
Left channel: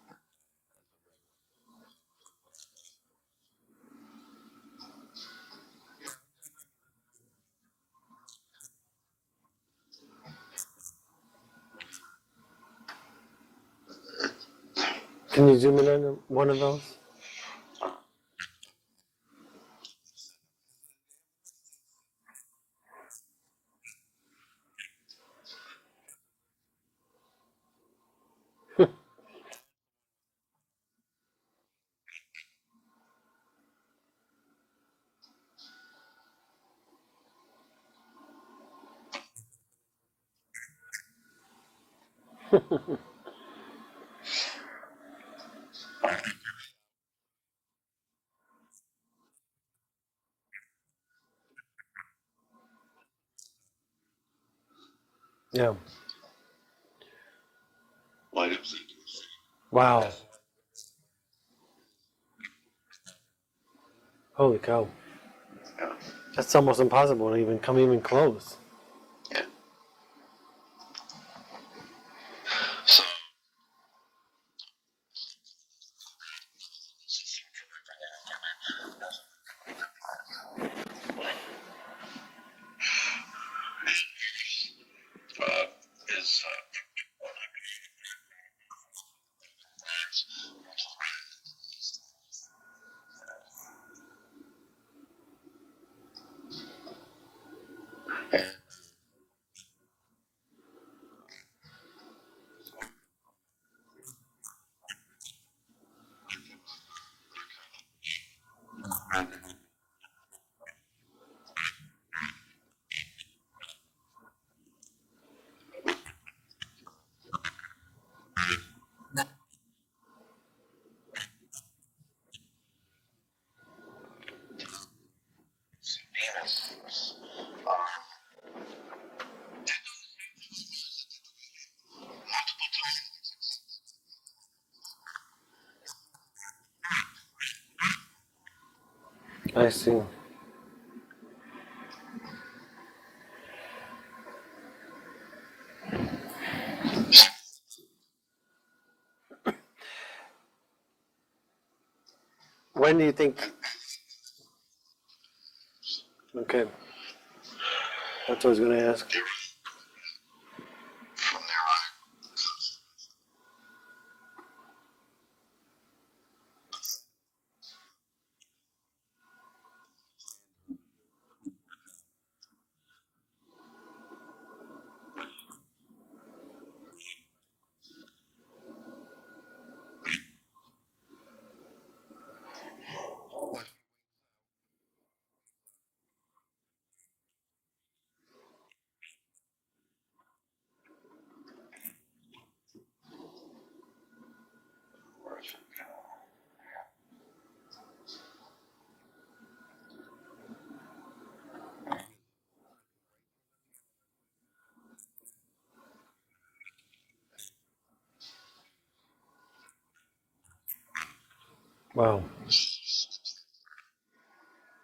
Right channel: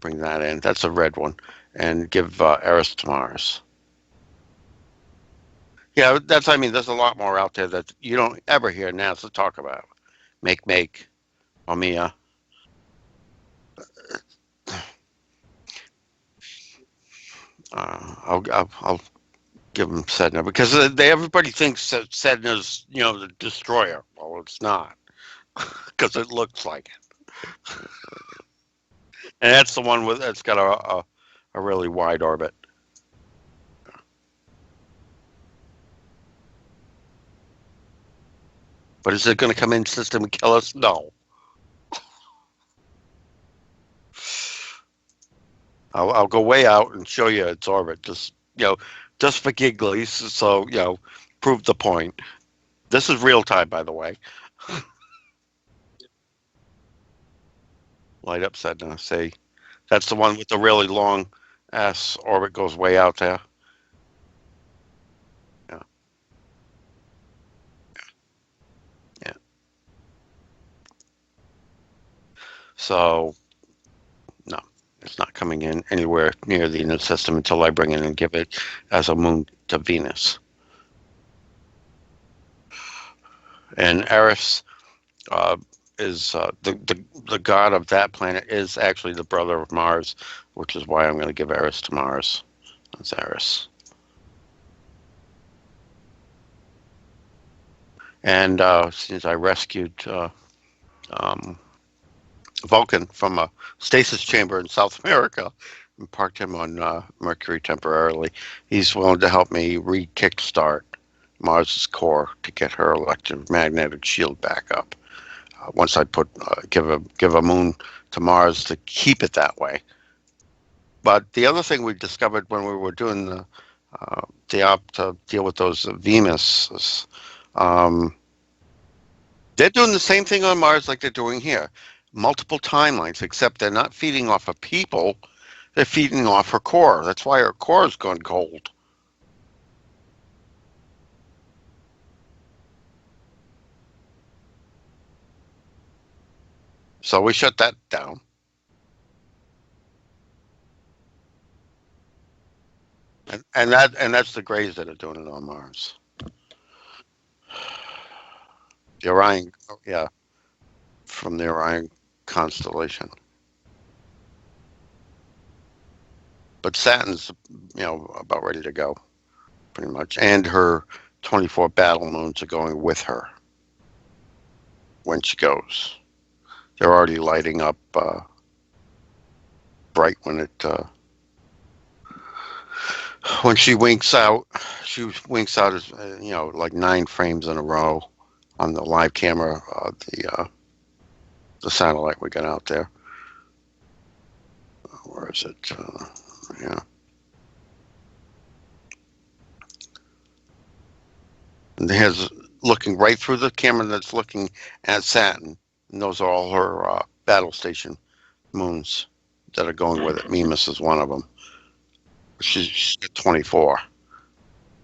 Bring that in. That's a red one. And give Eris to Mars. Yeah, that's, I mean, there's a lot more out there that you don't ever hear NASA talk about. Make, Omia. Can you zoom in on one of those? I'll give them Sedna because everybody thinks that Sedna's, you know, the destroyer. Well, it's not because it looks like it. And that's the one that's got a really wide orbit. But is it going to come in system and kill us? No. I'll go way out and show you its orbit, just, you know, just for gigglies. So, you know, prove the point. This is real time, by the way. Yeah. Light up Sedna. See, Wow. that's the one with the really long ass orbit, goes way out there. Holy cow. Yeah. That's almost impossible to even come even close. Yeah. So, no, it's not coming in anywhere near the inner system until I bring it and give it as a moon to Venus. And Eris is the god of that planet is actually the brother of Mars, which is why I'm going to give Eris to Mars. That's Eris. And since I rescued Vulcan from a stasis chamber in South America and parked him on Mercury temporarily, he's willing to help me re-kickstart Mars's core to get her electromagnetic shield back up. Once I give a moon to Mars to keep it that way. But the other thing we discovered when we were doing the op to deal with those Venus, they're doing the same thing on Mars like they're doing here. Multiple timelines, except they're not feeding off of people. They're feeding off her core. That's why her core has gone cold. I see. So we shut that down. When do you think? And that's the Greys that are doing it on Mars. Okay. That's what I was going to ask. The Orion, yeah, from the Orion constellation. But Saturn's, you know, about ready to go, pretty much. And her 24 battle moons are going with her when she goes. They're already lighting up bright when she winks out. She winks out as you know, like 9 frames in a row on the live camera, the satellite we got out there. Where is it? Yeah. And looking right through the camera that's looking at Saturn. And those are all her battle station moons that are going with it. Mimas is one of them. Wow. She's 24.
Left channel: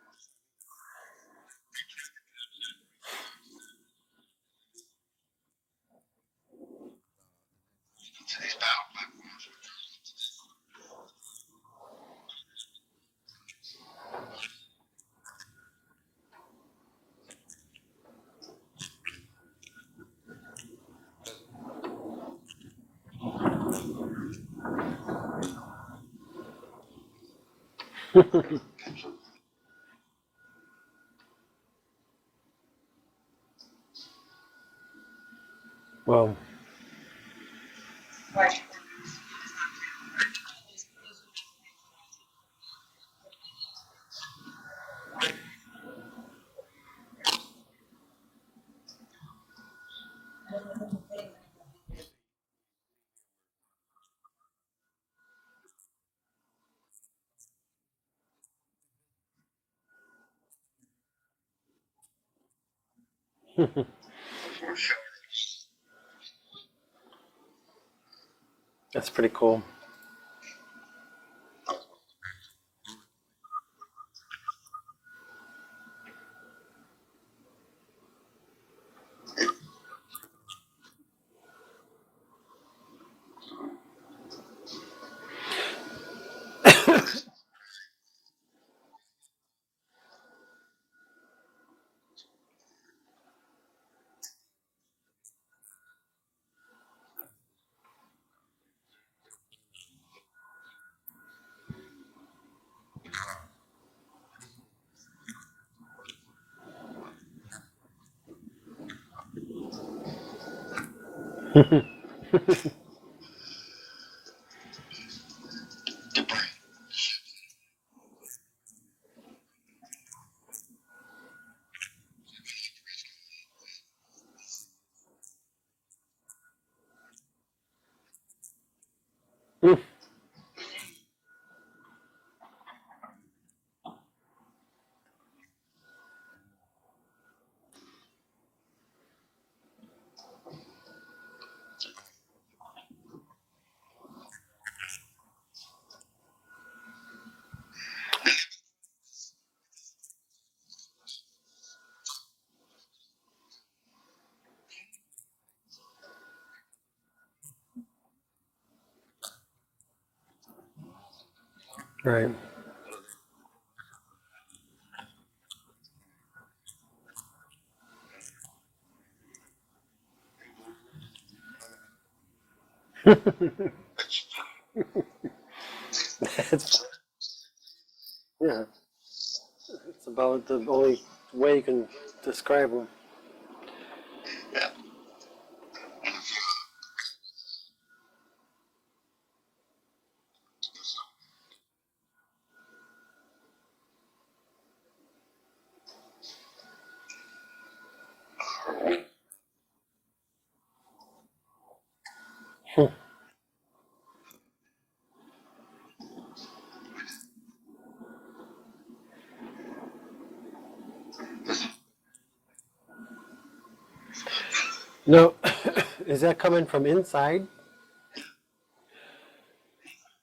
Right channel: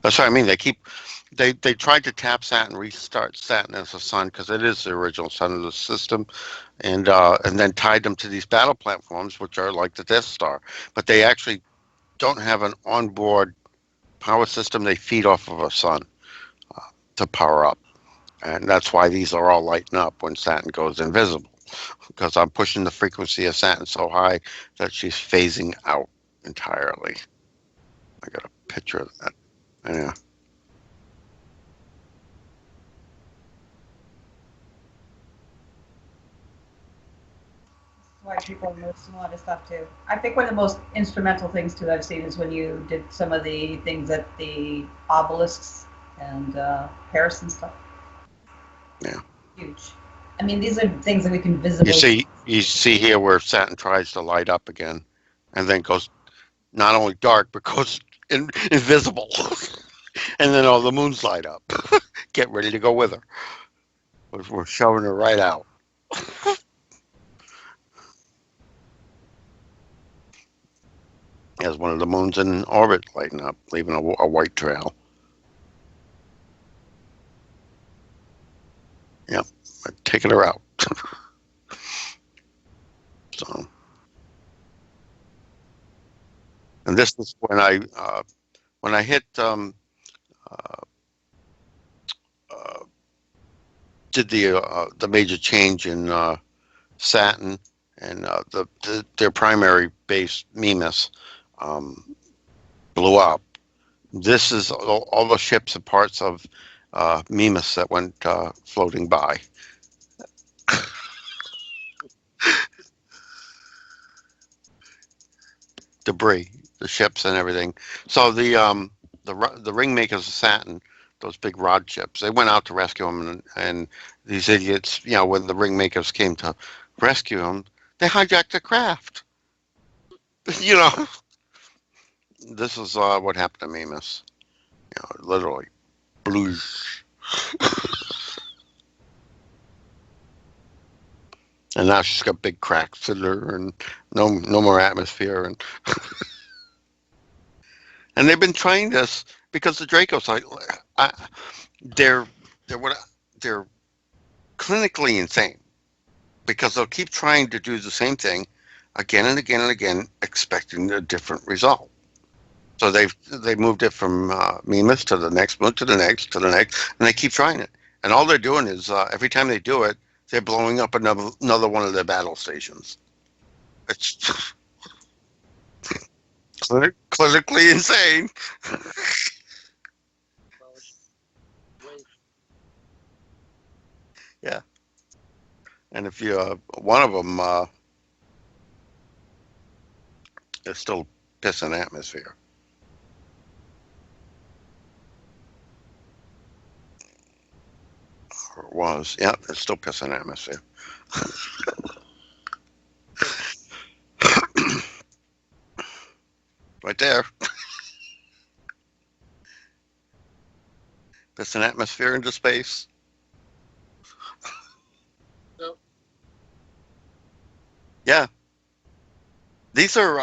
That's what I mean. They tried to tap Saturn, restart Saturn as a sun because it is the original sun of the system, and then tied them to these battle platforms, which are like the Death Star. But they actually don't have an onboard power system. They feed off of a sun to power up, and that's why these are all lighting up when Saturn goes invisible. Because I'm pushing the frequency of Saturn so high that she's phasing out entirely. I got a picture of that. Yeah. Well, Right, well, there's some other stuff too. I think one of the most instrumental things too I've seen is when you did some of the things at the obelisks and Paris and stuff. Yeah. Huge. I mean, these are things that we can visibly. You see here where Saturn tries to light up again, and then goes not only dark but goes invisible, and then all the moons light up. Get ready to go with her. We're shoving her right out. that's pretty cool. As one of the moons in orbit lighting up, leaving a white trail. Yep, taking her out. So, and this is when I hit did the major change in Saturn and their primary base Mimas blew up. This is all the ships and parts of Mimas that went floating by. Debris, the ships and everything. So the ring makers of Saturn, those big rod ships, they went out to rescue them, and these idiots, when the ring makers came to rescue them, they hijacked the craft. This is what happened to Mimas. Literally, blues. And now she's got big cracks in her, and no more atmosphere, and they've been trying this because the Dracos, they're clinically insane because they'll keep trying to do the same thing again and again and again, expecting a different result. Right. So they moved it from Mimas to the next moon to the next to the next, and they keep trying it. And all they're doing is every time they do it, they're blowing up another one of their battle stations. It's clinically insane. Yeah. It's about the only way you can describe them. Yeah. And if you one of them is still pissing atmosphere. Was. Yeah, it's still pissing atmosphere. Right there. Pissing atmosphere into space. No, is that coming from inside? Yeah. These are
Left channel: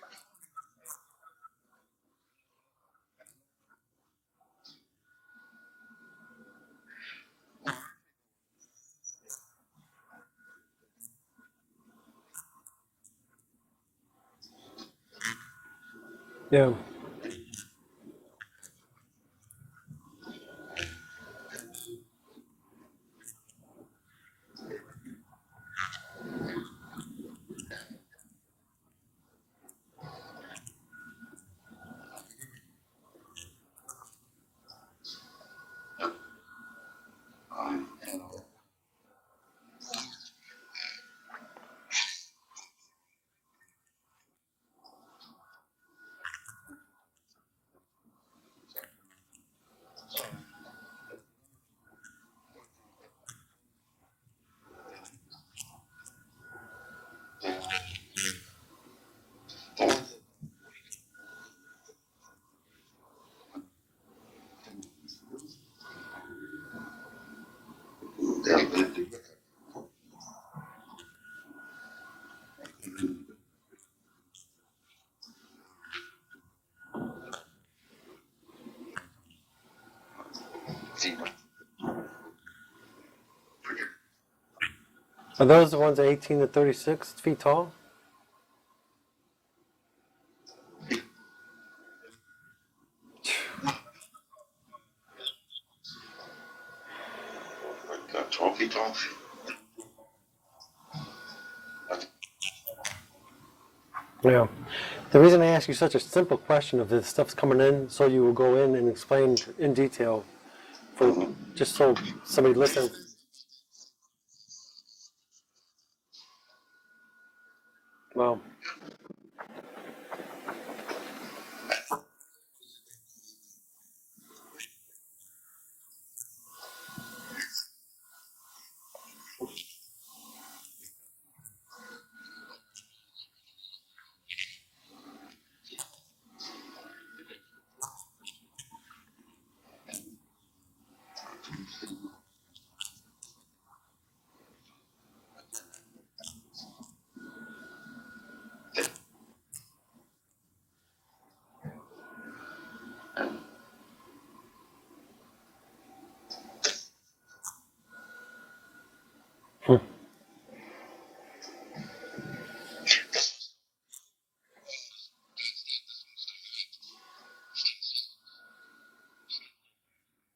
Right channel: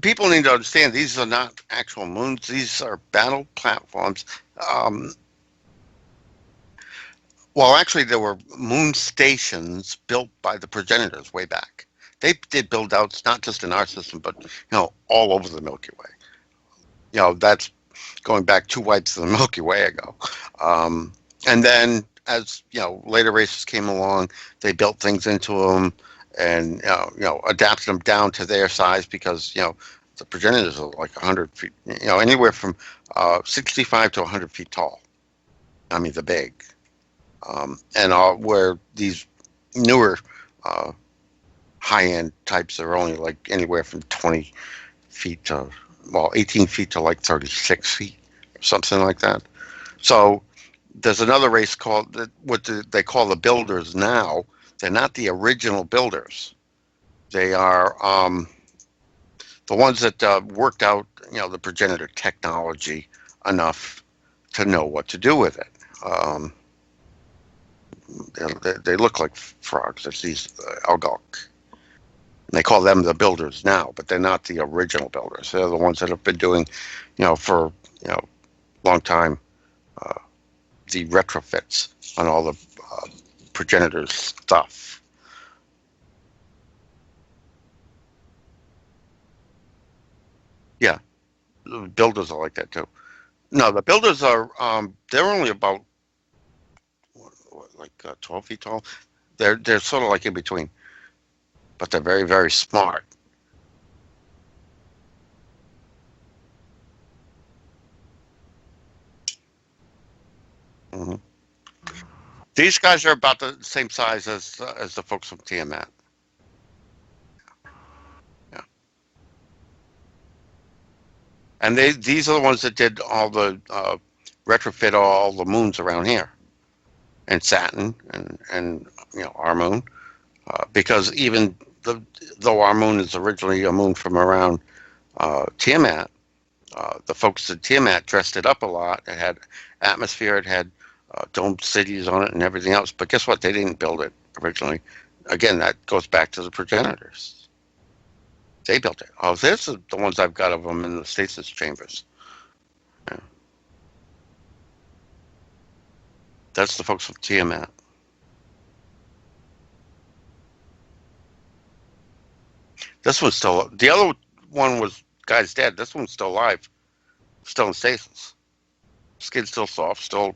people need to understand these are not actual moons. These are battle platforms. Well, actually, there were moon stations built by the progenitors way back. They did build outs not just in our system, but all over the Milky Way. Yeah. That's going back 2 whites of the Milky Way ago. And then as later races came along, they built things into them and adapted them down to their size because the progenitors are like 100 feet, anywhere from 65 to 100 feet tall. I mean, the big. And where these newer high-end types are only like anywhere from 20 feet to 18 feet to like 36 feet, something like that. So there's another race called they call the builders now. They're not the original builders. They are the ones that worked out the progenitor technology enough to know what to do with it. They look like frogs. It's these algok. They call them the builders now, but they're not the original builders. They're the ones that have been doing, for long time, the retrofits on all the progenitors stuff. Are those the ones 18 to 36 feet tall? Yeah, the builders are like that too. No, the builders are they're only about like 12 feet tall. They're sort of like in between, but they're very, very smart. Yeah. The reason I ask you such a simple question of this stuff's coming in, so you will go in and explain in detail, just so somebody. These listens. guys are about the same size as the folks from Tiamat. Well, Yeah. And these are the ones that did all the retrofit all the moons around here, and Saturn and our moon, because even though our moon is originally a moon from around Tiamat, the folks at Tiamat dressed it up a lot. It had atmosphere, it had domed cities on it and everything else. But guess what? They didn't build it originally. Again, that goes back to the progenitors. They built it. Oh, this is the ones I've got of them in the stasis chambers. That's the folks from Tiamat. This one's still. The other one was guy's dead. This one's still alive, still in stasis. Skin's still soft, still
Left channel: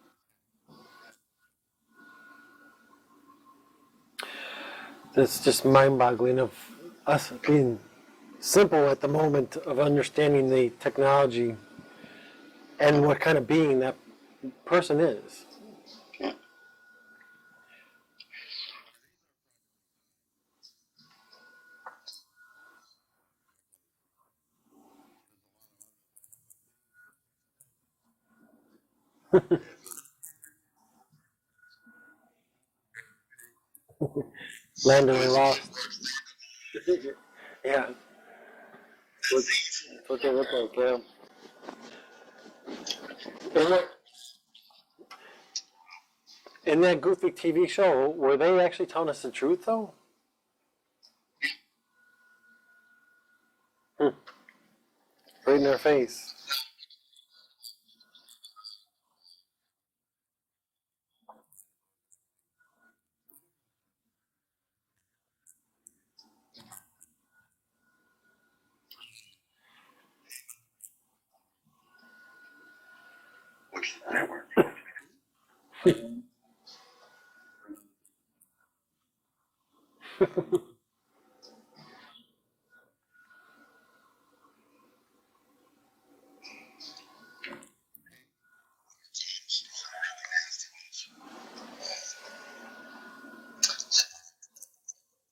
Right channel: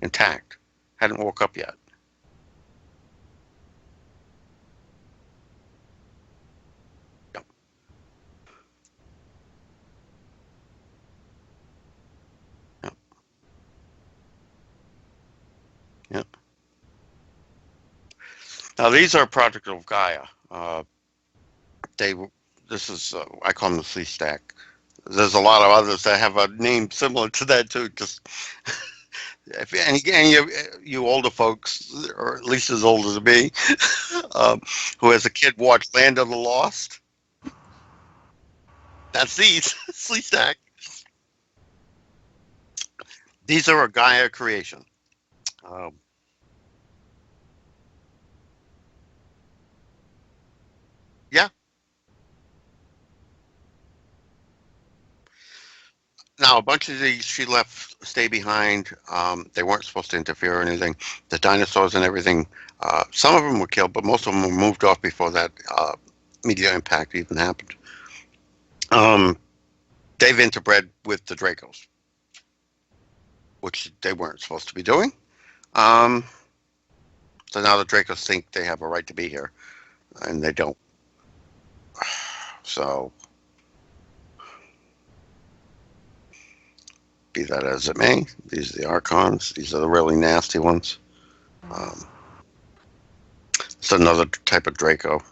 intact. Hadn't woke up yet. it's just mind-boggling of us being simple at the moment of understanding the technology and what kind of being that person is. Yeah. Now these are a project of Gaia. This is I call them the Sea Stack. There's a lot of others that have a name similar to that too. Just if any of you older folks, or at least as old as me, who as a kid watched Land of the Lost, Yeah. that's these Sea Stack. Yeah. These are a Gaia creation. In that goofy TV show, were they actually telling us the truth though? Yeah. Right in their face. Now, a bunch of these she left stay behind. They weren't supposed to interfere or anything. The dinosaurs and everything, some of them were killed, but most of them were moved off before that meteor impact even happened. They've interbred with the Dracos, which they weren't supposed to be doing. So now the Dracos think they have a right to be here, and they don't. So, be that as it may, these are the Archons. These are the really nasty ones. It's another type of Draco.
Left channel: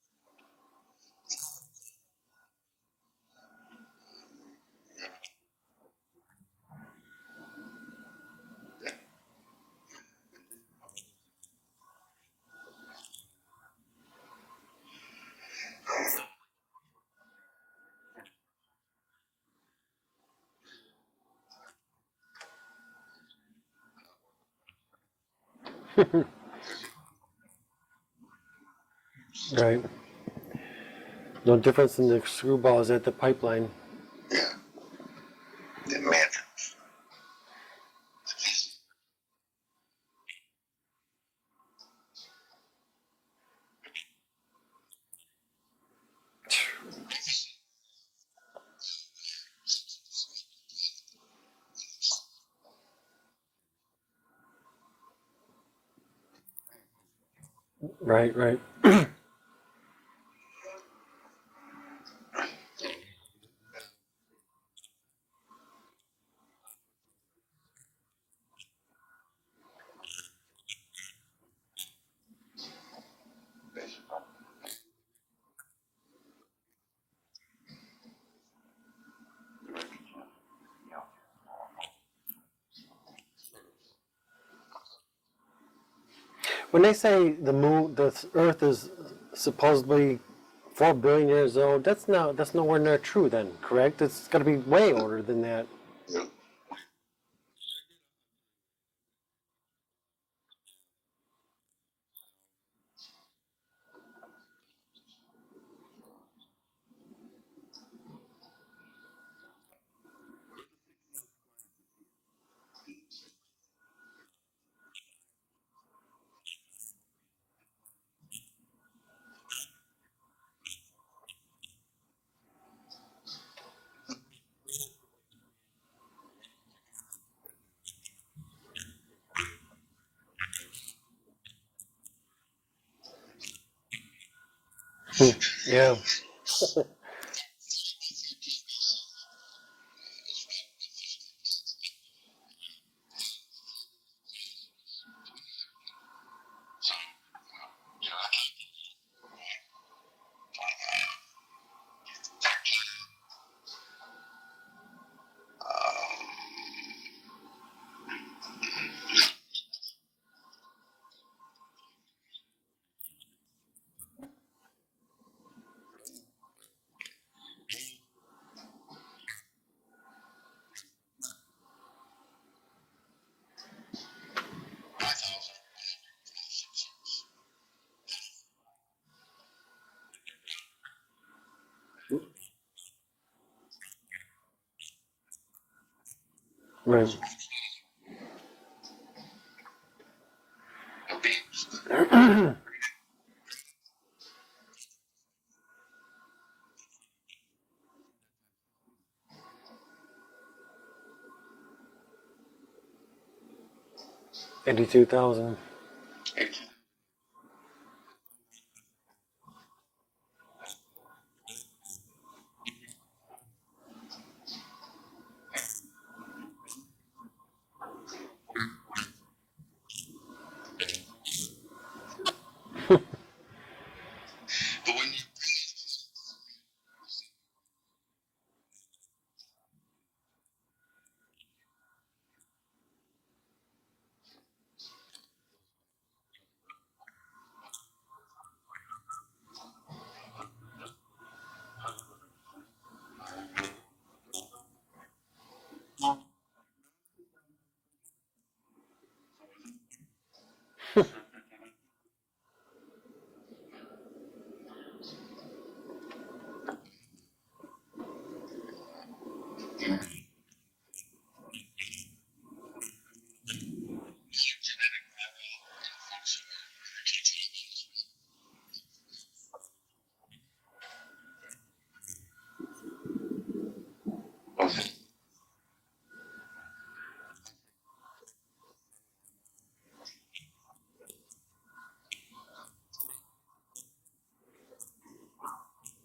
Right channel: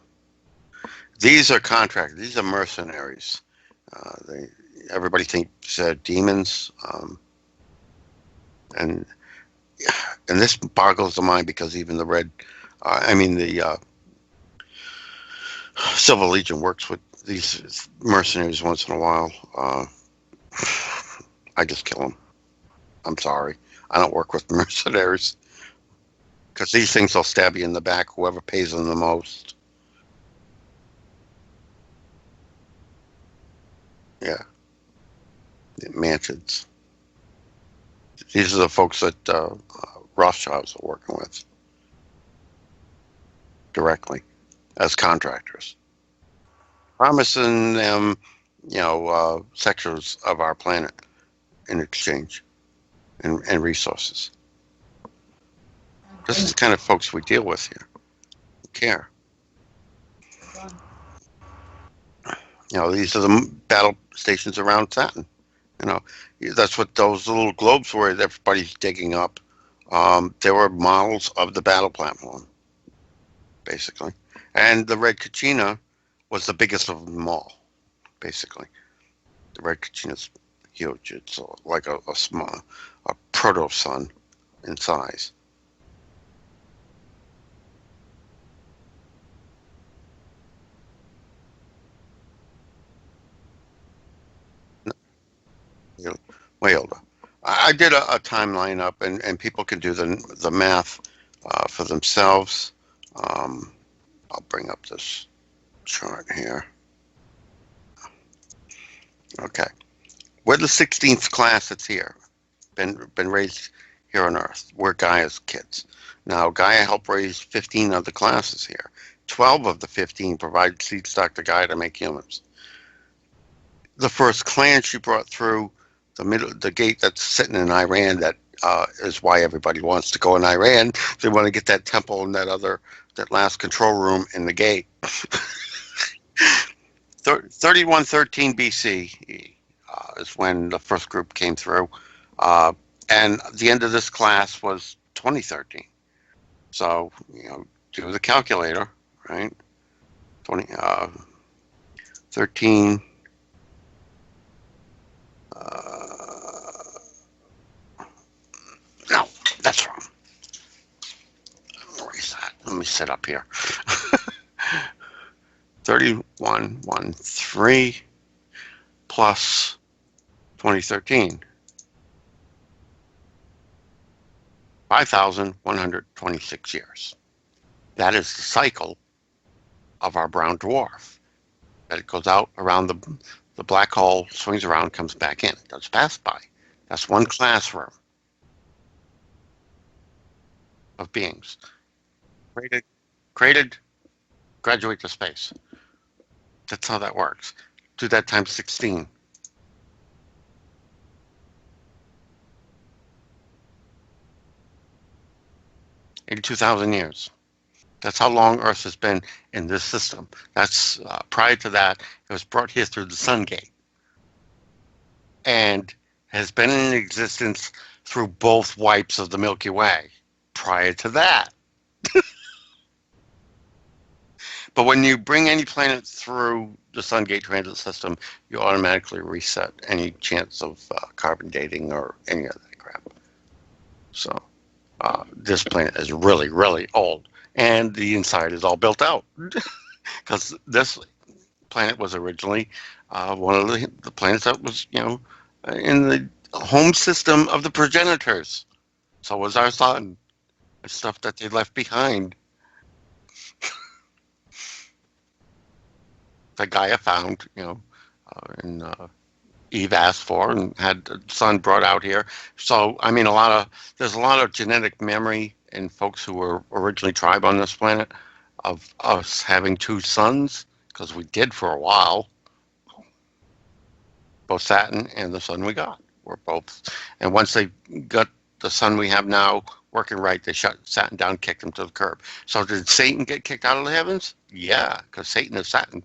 These are contractors. These are mercenaries. Everybody thinks they're demons, and this boggles the mind because even the the Silver Legion works with these mercenaries once in a while. I just kill them. I'm sorry. I don't work with mercenaries because these things will stab you in the back. Whoever pays them the most. Right. No difference in the screwballs at the pipeline. Yeah. The mansions. These are the folks that Rothschilds are working with directly as contractors, promising them, sectors of our planet in exchange and resources. This is the kind of folks we deal with here. Right. Care. These are the battle stations around Saturn. That's what those little globes were that everybody's digging up. They were models of the battle platform, basically. And the Red Kachina was the biggest of them all, basically. The Red Kachina's huge. It's like a proto-sun in size. When they say the Earth is supposedly 4 billion years old, that's nowhere near true then, correct? It's got to be way older than that. Way older. I did a timeline up, and people can do the math for themselves. I'll bring up this chart here. Okay, we're the 16th class that's here, been raised here on Earth. We're Gaia's kids. Now, Gaia helped raise 15 of the classes here. 12 of the 15 provide seed stock to Gaia to make humans. The first clan she brought through the gate that's sitting in Iran, that is why everybody wants to go in Iran. They want to get that temple and that last control room in the gate. Yeah. 3113 BC is when the first group came through. And the end of this class was 2013. So, do the calculator, right? 13. No, that's wrong. Erase that. Let me sit up here. 3113 plus 2013. 5,126 years. That is the cycle of our brown dwarf. That it goes out around the black hole, swings around, comes back in. It does pass by. That's one classroom of beings. Created, graduate to space. That's how that works. Do that times 16. 82,000. 82,000 years. That's how long Earth has been in this system. That's prior to that, it was brought here through the Sun Gate, and has been in existence through both wipes of the Milky Way. Prior to that, but when you bring any planet through the Sun Gate transit system, you automatically reset any chance of carbon dating or any of that crap. So this planet is really, really old. And the inside is all built out, because this planet was originally one of the planets that was, in the home system of the progenitors. So was our sun, the stuff that they left behind. That Gaia found, and Eve asked for and had the sun brought out here. So, I mean, there's a lot of genetic memory in folks who were originally tribe on this planet of us having two suns, because we did for a while. Both Saturn and the sun we got were both. And once they got the sun we have now working right, they shut Saturn down, kicked him to the curb. So did Satan get kicked out of the heavens? Yeah, because Satan is Saturn.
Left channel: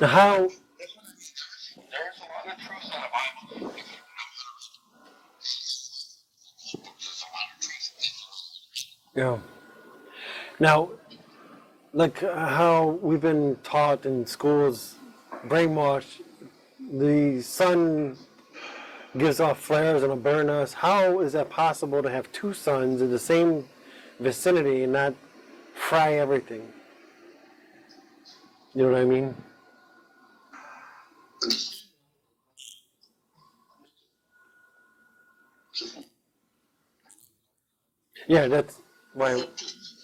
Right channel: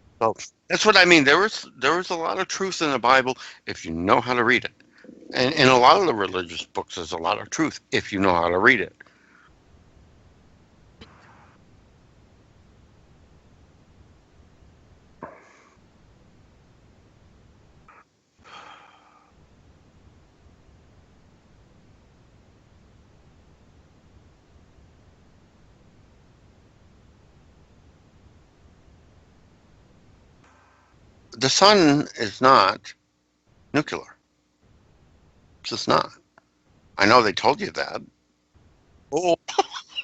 Now, how? That's what I mean. There is a lot of truth in the Bible if you know how to read it. And in a lot of the religious books, there's a lot of truth if you know how to read it. Yeah. Now, like how we've been taught in schools, brainwashed, the sun gives off flares and will burn us. How is that possible to have two suns in the same vicinity and not fry everything? You know what I mean? The sun is not nuclear. It's just not. I know they told you that. Yeah, that's right.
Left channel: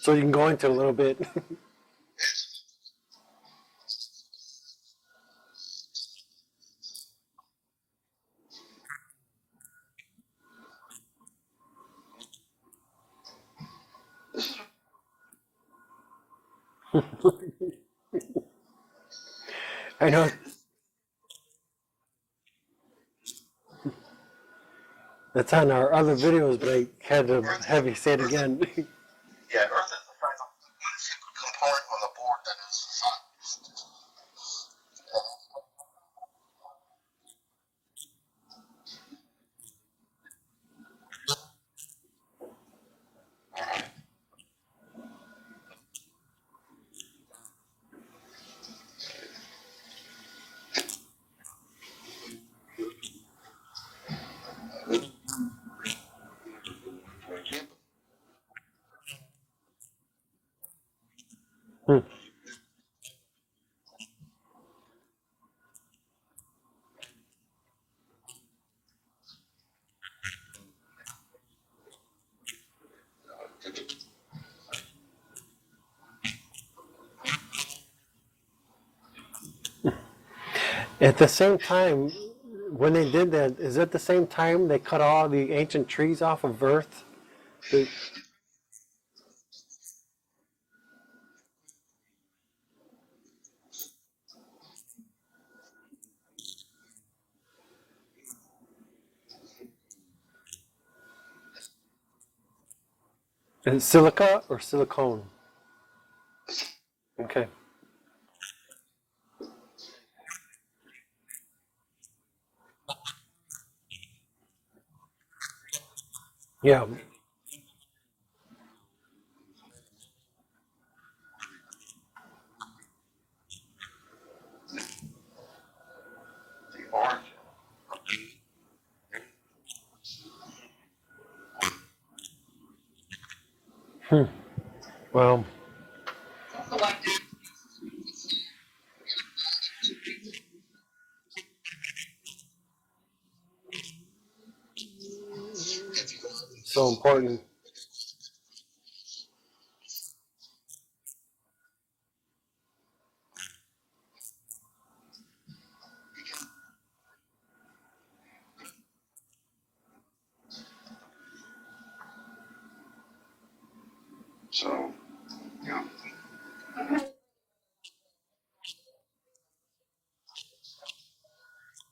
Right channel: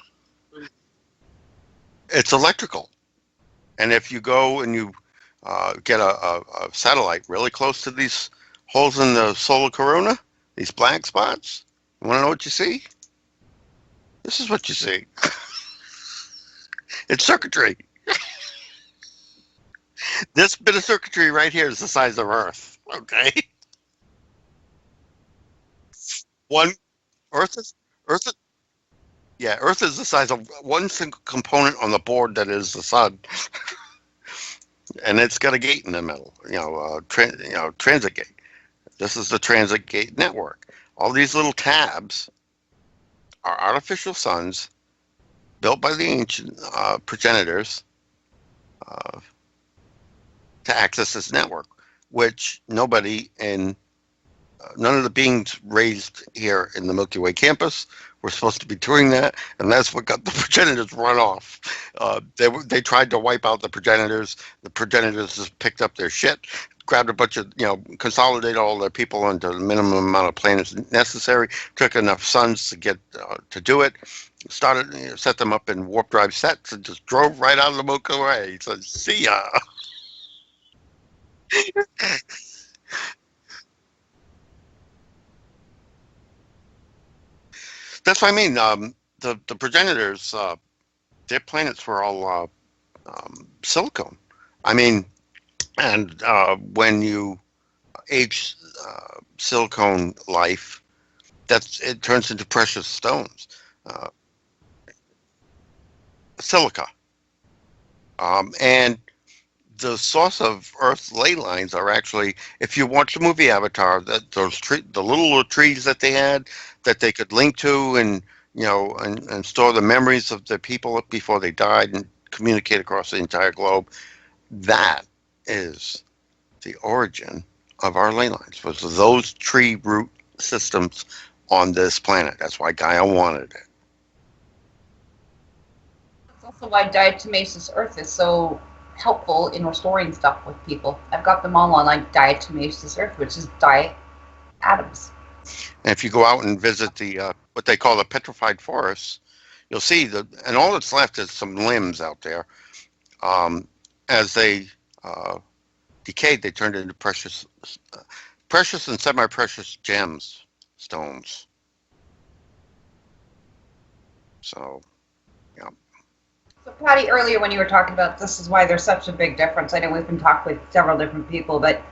So you can go into a little bit. It's electrical. And if you go and you get a satellite really close to these holes in the solar corona, these black spots, you want to know what you see? This is what you see. It's circuitry. I know. This bit of circuitry right here is the size of Earth, okay? That's on our other videos. They had to have you say it again. Yeah, Earth is the size of one single component on the board that is the sun. And it's got a gate in the middle, transit gate. This is the transit gate network. All these little tabs are artificial suns built by the ancient progenitors to access this network, which none of the beings raised here in the Milky Way campus were supposed to be doing that, and that's what got the progenitors run off. They tried to wipe out the progenitors. The progenitors just picked up their shit grabbed a bunch of, consolidated all the people into the minimum amount of planets necessary, took enough suns to get to do it, started, set them up in warp drive sets, and just drove right out of the Milky Way. He said, "See ya." At the same time, when they did that, is it the same time they cut all the ancient trees off of Earth? That's what I mean. The progenitors, their planets were all silicone. I mean, and when you age silicone life, it turns into precious stones. Is it silica or silicone? Silica. Okay. And the source of Earth's ley lines are actually, if you watch the movie Avatar, the little trees that they had Yeah. that they could link to, and and store the memories of the people before they died and communicate across the entire globe. That is the origin of our ley lines, was those tree root systems on this planet. That's why Gaia wanted it. Well, That's also why diatomaceous earth is so helpful in storing stuff with people. I've got them all on like diatomaceous earth, which is atoms. And if you go out and visit important. what they call the petrified forests, you'll see and all that's left is some limbs out there. As they decayed, they turned into precious and semi-precious gems, stones. So, yeah. So, Patty, earlier when you were talking about this is why there's such a big difference. I know we've been talking with several different people, but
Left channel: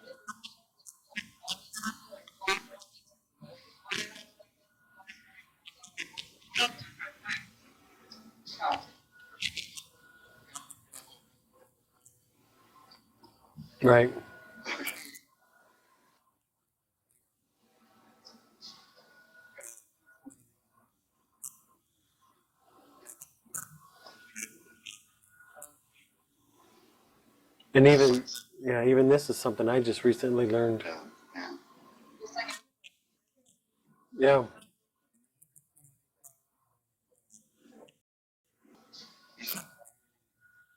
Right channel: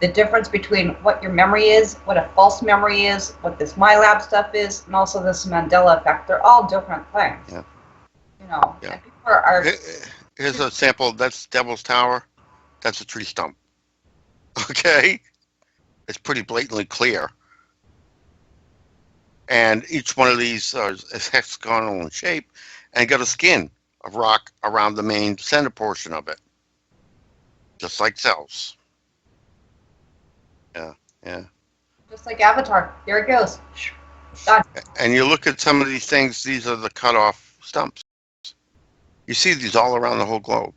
the difference between what your memory is, what a false memory is, what this MyLab stuff is, and also this Mandela effect, they're all different things. Yeah. And people are Here's a sample. That's Devil's Tower. That's a tree stump. right. Okay. It's pretty blatantly clear. And each one of these is hexagonal in shape and got a skin of rock around the main center portion of it. And Just even, like cells. yeah, even this is something I just recently learned. Yeah. just like Avatar. There it goes. Yeah. Done. And you look at some of these things, these are the cut off stumps. You see these all around the whole globe.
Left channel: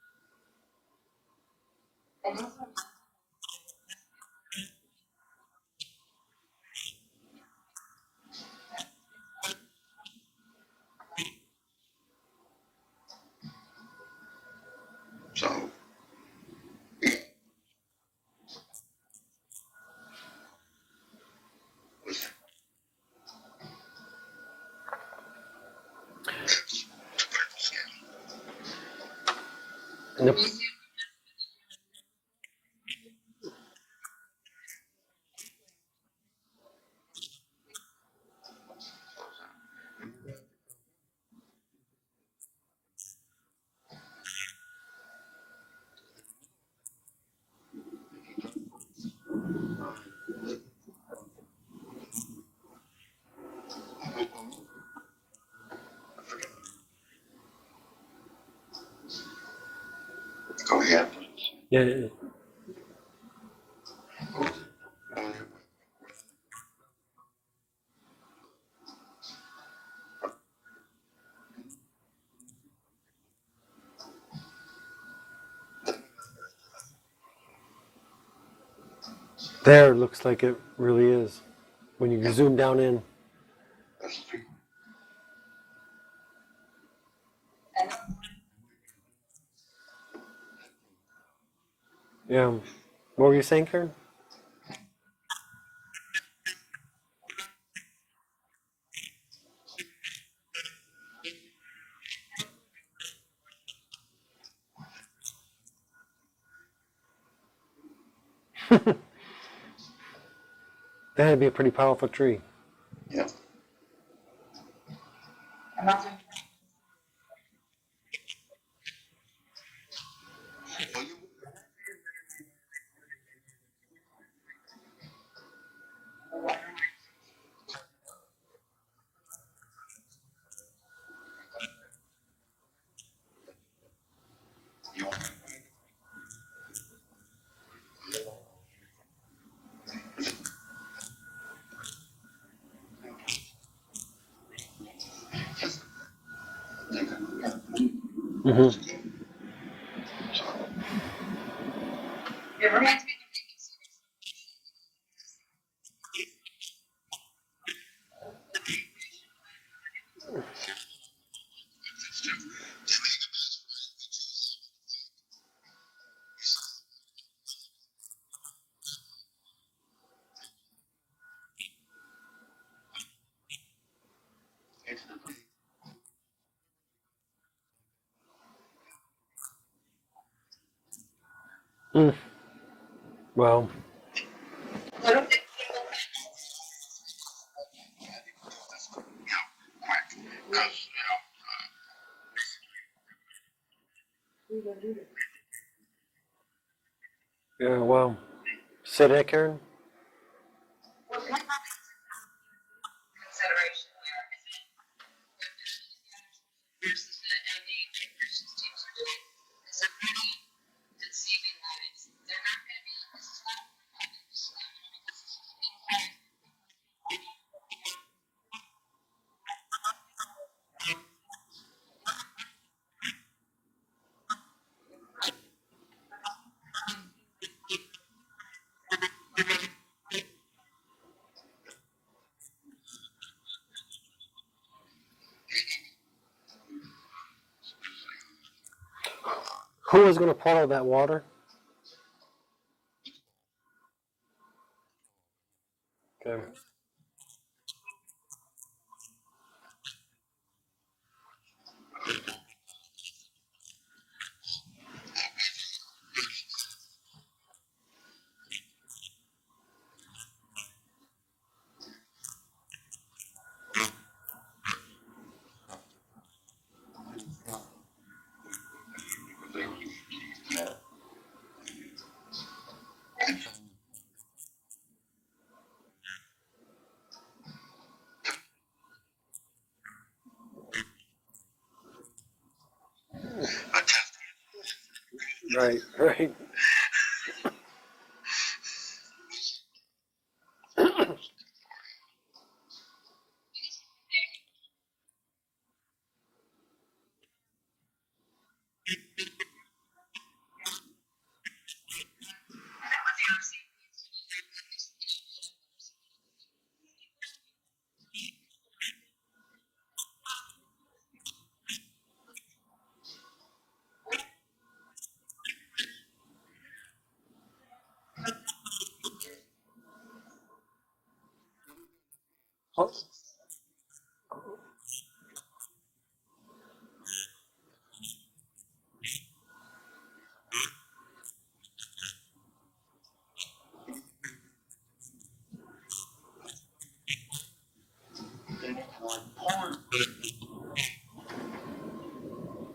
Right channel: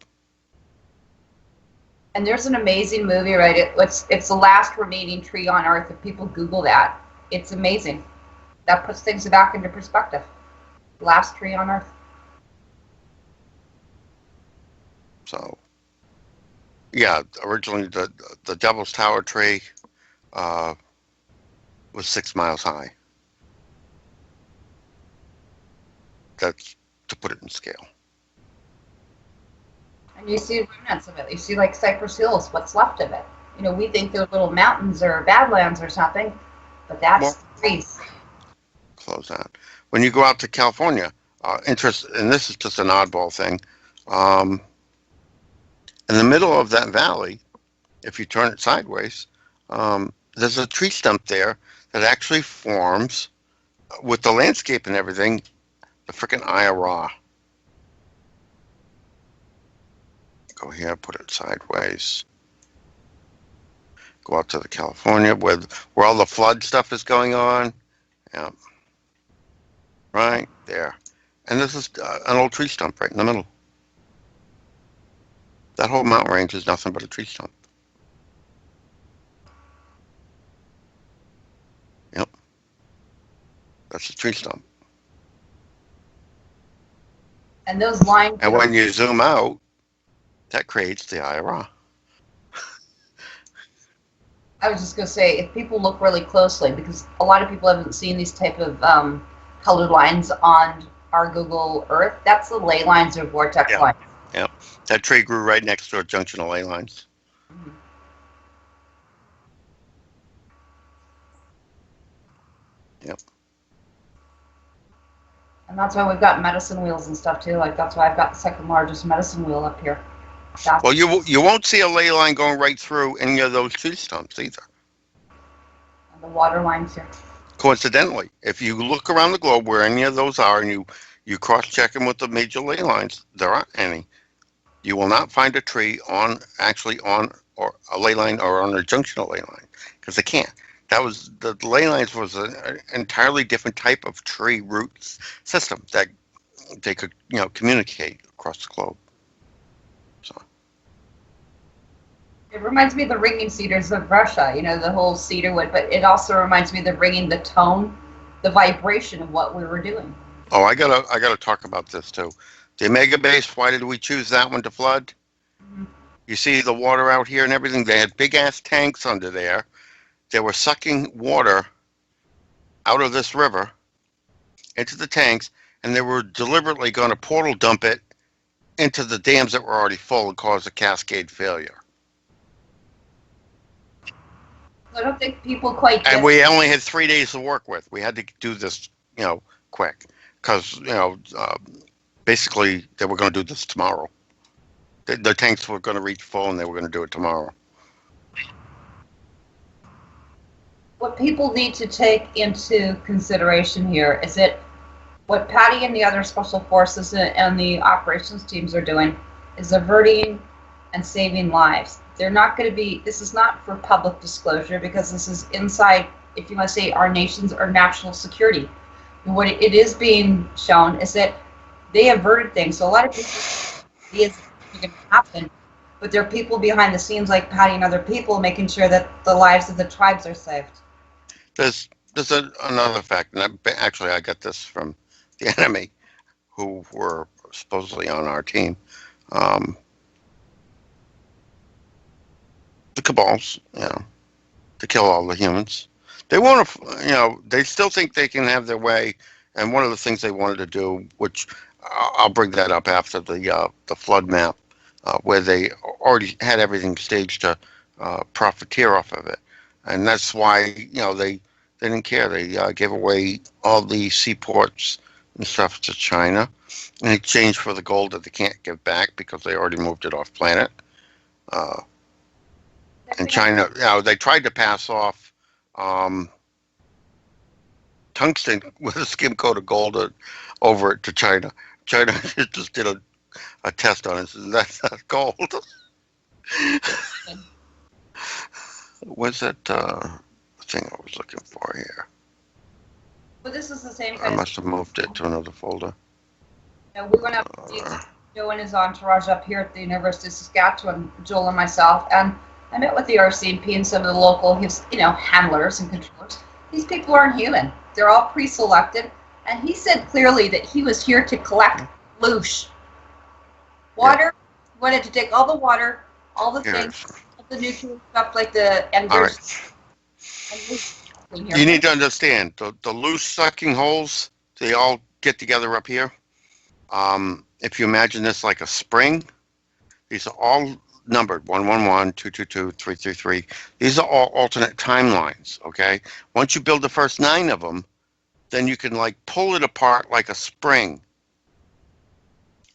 And there's an amazing movie, right? It's the last remaining tree on Earth. If people Google that, it's amazing. That puts things back into perspective. Last tree on Earth. So, yeah, originally the Devil's Tower tree was 6 miles high. That's to put it in scale. And you see remnants of it. You see like Cypress Hills, what's left of it. We think they're little mountains or badlands or something, but that's trees. Close that. When you go out to California, and this is just an oddball thing, in the middle of that valley, if you turn it sideways, there's a tree stump there that actually forms, with the landscape and everything, the frickin' Eye of Ra. Go ahead, put it sideways. Go out to the California where all the flood stuff is going on. Yeah. Right there. And this is an old tree stump right in the middle. That whole mountain range is nothing but a tree stump. There looks like it really is. When you Yep. zoom down in. That's a tree stump. And those lines. And when you zoom out, that creates the Eye of Ra. Yeah. What were you saying, Karen? I was just gonna say, if people look really closely, because a lot of people haven't seen these type of colored lines on our Google Earth, that's the ley lines or vortex Yeah. lines. Yeah. That tree grew right next to a junction of ley lines. That'd be a pretty powerful tree. Yeah. And that's why we've got medicine wheels and stuff too. Like that's why I've got the second largest medicine wheel up here. That's Well, you won't see a ley line going right through any of those tree stumps either. the water lines here. Coincidentally, if you look around the globe where any of those are and you cross-check them with the major ley lines, there aren't any. You will not find a tree on or a ley line or on a junction of ley line, because they can't. The ley lines was an entirely different type of tree root system that they could communicate across the globe. So, It reminds me of the ringing cedars of Russia, the whole cedar wood, but it also reminds me of the ringing, the tone, the vibration of what we were doing. Oh, I gotta talk about this too. The Omega base, why did we choose that one to flood? Mhm. You see the water out here and everything? They had big ass tanks under there. They were sucking water out of this river into the tanks, and they were deliberately going to portal dump it into the dams that were already full and cause a cascade failure. Well, So I don't think people quite And get we only had 3 days to work with. We had to do this, quick, because basically they were going to do this tomorrow. The tanks were going to reach full, and they were going to do it tomorrow. yeah, well. Say that, Karen? what people need to take into consideration here is that what Patty and the other special forces and the operations teams are doing is averting and saving lives. They're not going to be, this is not for public disclosure because this is inside, if you want to say, our nation's or national security. And what it is being shown is that they averted things. So a lot of people see it's going to happen, but there are people behind the scenes like Patty and other people making sure that the lives of the tribes are saved. There's another fact, and I got this from the enemy, who were supposedly on our team. Who was going to portal that water? The cabals, to kill all the humans. They want to, they still think they can have their way. And one of the things they wanted to do, which I'll bring that up after the flood map, where they already had everything staged to profiteer off of it, and that's why they didn't care. They gave away all the seaports and stuff to China in exchange for the gold that they can't give back because they already moved it off planet. And China, they tried to pass off tungsten with a skim coat of gold over it to China. China just did a test on it. And that's not gold. Right. What's that thing I was looking for here? But this is the same I kind of, must have moved it to another folder. we went up to Joe and his entourage up here at the University of Saskatchewan, Joel and myself, and I met with the RCMP and some of the local, handlers and controllers. These people aren't human. They're all pre-selected, and he said clearly that he was here to collect loose water. He wanted to take all the water, all the things, all the nutrient stuff like the enders. You need to understand the loose sucking holes. They all get together up here. If you imagine this like a spring, these are all numbered 111, 222, 333. These are all alternate timelines. Okay. Once you build the first 9 of them, then you can pull it apart like a spring,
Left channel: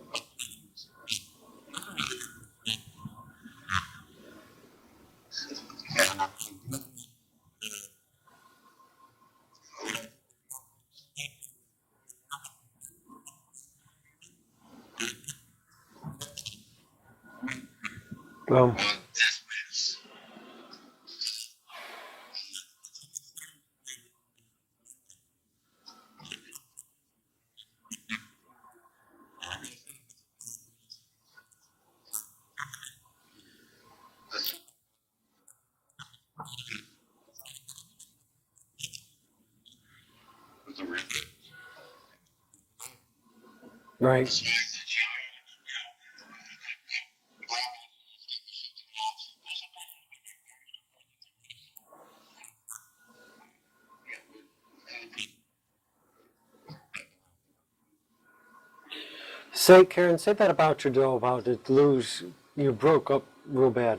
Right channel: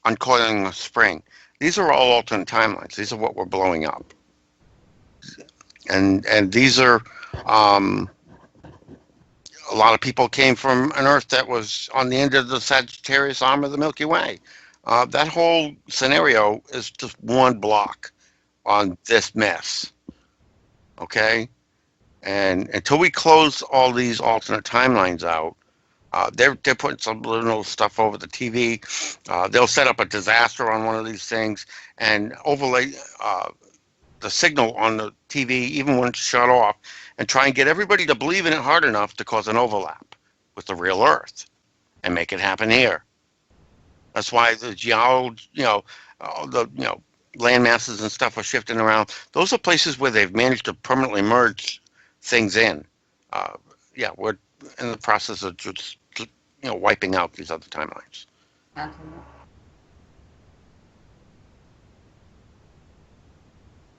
uncoiling a spring. These are all alternate timelines. These are what we're blowing up, and these are. A lot of people came from an Earth that was on the end of the Sagittarius arm of the Milky Way. That whole scenario is just one block on this mess. Okay? And until we close all these alternate timelines out, they're putting some little stuff over the TV. They'll set up a disaster on one of these things and overlay the signal on the TV, even when it's shut off, and try and get everybody to believe in it hard enough to cause an overlap with the real Earth and make it happen here. Right. That's why the geology, the land masses and stuff are shifting around. Those are places where they've managed to permanently merge things in. We're in the process of just wiping out these other timelines. Karen, say that about your dough, about it lose, you broke up real bad.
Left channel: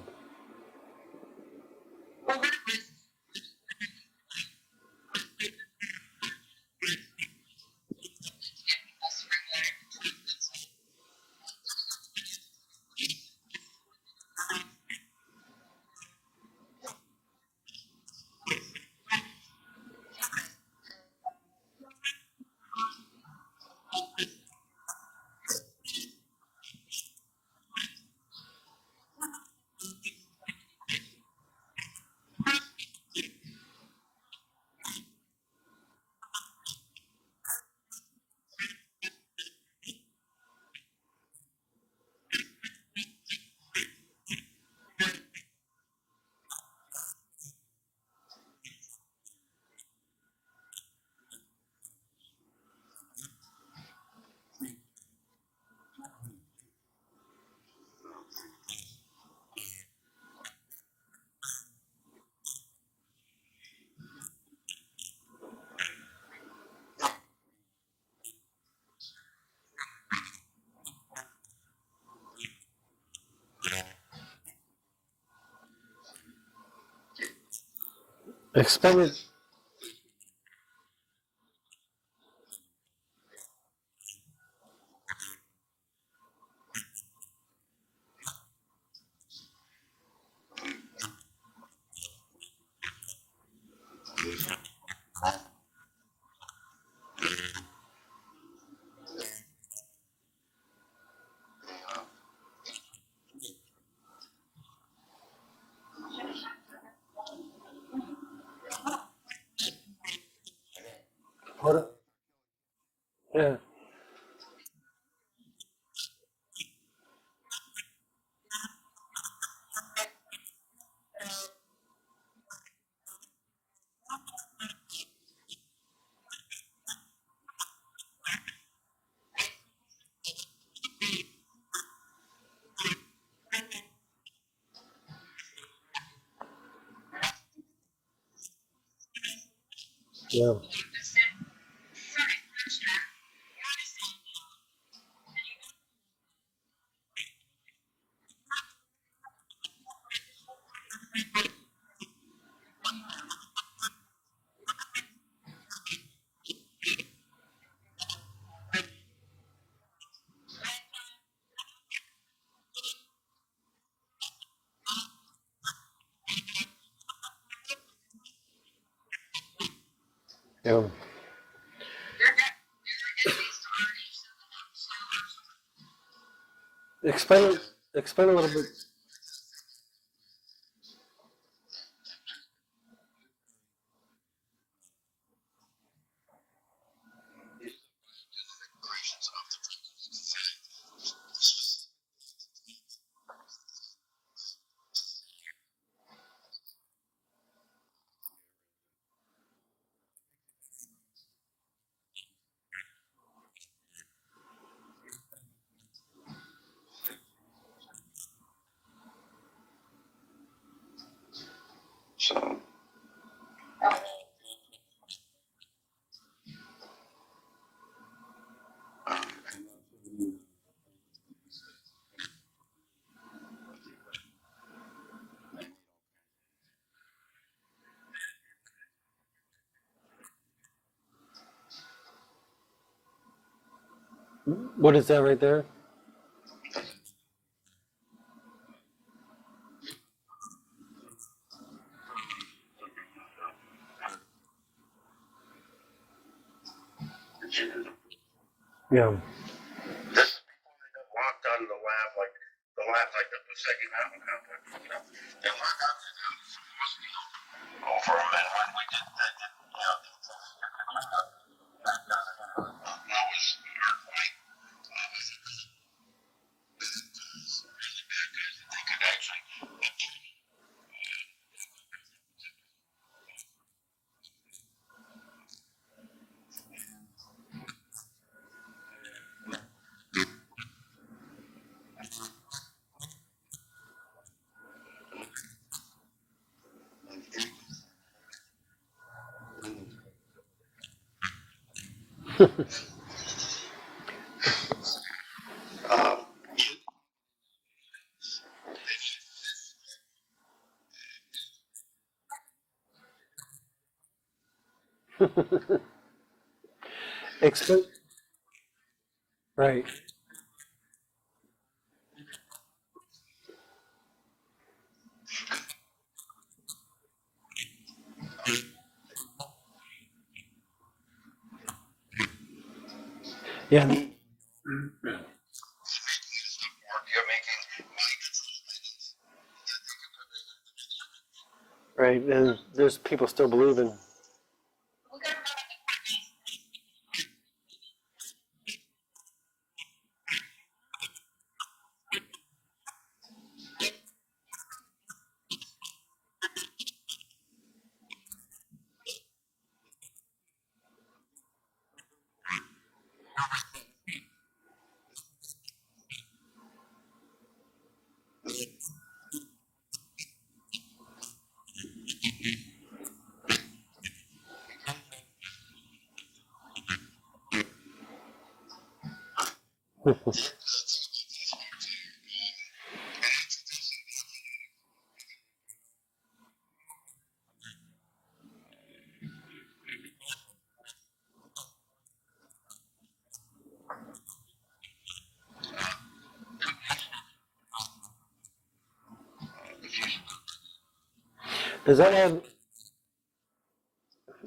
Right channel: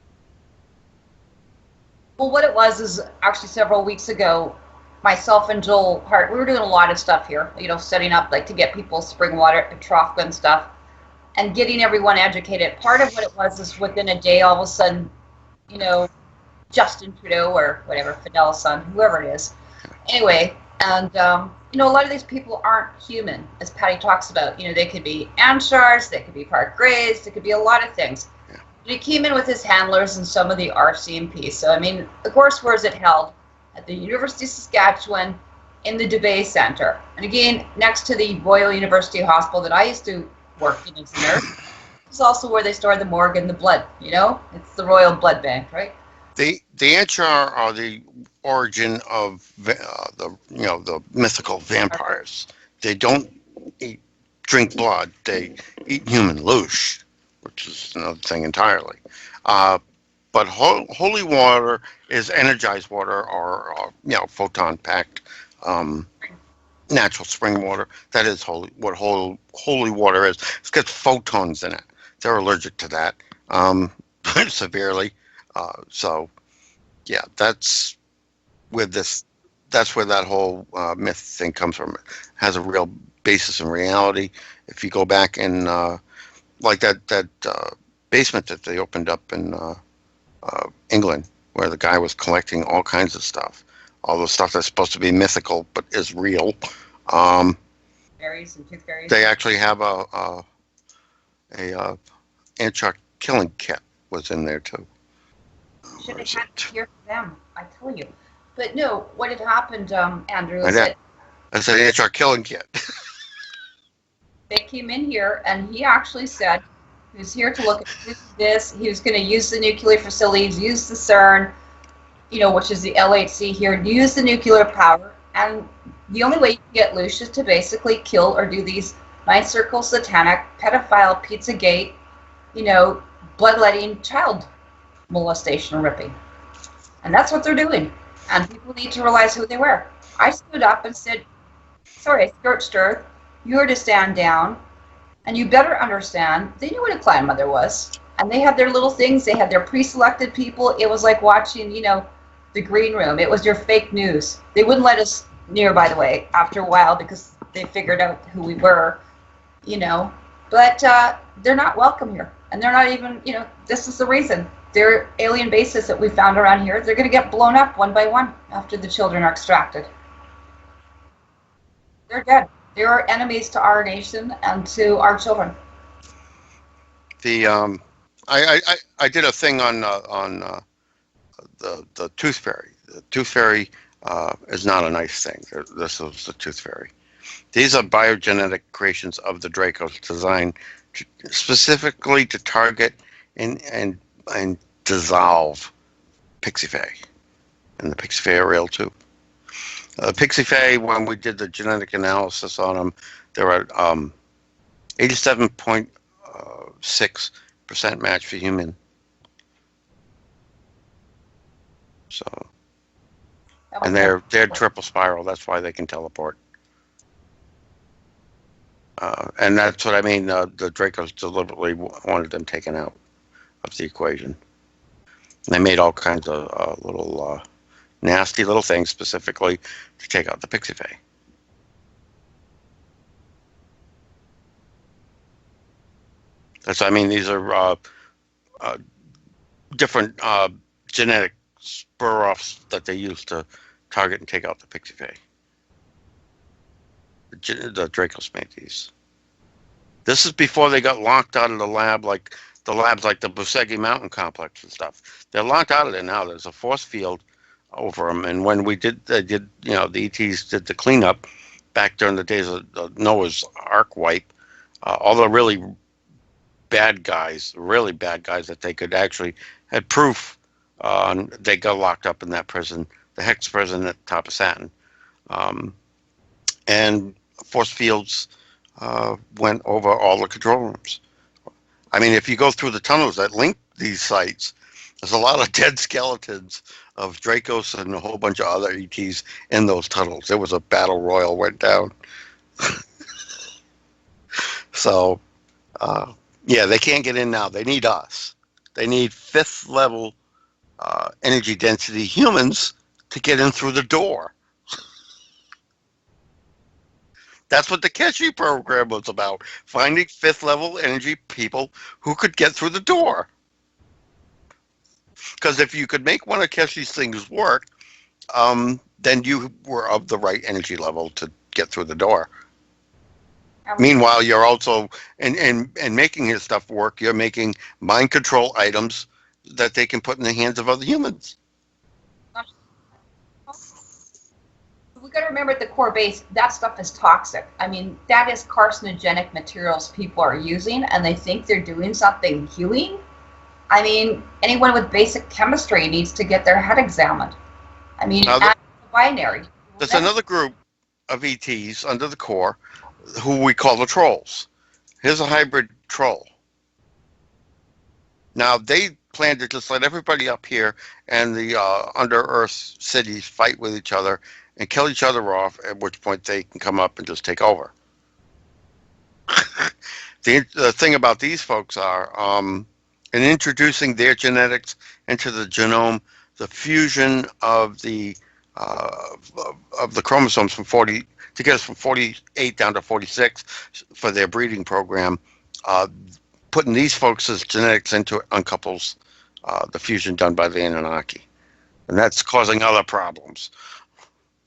Well, what it was is actually several weeks ago, myself and Joel Hart, we were doing a lot of stuff here, setting up to get people spring water to trough and stuff and getting everyone educated. Part of what it was is within a day, all of a sudden, Justin Trudeau or whatever, Fidel's son, whoever it is. Anyway, and, a lot of these people aren't human, as Patty talks about. They could be Amshars, they could be Park Greys, they could be a lot of things. He came in with his handlers and some of the RCMP. So, the course was held at the University of Saskatchewan in the Dubé Center. And again, next to the Royal University Hospital that I used to work in as a nurse. is also where they store the morgue and the blood. You know, it's the royal blood bank, right? The Anchar are the origin of the mythical vampires. They don't eat, drink blood. They eat human louche, which is another thing entirely. But holy water is energized water, or photon packed natural spring water. That is holy water is. It's got photons in it. They're allergic to that severely. So yeah, that's where Expanded. this. That's where that whole myth thing comes from. It has a real basis in reality. If you go back in like that basement that they opened up in England, where the guy was collecting all kinds of stuff, all the stuff that's supposed to be mythical but is real. Um, Fairies and tooth fairies. they actually have a Anchar killing kit was in there too. Should have had to hear from them. I tell you. But no, what had happened, Andrew, is Yeah. that That's an Anchar killing kit. Yeah. they came in here and he actually said he was here to look at this. He was going to use the nuclear facilities, use the CERN, which is the LHC here, use the nuclear power. And the only way you can get loose is to basically kill or do these ninth circle satanic, pedophile, Pizzagate, bloodletting child molestation ripping. And that's what they're doing. And people need to realize who they were. I stood up and said, sorry, Stir, you're to stand down. And you better understand, they knew what a clan mother was. And they had their little things. They had their pre-selected people. It was like watching, the green room. It was your fake news. They wouldn't let us near, by the way, after a while because they figured out who we were, But they're not welcome here. And they're not even, this is the reason. Their alien bases that we found around here, they're going to get blown up one by one after the children are extracted. Yeah. They're dead. They are enemies to our nation and to our children. The I did a thing on the tooth fairy. The tooth fairy is not a nice thing. This is the tooth fairy. These are biogenetic creations of the Dracos designed specifically to target and dissolve Pixie Fae. And the Pixie Fae are real too. Pixie Fae, when we did the genetic analysis on them, they're at 87.6% match for human. So, and they're triple spiral. That's why they can teleport. And that's what I mean. The Dracos deliberately wanted them taken out of the equation. And they made all kinds of little nasty little things specifically to take out the Pixie Fae. What is that right there? That's, I mean, these are different genetic spur-offs that they use to target and take out the Pixie Fae. The Dracos made these. Yeah. This is before they got locked out of the lab, like the labs like the Busegi Mountain Complex and stuff. They're locked out of there now. There's a force field over them. And when they did, the ETs did the cleanup back during the days of the Noah's Ark wipe, all the really bad guys that they could actually had proof, they got locked up in that prison, the Hex prison at top of Saturn. And force fields went over all the control rooms. I mean, if you go through the tunnels that link these sites, there's a lot of dead skeletons of Dracos and a whole bunch of other ETs in those tunnels. There was a battle royal went down. So, yeah, they can't get in now. They need us. They need 5th level energy density humans to get in through the door. That's what the Keshi program was about. Right. Finding 5th level energy people who could get through the door. Because if you could make one of Keshi's things work, then you were of the right energy level to get through the door. Yeah. Meanwhile, you're also, and making his stuff work, you're making mind control items that they can put in the hands of other humans. Right, and there's people still believing. We got to remember at the core base, that stuff is toxic. I mean, that is carcinogenic materials people are using, and they think they're doing something healing. I mean, anyone with basic chemistry needs to get their head examined. I mean, Now, add the binary. there's another group of ETs under the core who we call the trolls. Here's a hybrid troll. Now, they plan to just let everybody up here and the under-earth cities fight with each other and kill each other off, at which point they can come up and just take over. The thing about these folks are, in introducing their genetics into the genome, the fusion of the chromosomes from 40 to get us from 48 down to 46 for their breeding program, putting these folks' genetics into uncouples the fusion done by the Anunnaki. And that's causing other problems.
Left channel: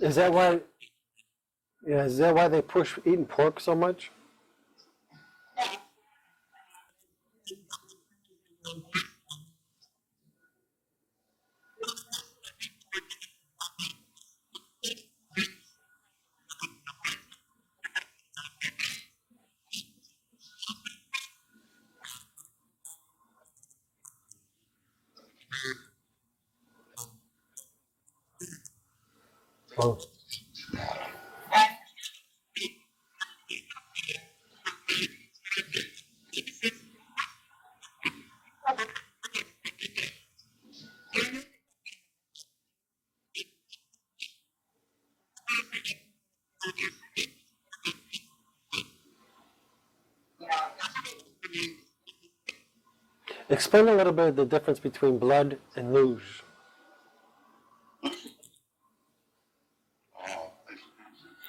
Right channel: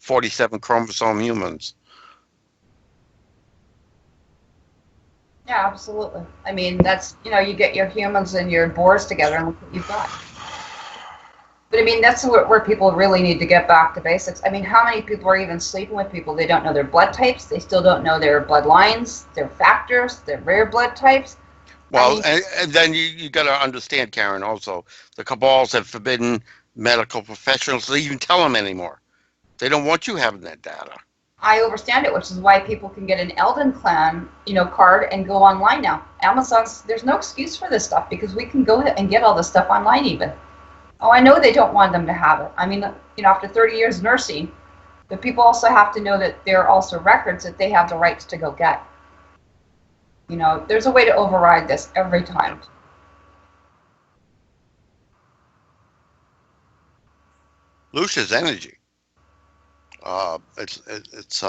47 chromosome humans. Yeah, is that why they push eating pork so much? Yeah, absolutely. I mean, that's, you get your humans and your boars together and look what you've got. But I mean, that's where people really need to get back to basics. I mean, how many people are even sleeping with people? They don't know their blood types. They still don't know their bloodlines, their factors, their rare blood types. Well, and then you got to understand, Karen, also, the cabals have forbidden medical professionals to even tell them anymore. They don't want you having that data. I understand it, which is why people can get an Elden Clan, card and go online now. Amazon's, there's no excuse for this stuff because we can go and get all this stuff online even. Oh, I know they don't want them to have it. I mean, after 30 years nursing, but people also have to know that there are also records that they have the rights to go get. There's a way to override this every time. Explain a little bit of the difference between blood and luge. Luge is energy. It's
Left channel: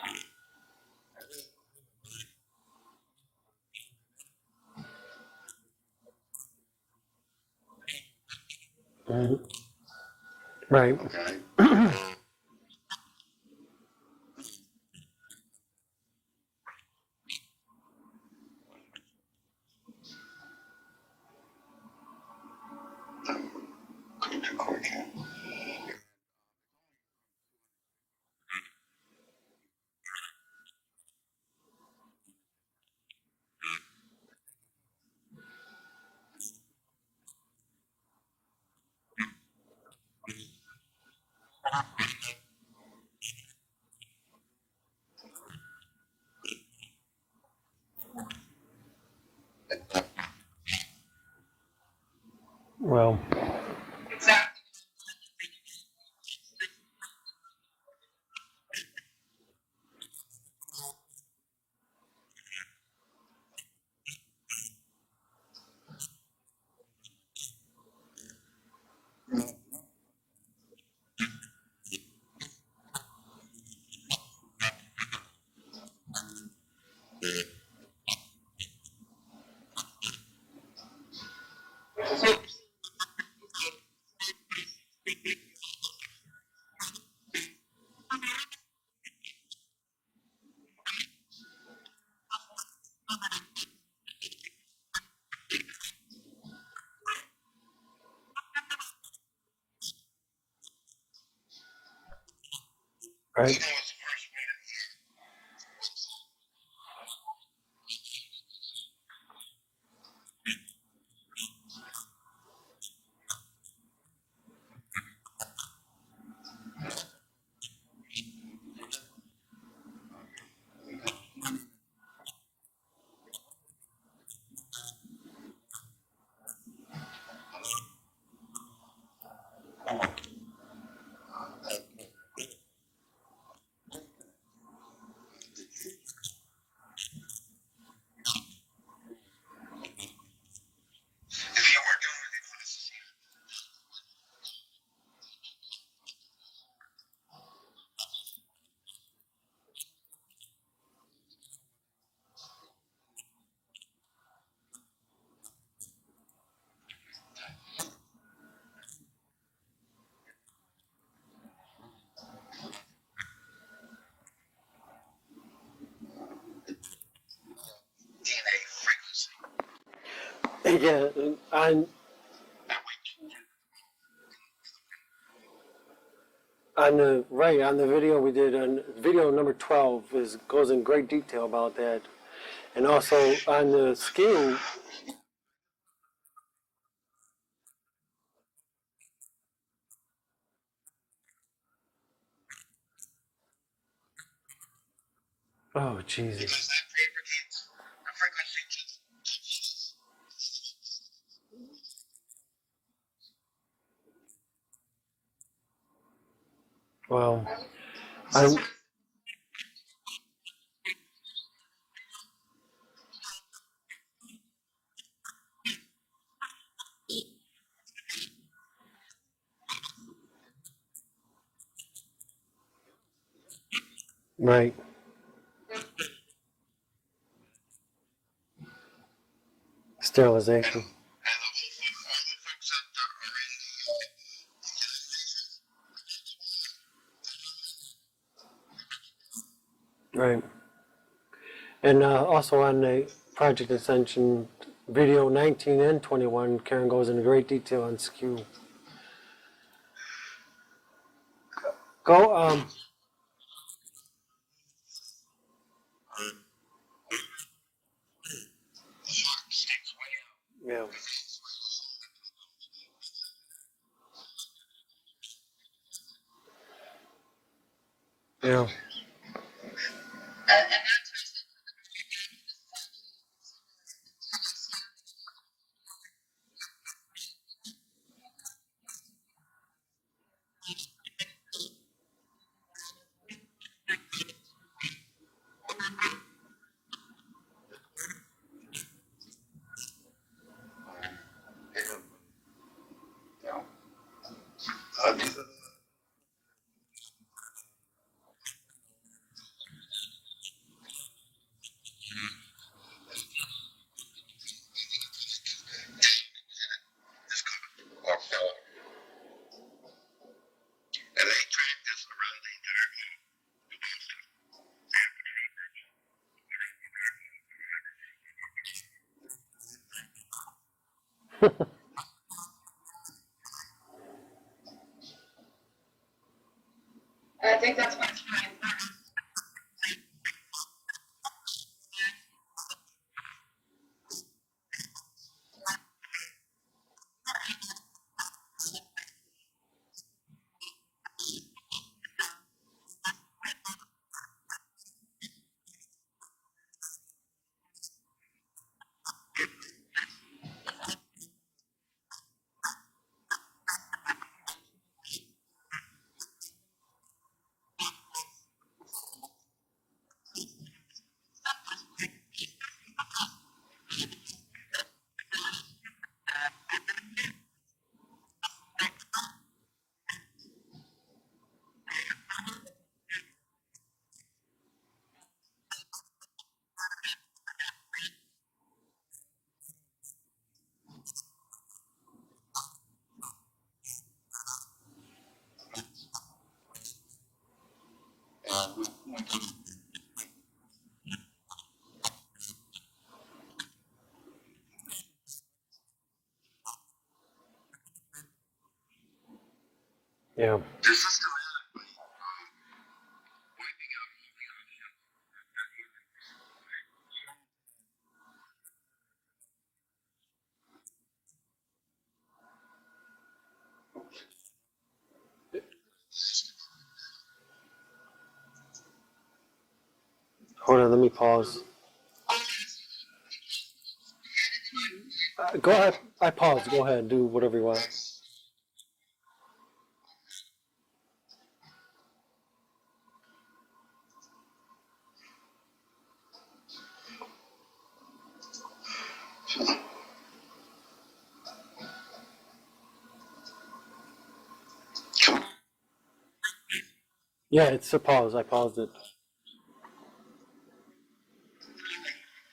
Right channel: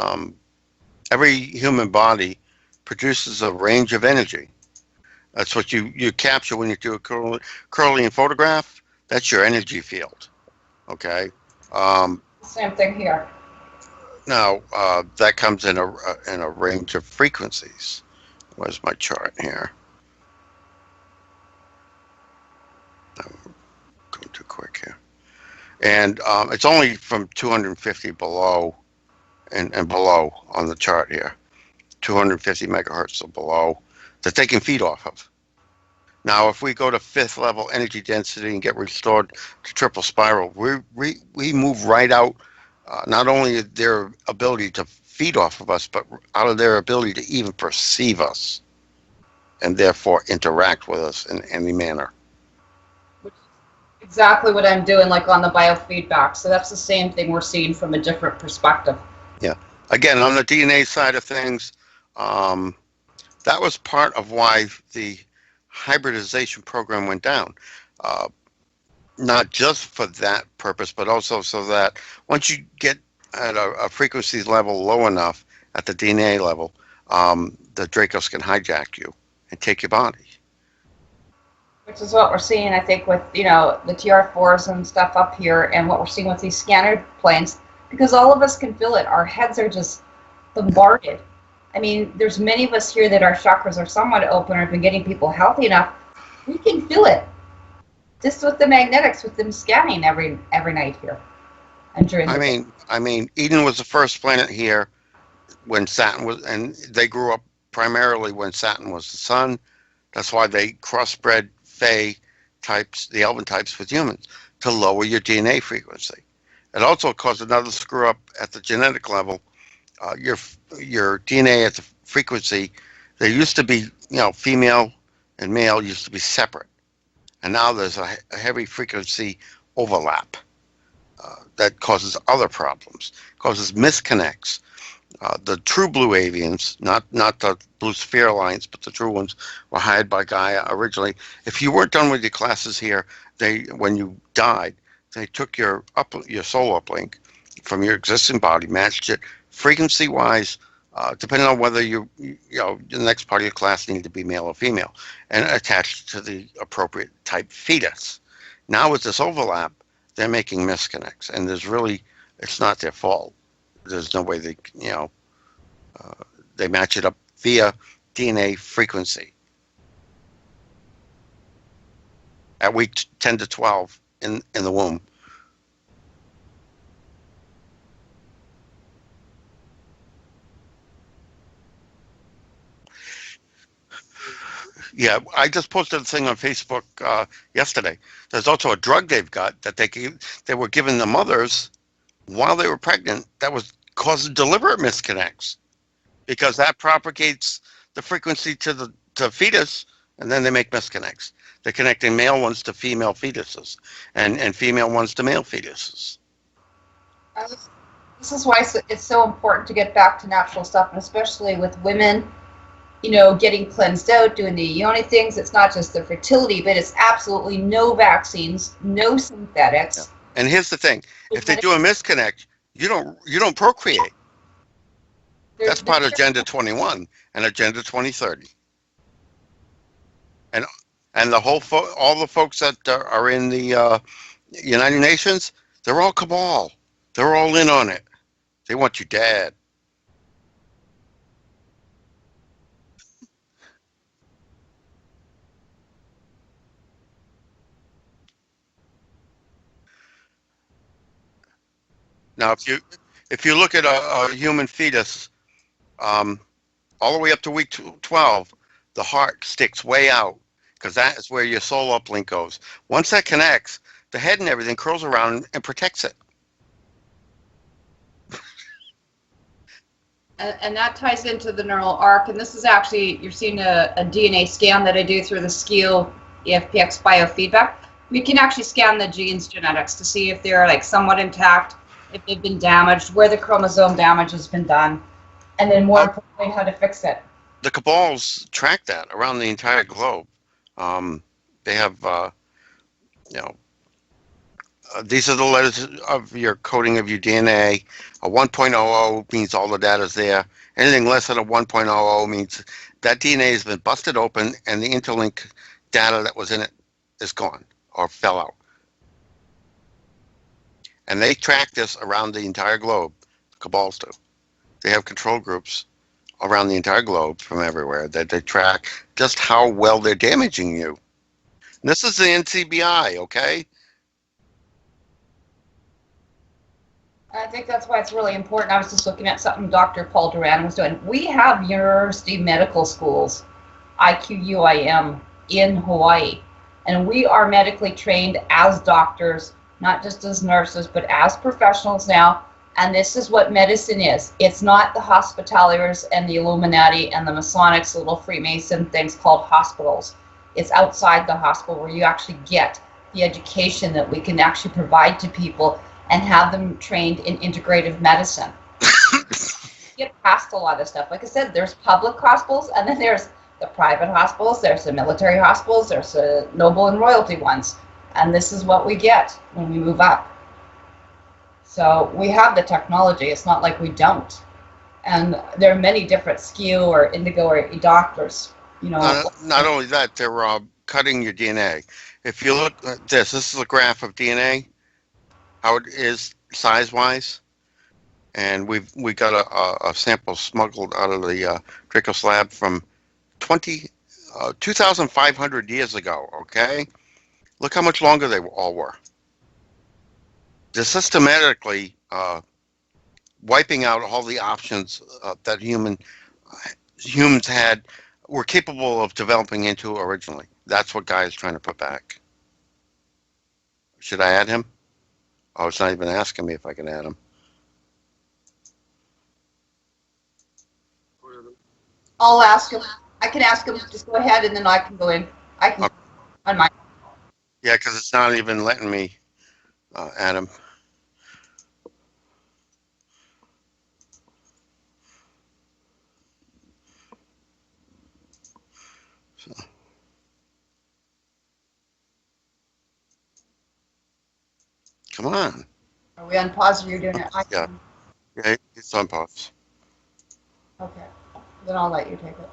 every human body produces a range of energy. That's what you capture when you do a Kirlian photograph. That's your energy field. Right. Okay. Same thing here. Now that comes in a range of frequencies. Where's my chart here? Go too quick here. And it's only from 250 below and below on the chart here, 250 megahertz or below, that they can feed off of. Now, if we go to 5th level energy density and get restored to triple spiral, we move right out, not only their ability to feed off of us, but out of their ability to even perceive us and therefore interact with us in any manner. Well, exactly what I'm doing, like on the biofeedback. So that's the same thing we're seeing from a different perspective. Yeah. Again, on the DNA side of things, that was part of why the hybridization program went down. Not just for that purpose, but also so that once you get at a frequency level low enough at the DNA level, the Dracos can hijack you and take your body. Which is what we're seeing, I think, with, the TR4s and stuff up here, and what we're seeing with these scanner planes, because all of us can feel it. Our heads are just bombarded. I mean, there's many of us here that our chakras are somewhat open or have been getting people healthy enough. We can feel it. Just with the magnetics, with them scanning every night here. And during I mean, Eden was the first planet here when Saturn was, and they grew up primarily when Saturn was the sun. That's why they crossbred Fae types, the Elven types, with humans to lower your DNA frequency. It also caused another screw up at the genetic level. Your DNA at the frequency, there used to be, female and male used to be separate, and now there's a heavy frequency overlap that causes other problems, causes misconnects. The true blue avians, not the blue sphere alliance, but the true ones, were hired by Gaia originally. If you weren't done with your classes here, when you died, they took your soul uplink from your existing body, matched it frequency-wise, depending on whether the next part of your class needed to be male or female, and attached to the appropriate type fetus. Now with this overlap, they're making misconnects, and it's not their fault. There's no way they match it up via DNA frequency. yeah, At week 10 to 12 in the womb. On the video we did on video number 12 goes in great detail about that, and also on the skiing. Yeah, I just posted a thing on Facebook yesterday. There's also a drug they've got that they were giving the mothers while they were pregnant that was causing deliberate misconnects Oh Jesus! because that propagates the frequency to fetus, and then they make misconnects. They're connecting male ones to female fetuses, and female ones to male fetuses. Wow. This is why it's so important to get back to natural stuff, and especially with women, getting cleansed out, doing the yoni things. It's not just the fertility, but it's absolutely no vaccines, no synthetics. Yeah. And here's the thing: if they do a misconnect, you don't procreate. Right. That's part of Agenda 21 and Agenda 2030. Sterilization. And all the folks that are in the United Nations, they're all cabal. They're all in on it. They want you dead. Right. And also on the Project Ascension video 19 and 21, Karen goes into great detail on skew. Go. Now, if you look at a human fetus, all the way up to week 12, the heart sticks way out because that is where your soul uplink goes. Once that connects, the head and everything curls around and protects it. Yeah. And that ties into the neural arc. And this is actually, you're seeing a DNA scan that I do through the SKIL EFPX biofeedback. We can actually scan the genes genetics to see if they're like somewhat intact, if they've been damaged, where the chromosome damage has been done, and then more importantly, how to fix it. The cabals track that around the entire globe. They have, these are the letters of your coding of your DNA. A 1.00 means all the data's there. Anything less than a 1.00 means that DNA has been busted open and the interlink data that was in it is gone or fell out. And they track this around the entire globe. The cabals do. They have control groups around the entire globe from everywhere that they track just how well they're damaging you. This is the NCBI, okay? I think that's why it's really important. I was just looking at something Dr. Paul Duran was doing. We have university medical schools, IQUIM, in Hawaii, and we are medically trained as doctors, not just as nurses, but as professionals now. And this is what medicine is. It's not the hospitaliers and the Illuminati and the Masonics, little Freemason things called hospitals. It's outside the hospital where you actually get the education that we can actually provide to people and have them trained in integrative medicine. Get past a lot of stuff. Like I said, there's public hospitals, and then there's the private hospitals, there's the military hospitals, there's the noble and royalty ones. And this is what we get when we move up. So we have the technology. It's not like we don't. And there are many different skew or indigo or doctors. Not only that, they're cutting your DNA. If you look at this is a graph of DNA, how it is size-wise, and we got a sample smuggled out of the Draco slab from 2,500 years ago. Okay, look how much longer they all were. Yeah. They're systematically wiping out all the options that humans were capable of developing into originally. That's what Guy is trying to put back. Should I add him? Oh, it's not even asking me if I can add him. Hold on, let me pause. I'll ask him. I can ask him. Just go ahead, and then I can go in. Go ahead. I pause. Go ahead. Do whatever you want. Yeah, because it's not even letting me add him. Come on. Are we on pause or you're doing it? Yeah, it's a pause. I paused it. It's on pause. Okay. Then I'll let you take it.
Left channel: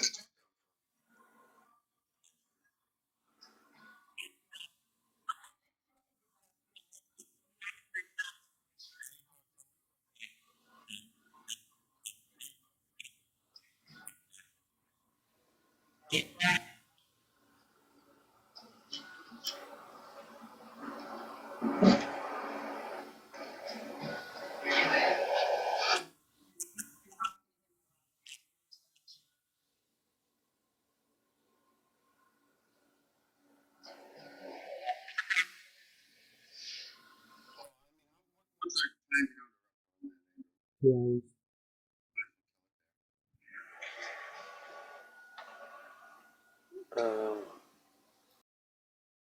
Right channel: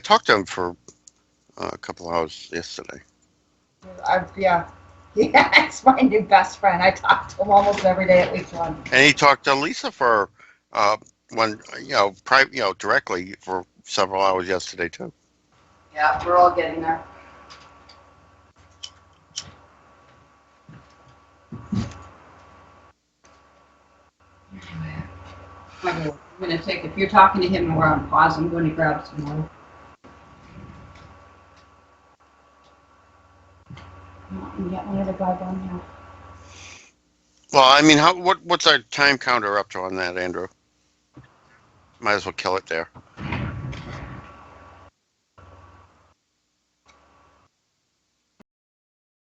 talked to him for a couple hours yesterday. Yeah. Yeah, it's my new best friend. I talk to him almost every day at least once. And he talked to Lisa for directly for several hours yesterday too. Yeah, we're all getting there. I'm going to take, if you're talking to him and we're on pause, I'm going to grab some more. You got any other guys on here? Well, I mean, what's our time counter up to on that, Andrew? Yeah. Might as well kill it there.